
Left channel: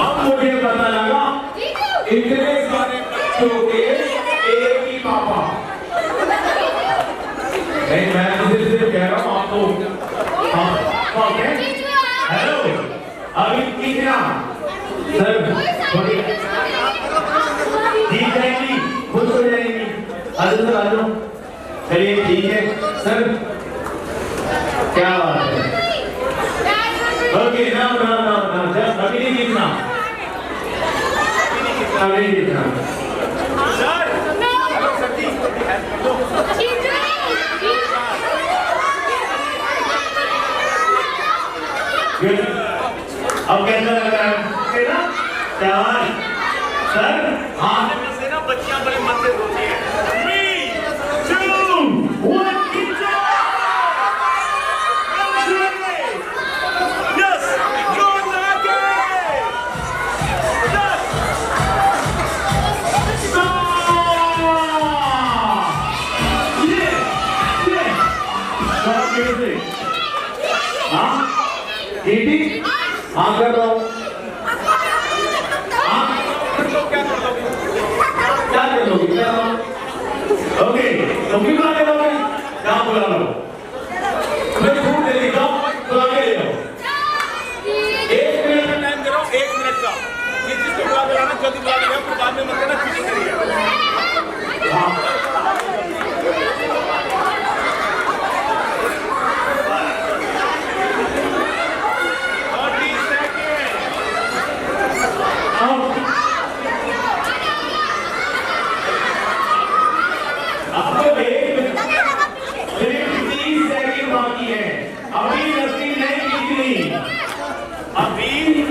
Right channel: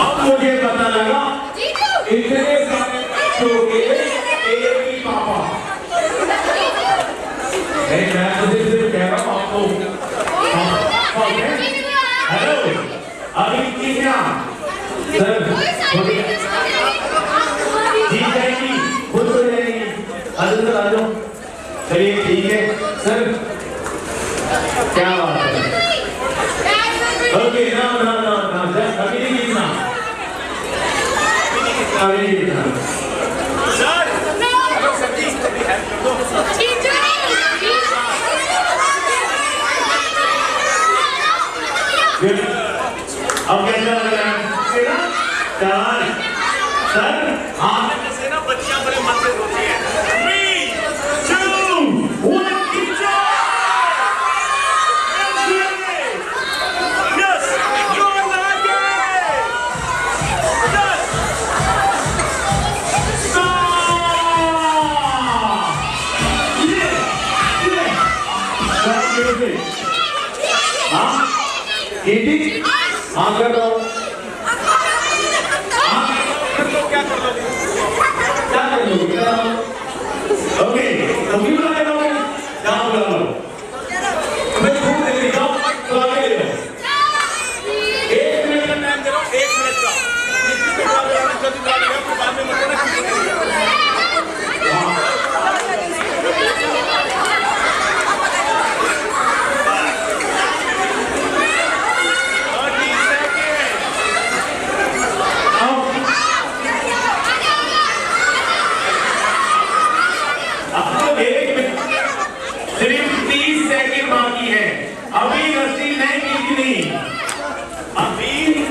अब मुझे पता लगा इतने सारे बच्चों के एक ही पापा। मैं मुझे सिर्फ कह रहा हूँ आपको। हेलो, अभी कितना सर जीत जाएगी, खुश हो जाएगी। आ जाओ, चलिए ठीक है सर, क्या बात है। ओके, ना अभी नहीं जीतना, सर। हेलो सर जी, हेल्प कर दो। अब कैसा लग रहा है सर? हाँ, बच्चियां बड़े मन से सोती हैं। कंप्यूटर से? हाँ चीटिंग? हाँ कर रहा हूँ। क्या कर लोगे? क्या कर लोगे? ओके तो क्यों बुला रहे हो? क्या बुला रहे हो? मैं खूब दे देता हूँ तो आगे ले लो। 1 मिनट का टाइम दे रहा हूँ, 1 मिनट का। किसी को बुला देना, जल्दी बुला देना, फिर बाद में मत करना, चीटिंग करेगा।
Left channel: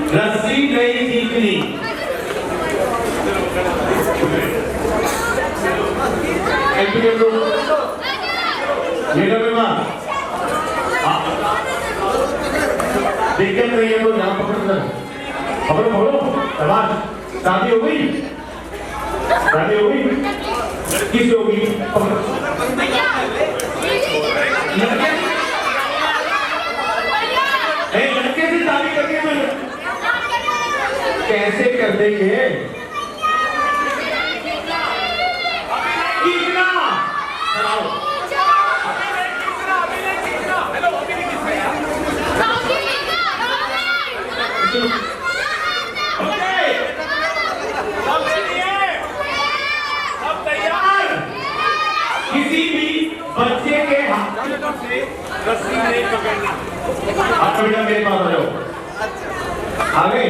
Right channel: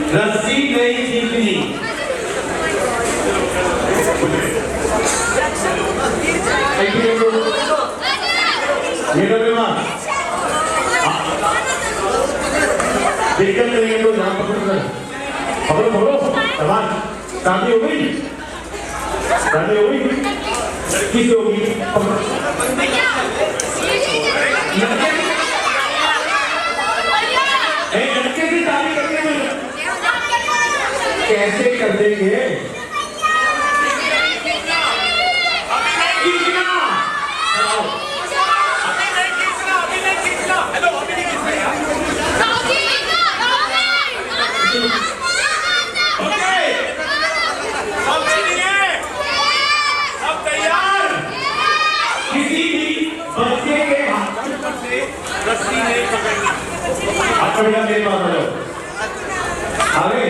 रस्सी नहीं जीतनी। दिक्कत नहीं है तो जहाँ पकड़ो शादी हो गई, शादी हो गई, लड़की से होगी, लड़के की शादी करके कैसे कर देंगे? किसी भी बच्चे के हाथ से रस्सी नहीं पकड़नी। के पास आगे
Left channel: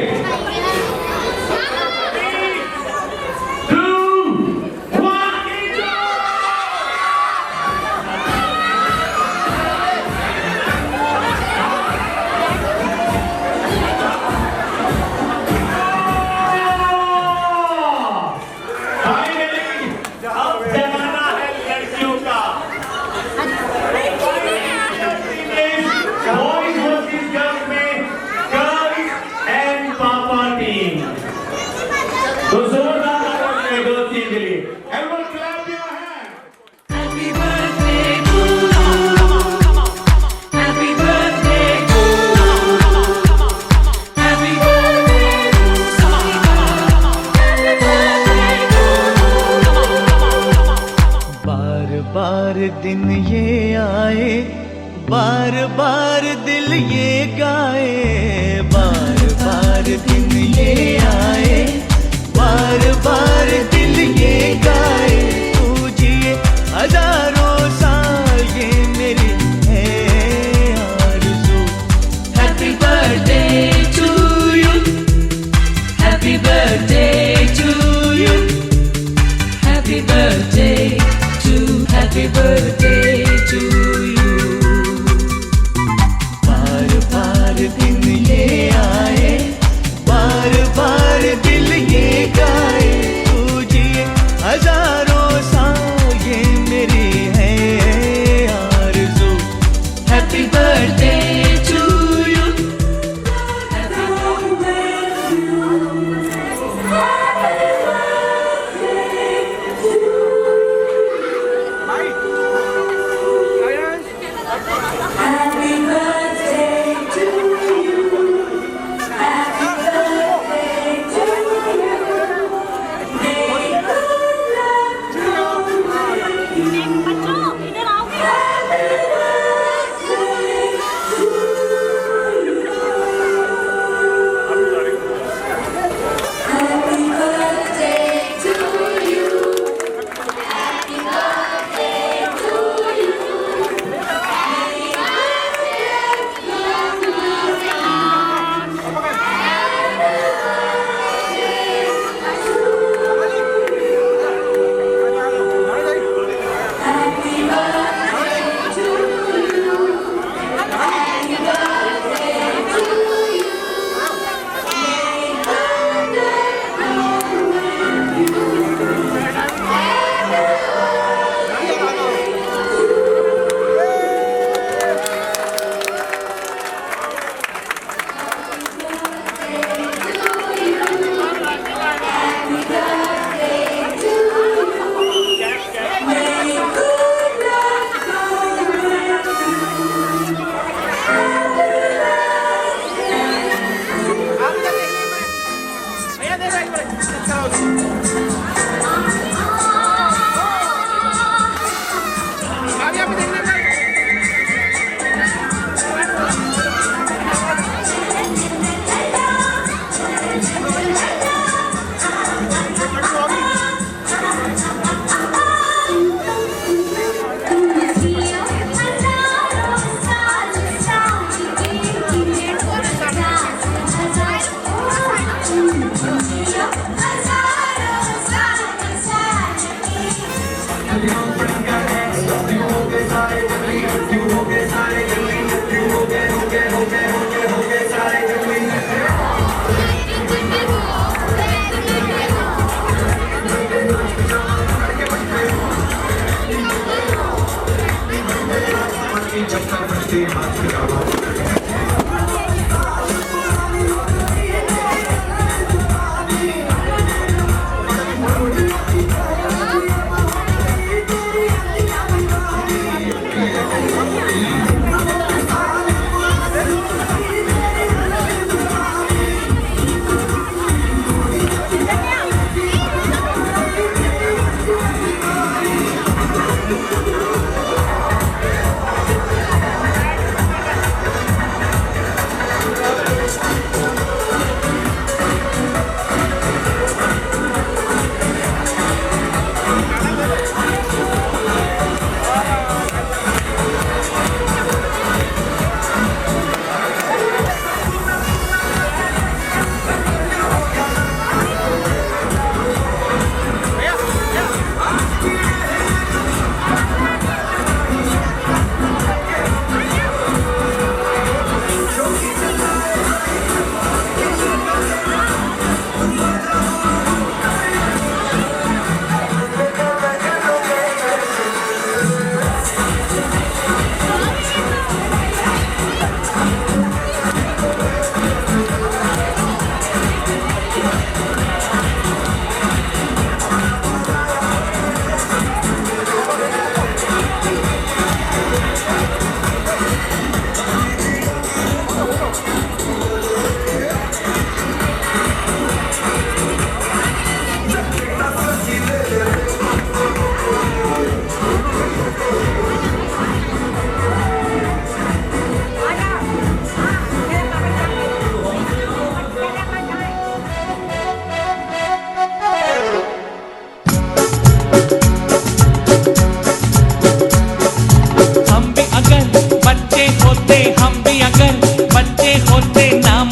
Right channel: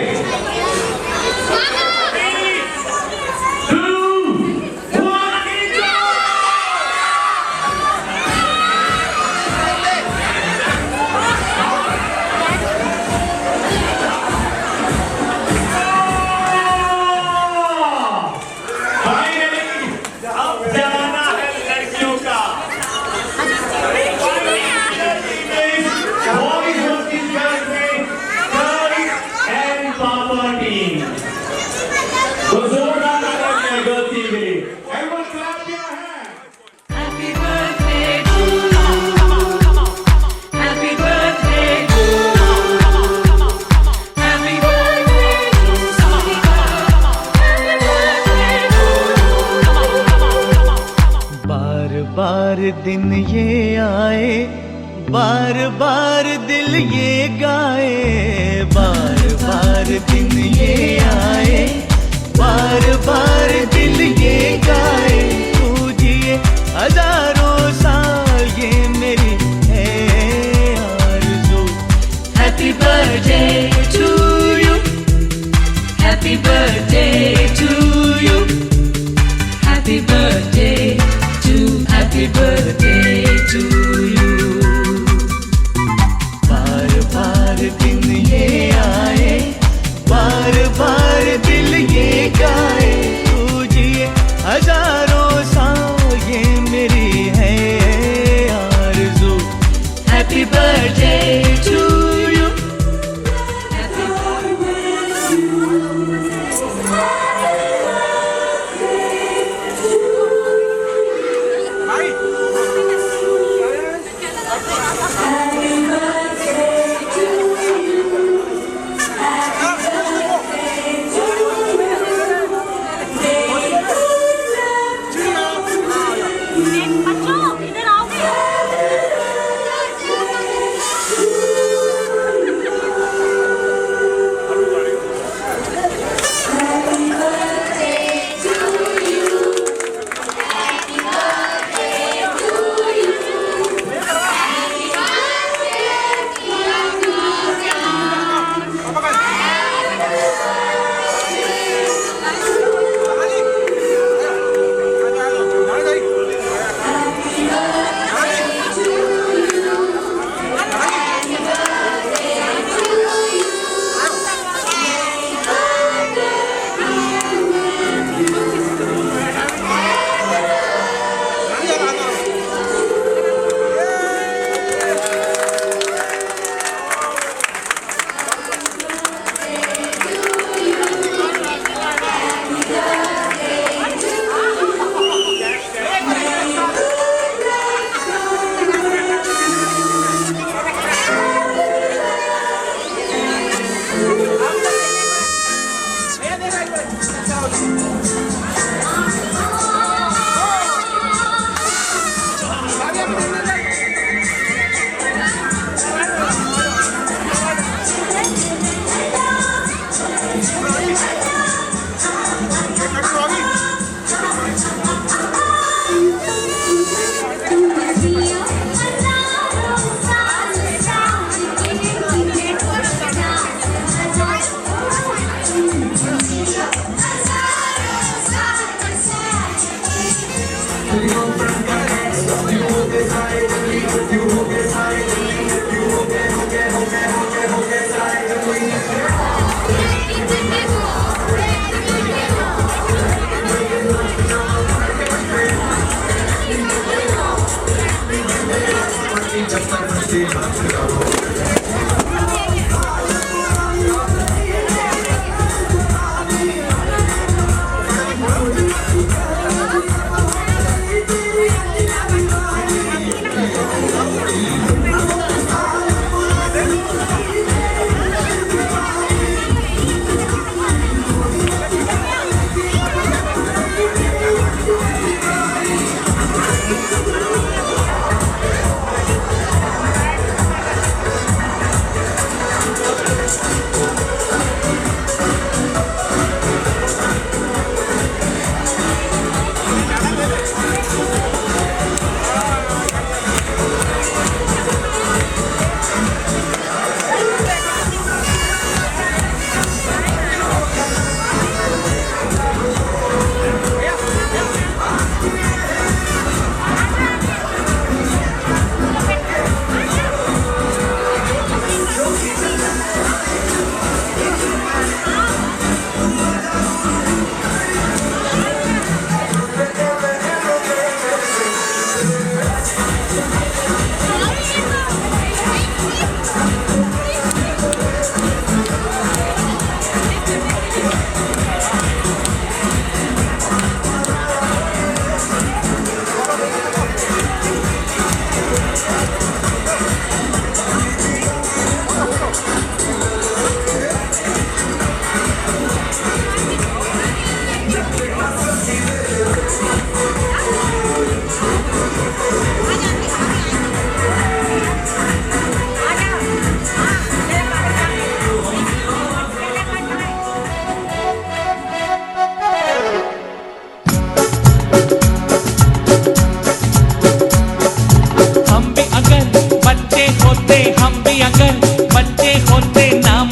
बार दिल ये गाए, बार बार दिन ये आए, बार दिल ये गाए, तू जिए हजारों साल ये मेरी है आरज़ू। Happy birthday to you, happy birthday to you, happy birthday to you। बार दिन ये आए, बार दिल ये गाए, तुझे हजारों साल ये मेरी है आरज़ू। Happy birthday to you, happy birthday to you।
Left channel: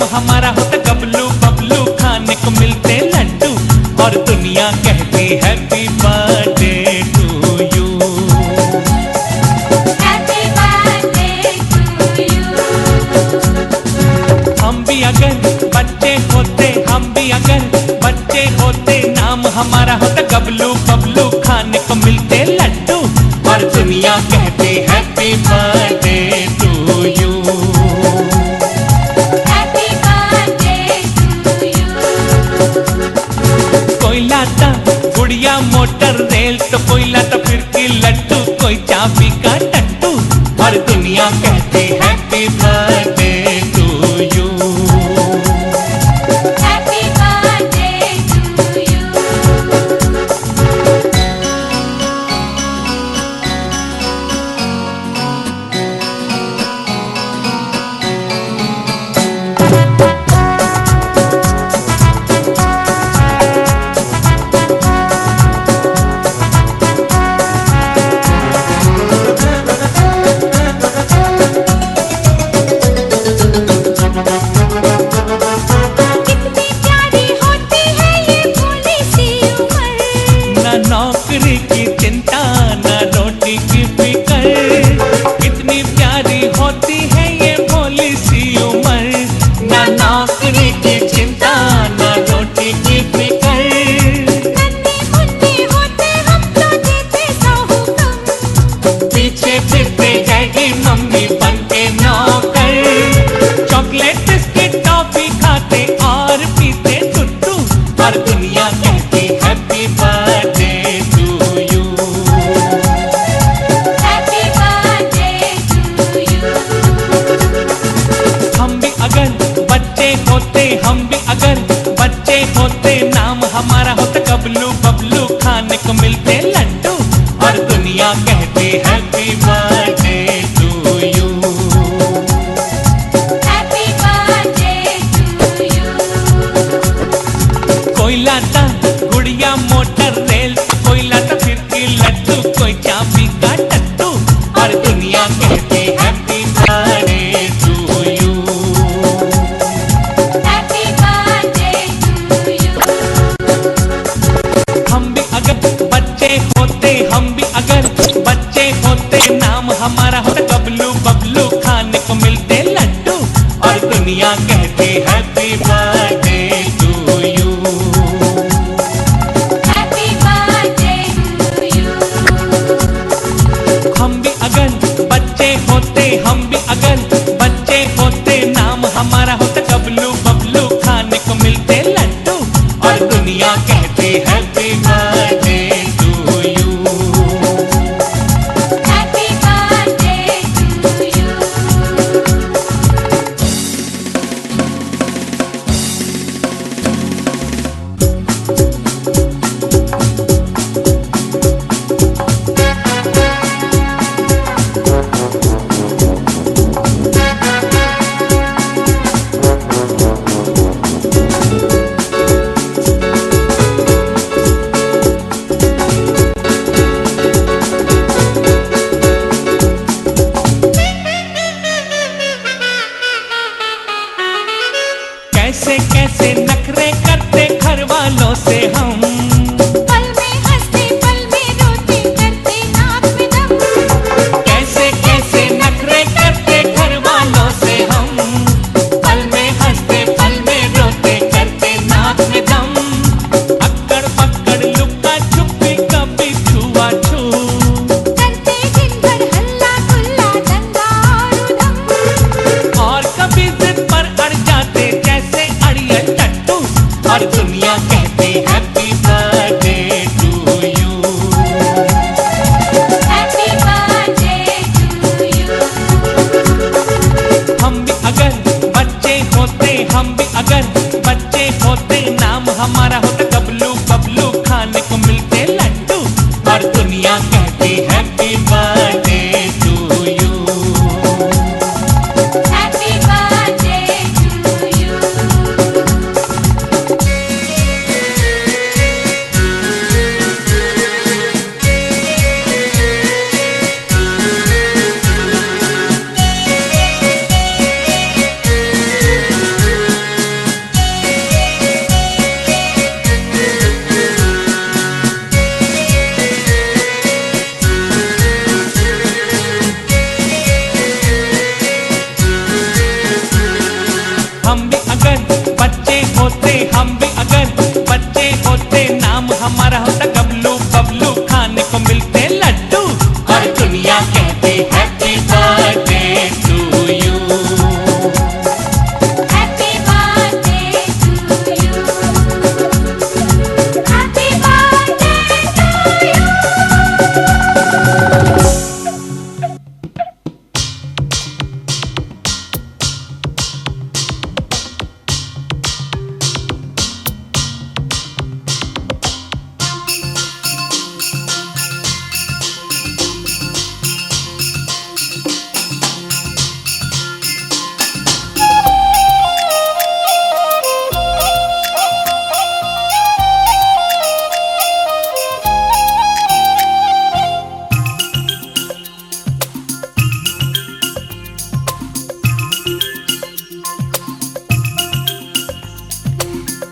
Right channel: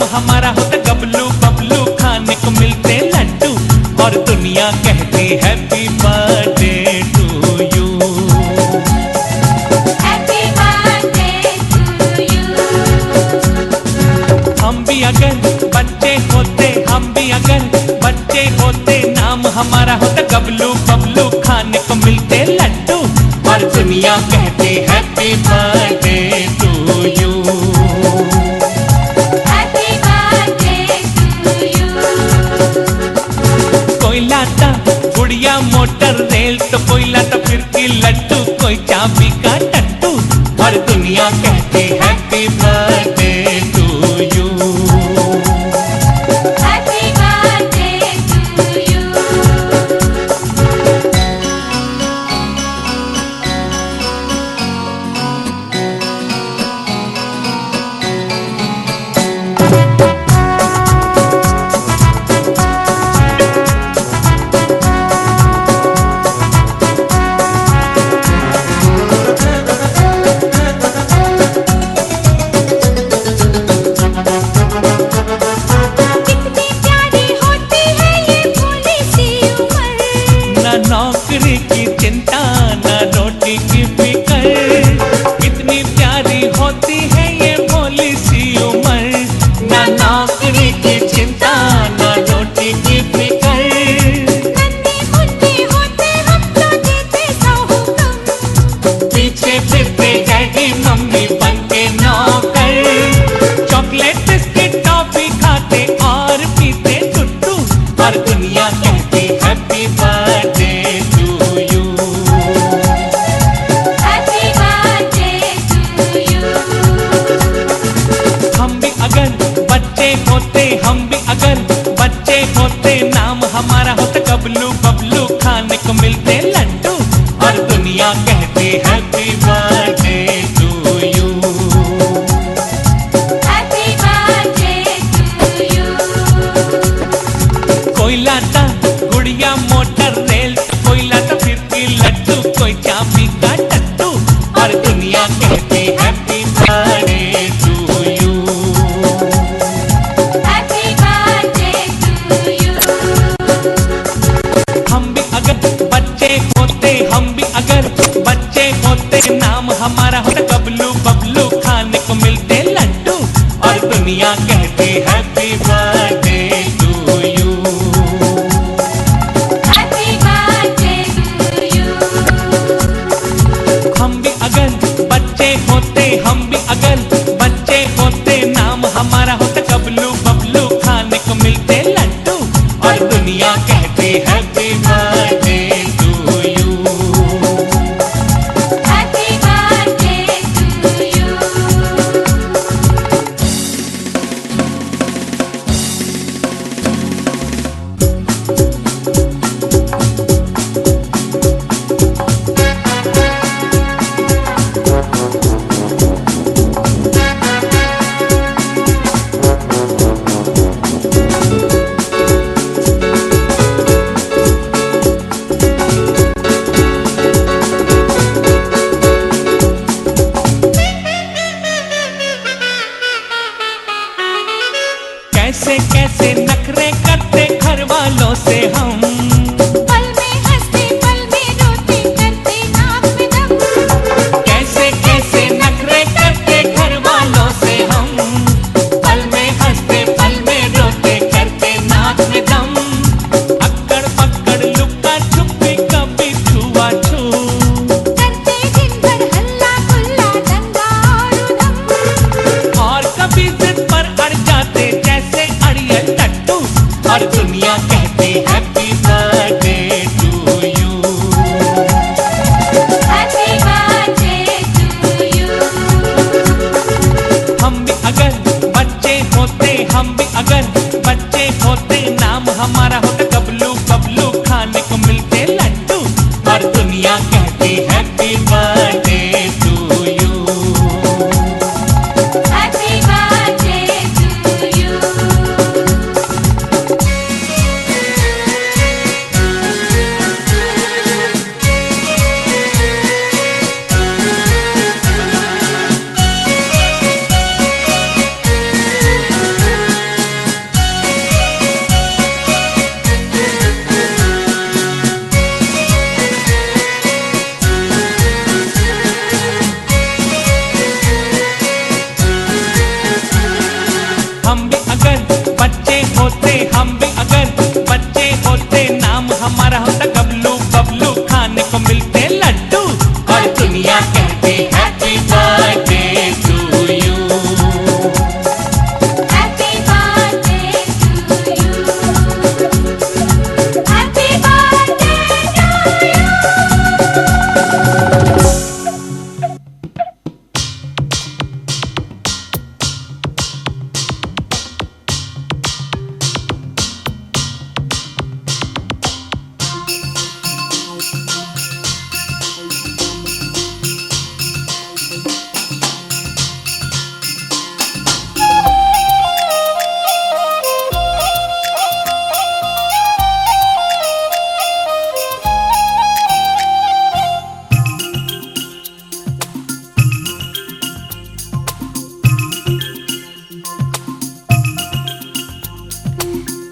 हमारा होता गबलू बबलू, खाने को मिलते लड्डू और दुनिया कहती हैप्पी बर्थडे टू यू। हम भी अगर बच्चे होते, हम भी अगर बच्चे होते, नाम हमारा होता गबलू बबलू, खाने को मिलते लड्डू और दुनिया कहती हैप्पी बर्थडे टू यू। कोई लाता गुड़िया मोटर रेल, तो कोई लाता फिरकी लड्डू, कोई चाबी का टट्टू और दुनिया कहती हैप्पी बर्थडे टू यू। नौकरी की चिंता न रोटी की फिकर, कितनी प्यारी होती है ये भोली सी उम्र। न नौकरी की चिंता न रोटी की फिकर, होते हम तो देते सौ हुक्म, पीछे फिरते जाएगी मम्मी बन के नौकर। चॉकलेट बिस्किट टॉफी खाते और पीते टुट्टू और दुनिया कहती हैप्पी बर्थडे टू यू। हम भी अगर बच्चे होते, हम भी अगर बच्चे होते, नाम हमारा होता गबलू बबलू, खाने को मिलते लड्डू और दुनिया कहती हैप्पी बर्थडे टू यू। कोई लाता गुड़िया मोटर रेल, कोई लाता फिरकी लड्डू, कोई चाबी का टट्टू और दुनिया कहती हैप्पी बर्थडे टू यू। हम भी अगर बच्चे होते, हम भी अगर बच्चे होते, नाम हमारा होता गबलू बबलू, खाने को मिलते लड्डू और दुनिया कहती हैप्पी बर्थडे टू यू। हम भी अगर बच्चे होते, कैसे कैसे नखरे करते घर वालों से हम, पल में हंसते पल में रोते करते नाक में दम, कैसे कैसे नखरे करते घर वालों से हम, पल में हंसते पल में रोते करते नाक में दम, अक्कड़ पकड़ लुका छुपी कभी छुआ छू, करते दिन भर हल्ला गुल्ला दंगा और उधम, और कभी जिद पर अड़ जाते जैसे अड़ियल टट्टू, और दुनिया कहती happy birthday to you. Happy birthday to you. हम भी अगर बच्चे होते, हम भी अगर बच्चे होते, नाम हमारा होता बबलू, बबलू खाने को मिलते लड्डू, और दुनिया कहती happy birthday to you. Happy birthday to you. हम भी अगर बच्चे होते, हम भी अगर बच्चे होते, नाम हमारा होता बबलू, बबलू खाने को मिलते लड्डू, और दुनिया कहती happy birthday to you. Happy birthday to you. Happy birthday to you.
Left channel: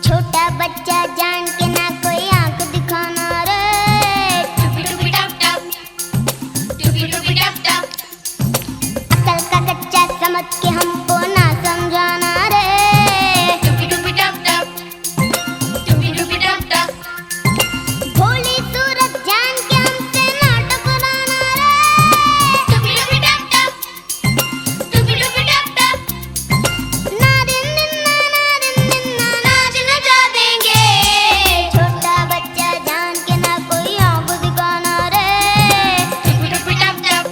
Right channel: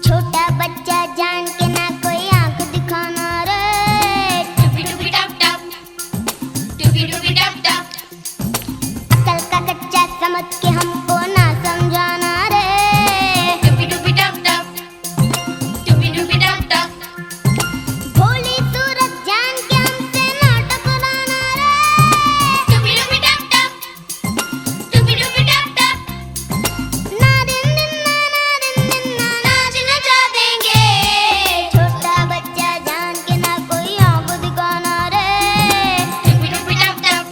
छोटा बच्चा जान के ना कोई आंख दिखाना रे, टुपी टुपी टप टप, टुपी टुपी टप टप, अकल का कच्चा समझ के हमको ना समझाना रे, टुपी टुपी टप टप, टुपी टुपी टप टप, भोली सूरत जान के हमसे ना टकराना रे, टुपी टुपी टप टप, टुपी टुपी टप टप, ना दिन दिन ना नाच नचा देंगे, छोटा बच्चा जान के ना कोई आंख दिखाना रे, टुपी टुपी टप टप,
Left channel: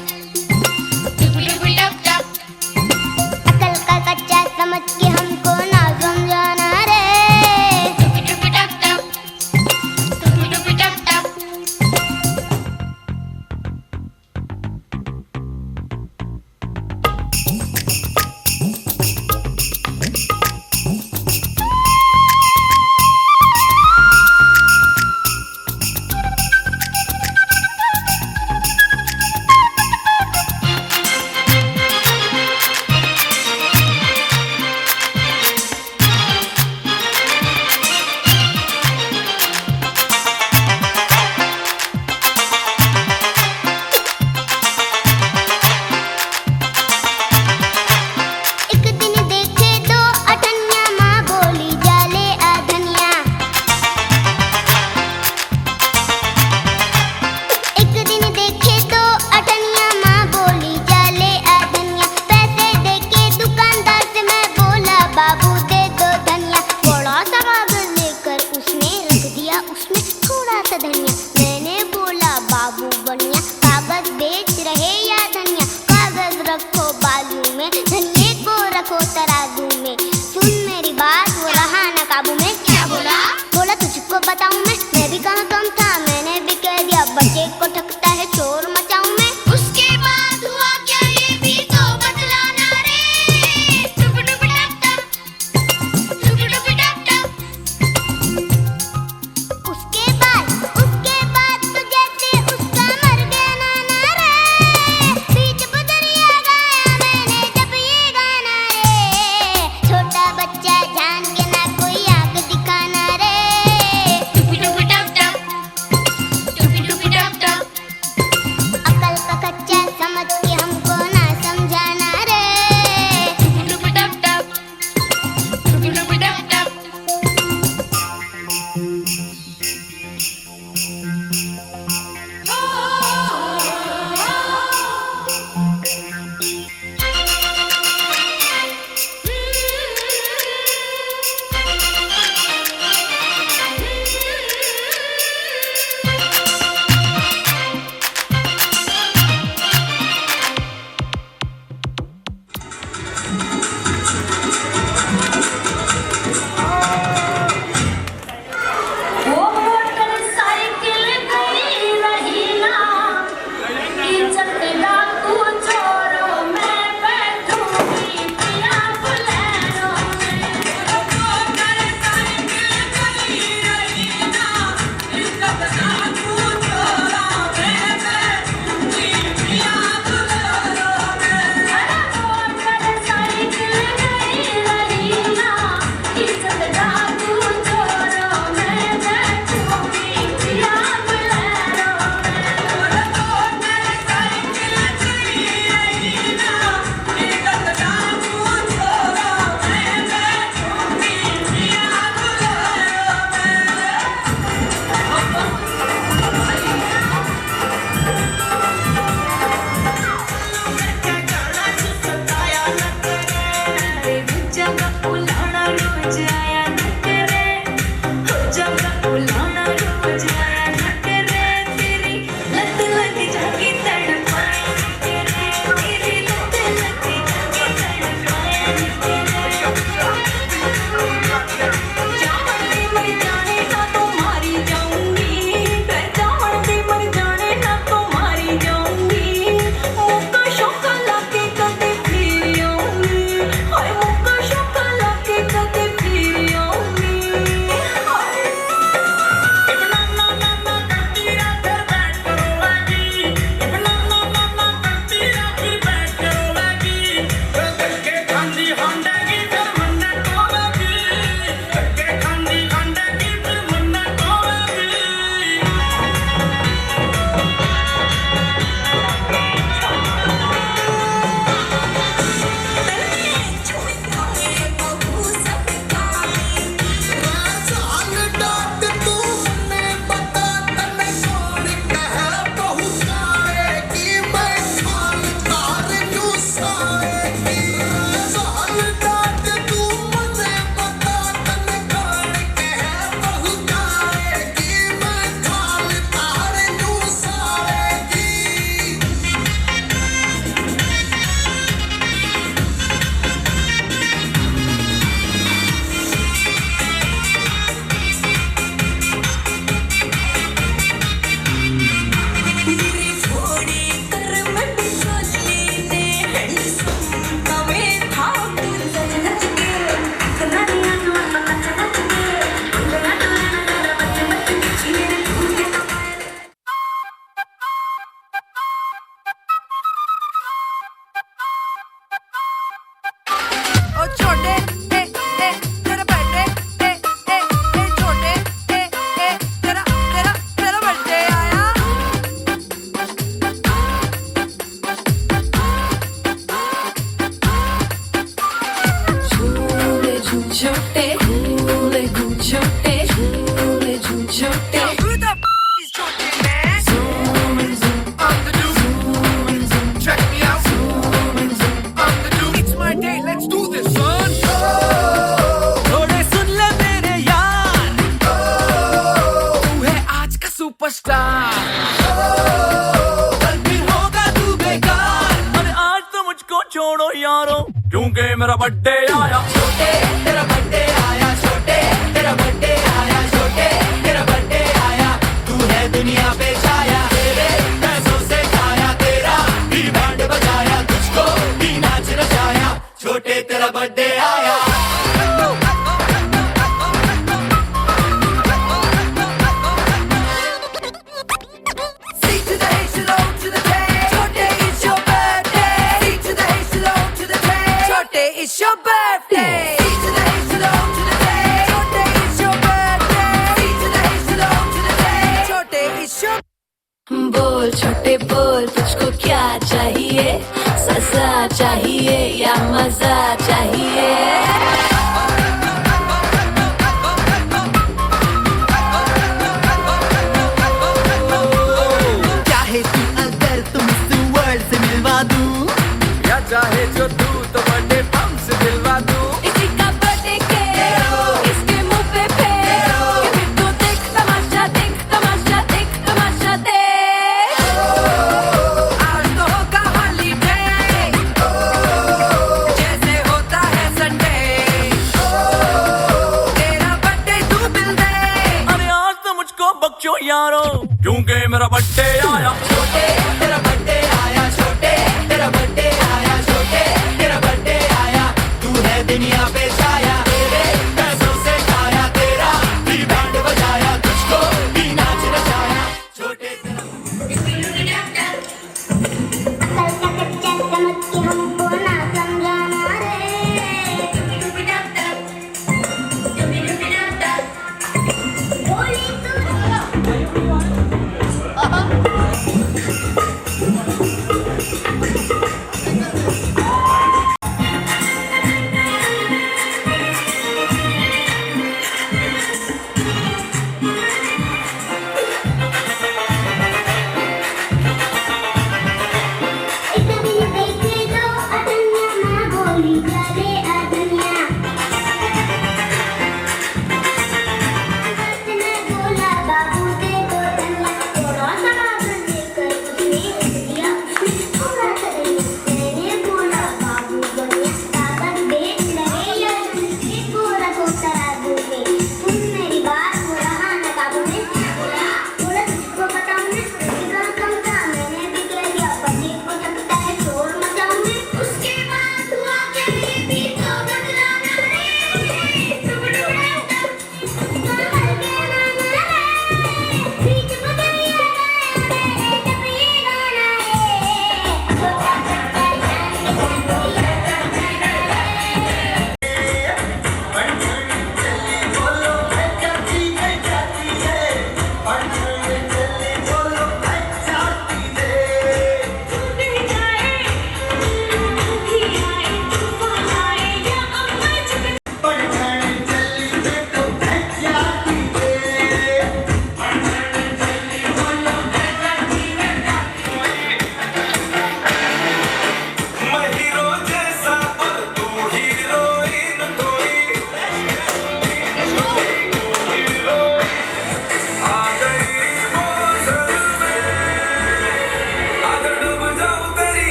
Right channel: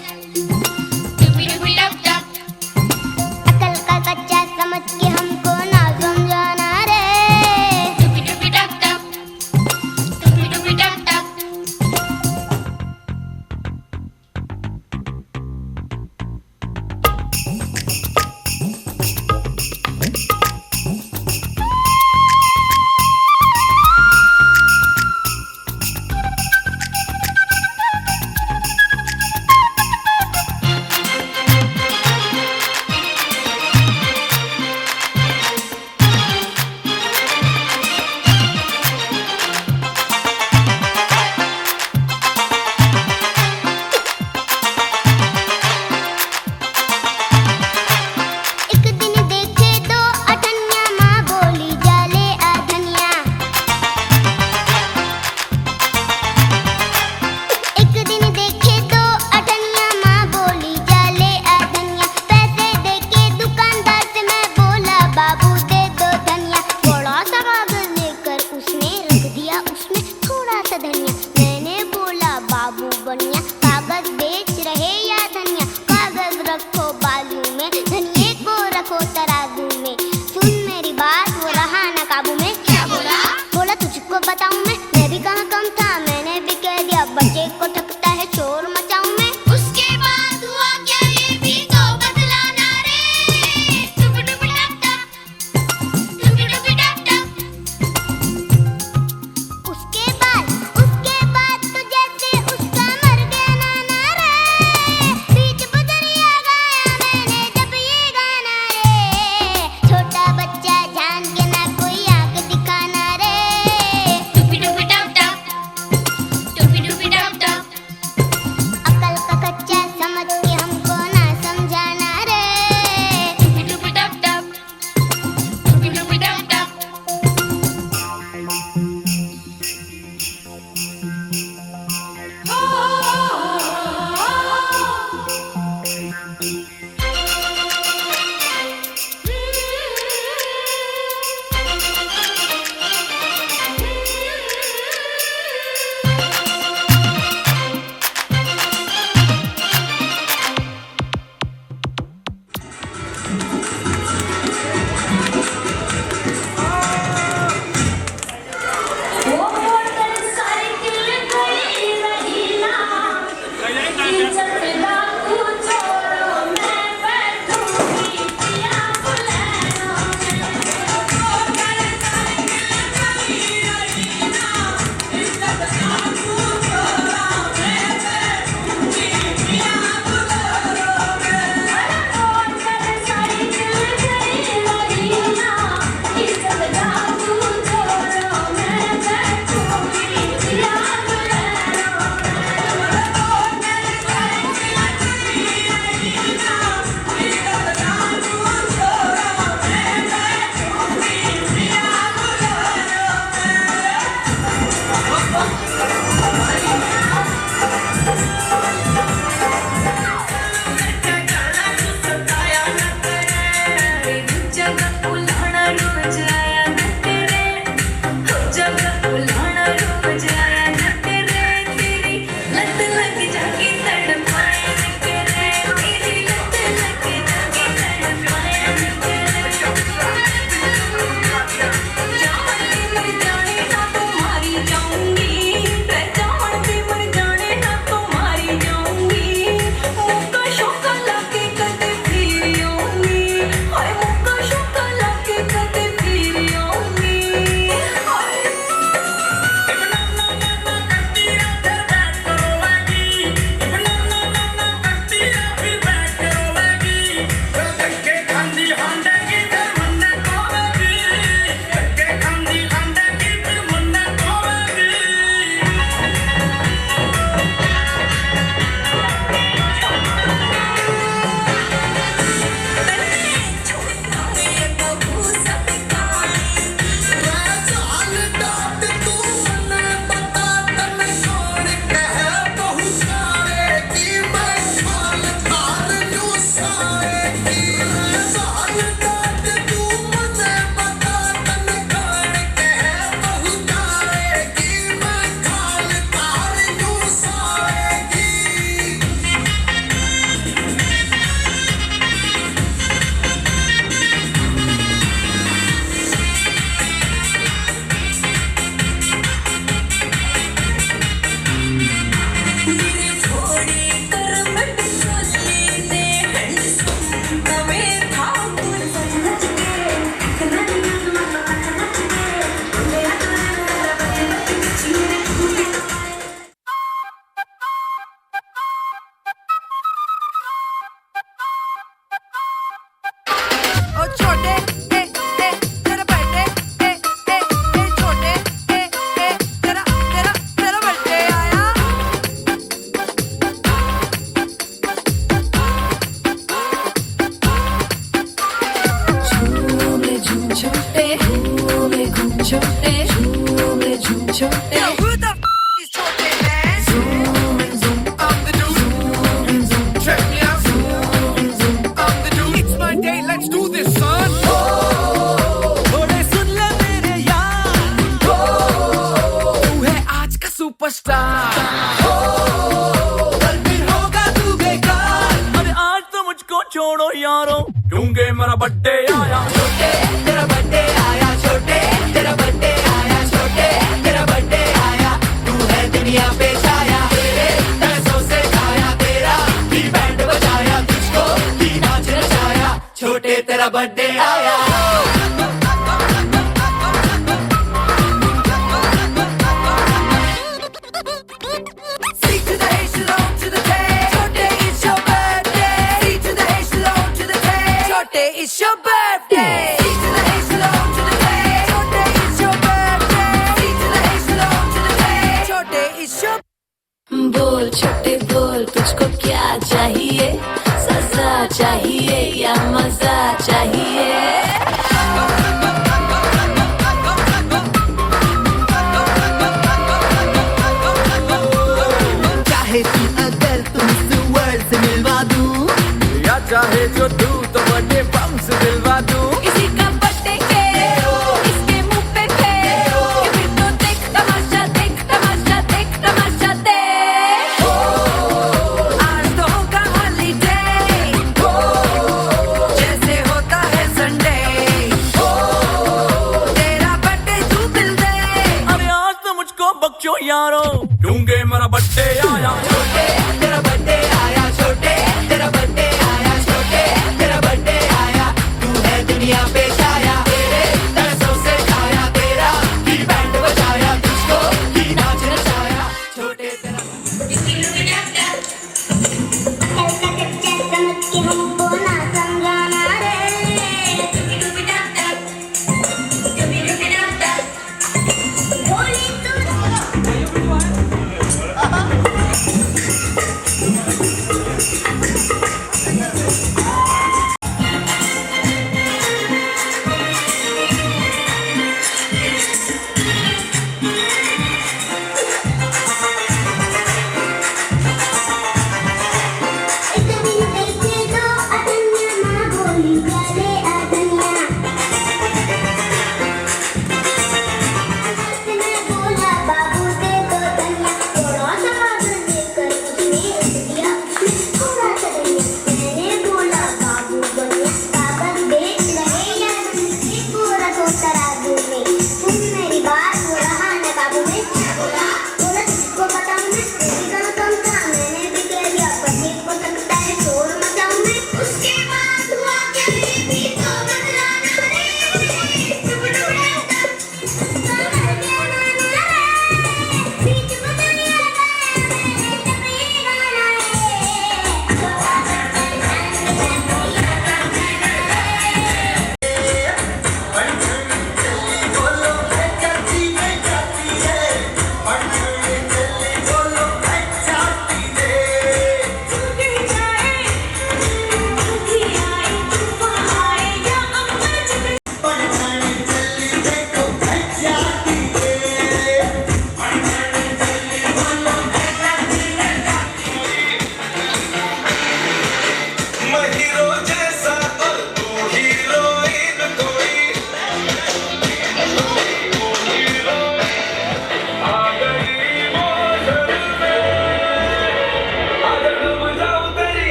टुपी टुपी टप टप, अकल छोड़ो यारो क्योंकि मेरा बर्थडे आया छोटे तेरा बर्थडे आया छोटे तेरा बर्थडे आया छोटे तेरा बर्थडे आया तू है दुनिया पे छाया तेरे पैसों से खाया तेरा भी बैंड बजाया तुझको भी नाच नचाया छोटे तेरा बर्थडे आया It's your birthday. C to the H to the O to the J. Chote, it's your birthday. C to the H to the O to the J. Chote, it's your. बोल छोटे बोल तुझको क्या चाहिए सजा चाहिए या मजा चाहिए चाहे तू अगर तुम इस वर्ल्ड से मिलवा दूं या चाहे जो तू तो बर्थडे बम से दिलवा दूं किसी का बर्थडे के इसके मुंह पे फेर ये फिर तो देख तमाशा देख तमाशा देख तमाशा देख आज तो होगा हॉलीडे जैसे होता है संडे तेरा बर्थडे तू दिल दे अरे आज तो मुझको बख्शो यारो क्योंकि मेरा बर्थडे आया छोटे तेरा बर्थडे आया छोटे तेरा बर्थडे आया छोटे तेरा बर्थडे आया तू है दुनिया पे छाया तेरे पैसों से खाया तेरा भी बैंड बजाया तुझको भी नाच नचाया छोटे हमको ना समझाना रे बोली तू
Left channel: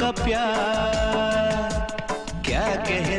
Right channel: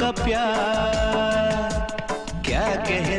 का प्यार क्या कह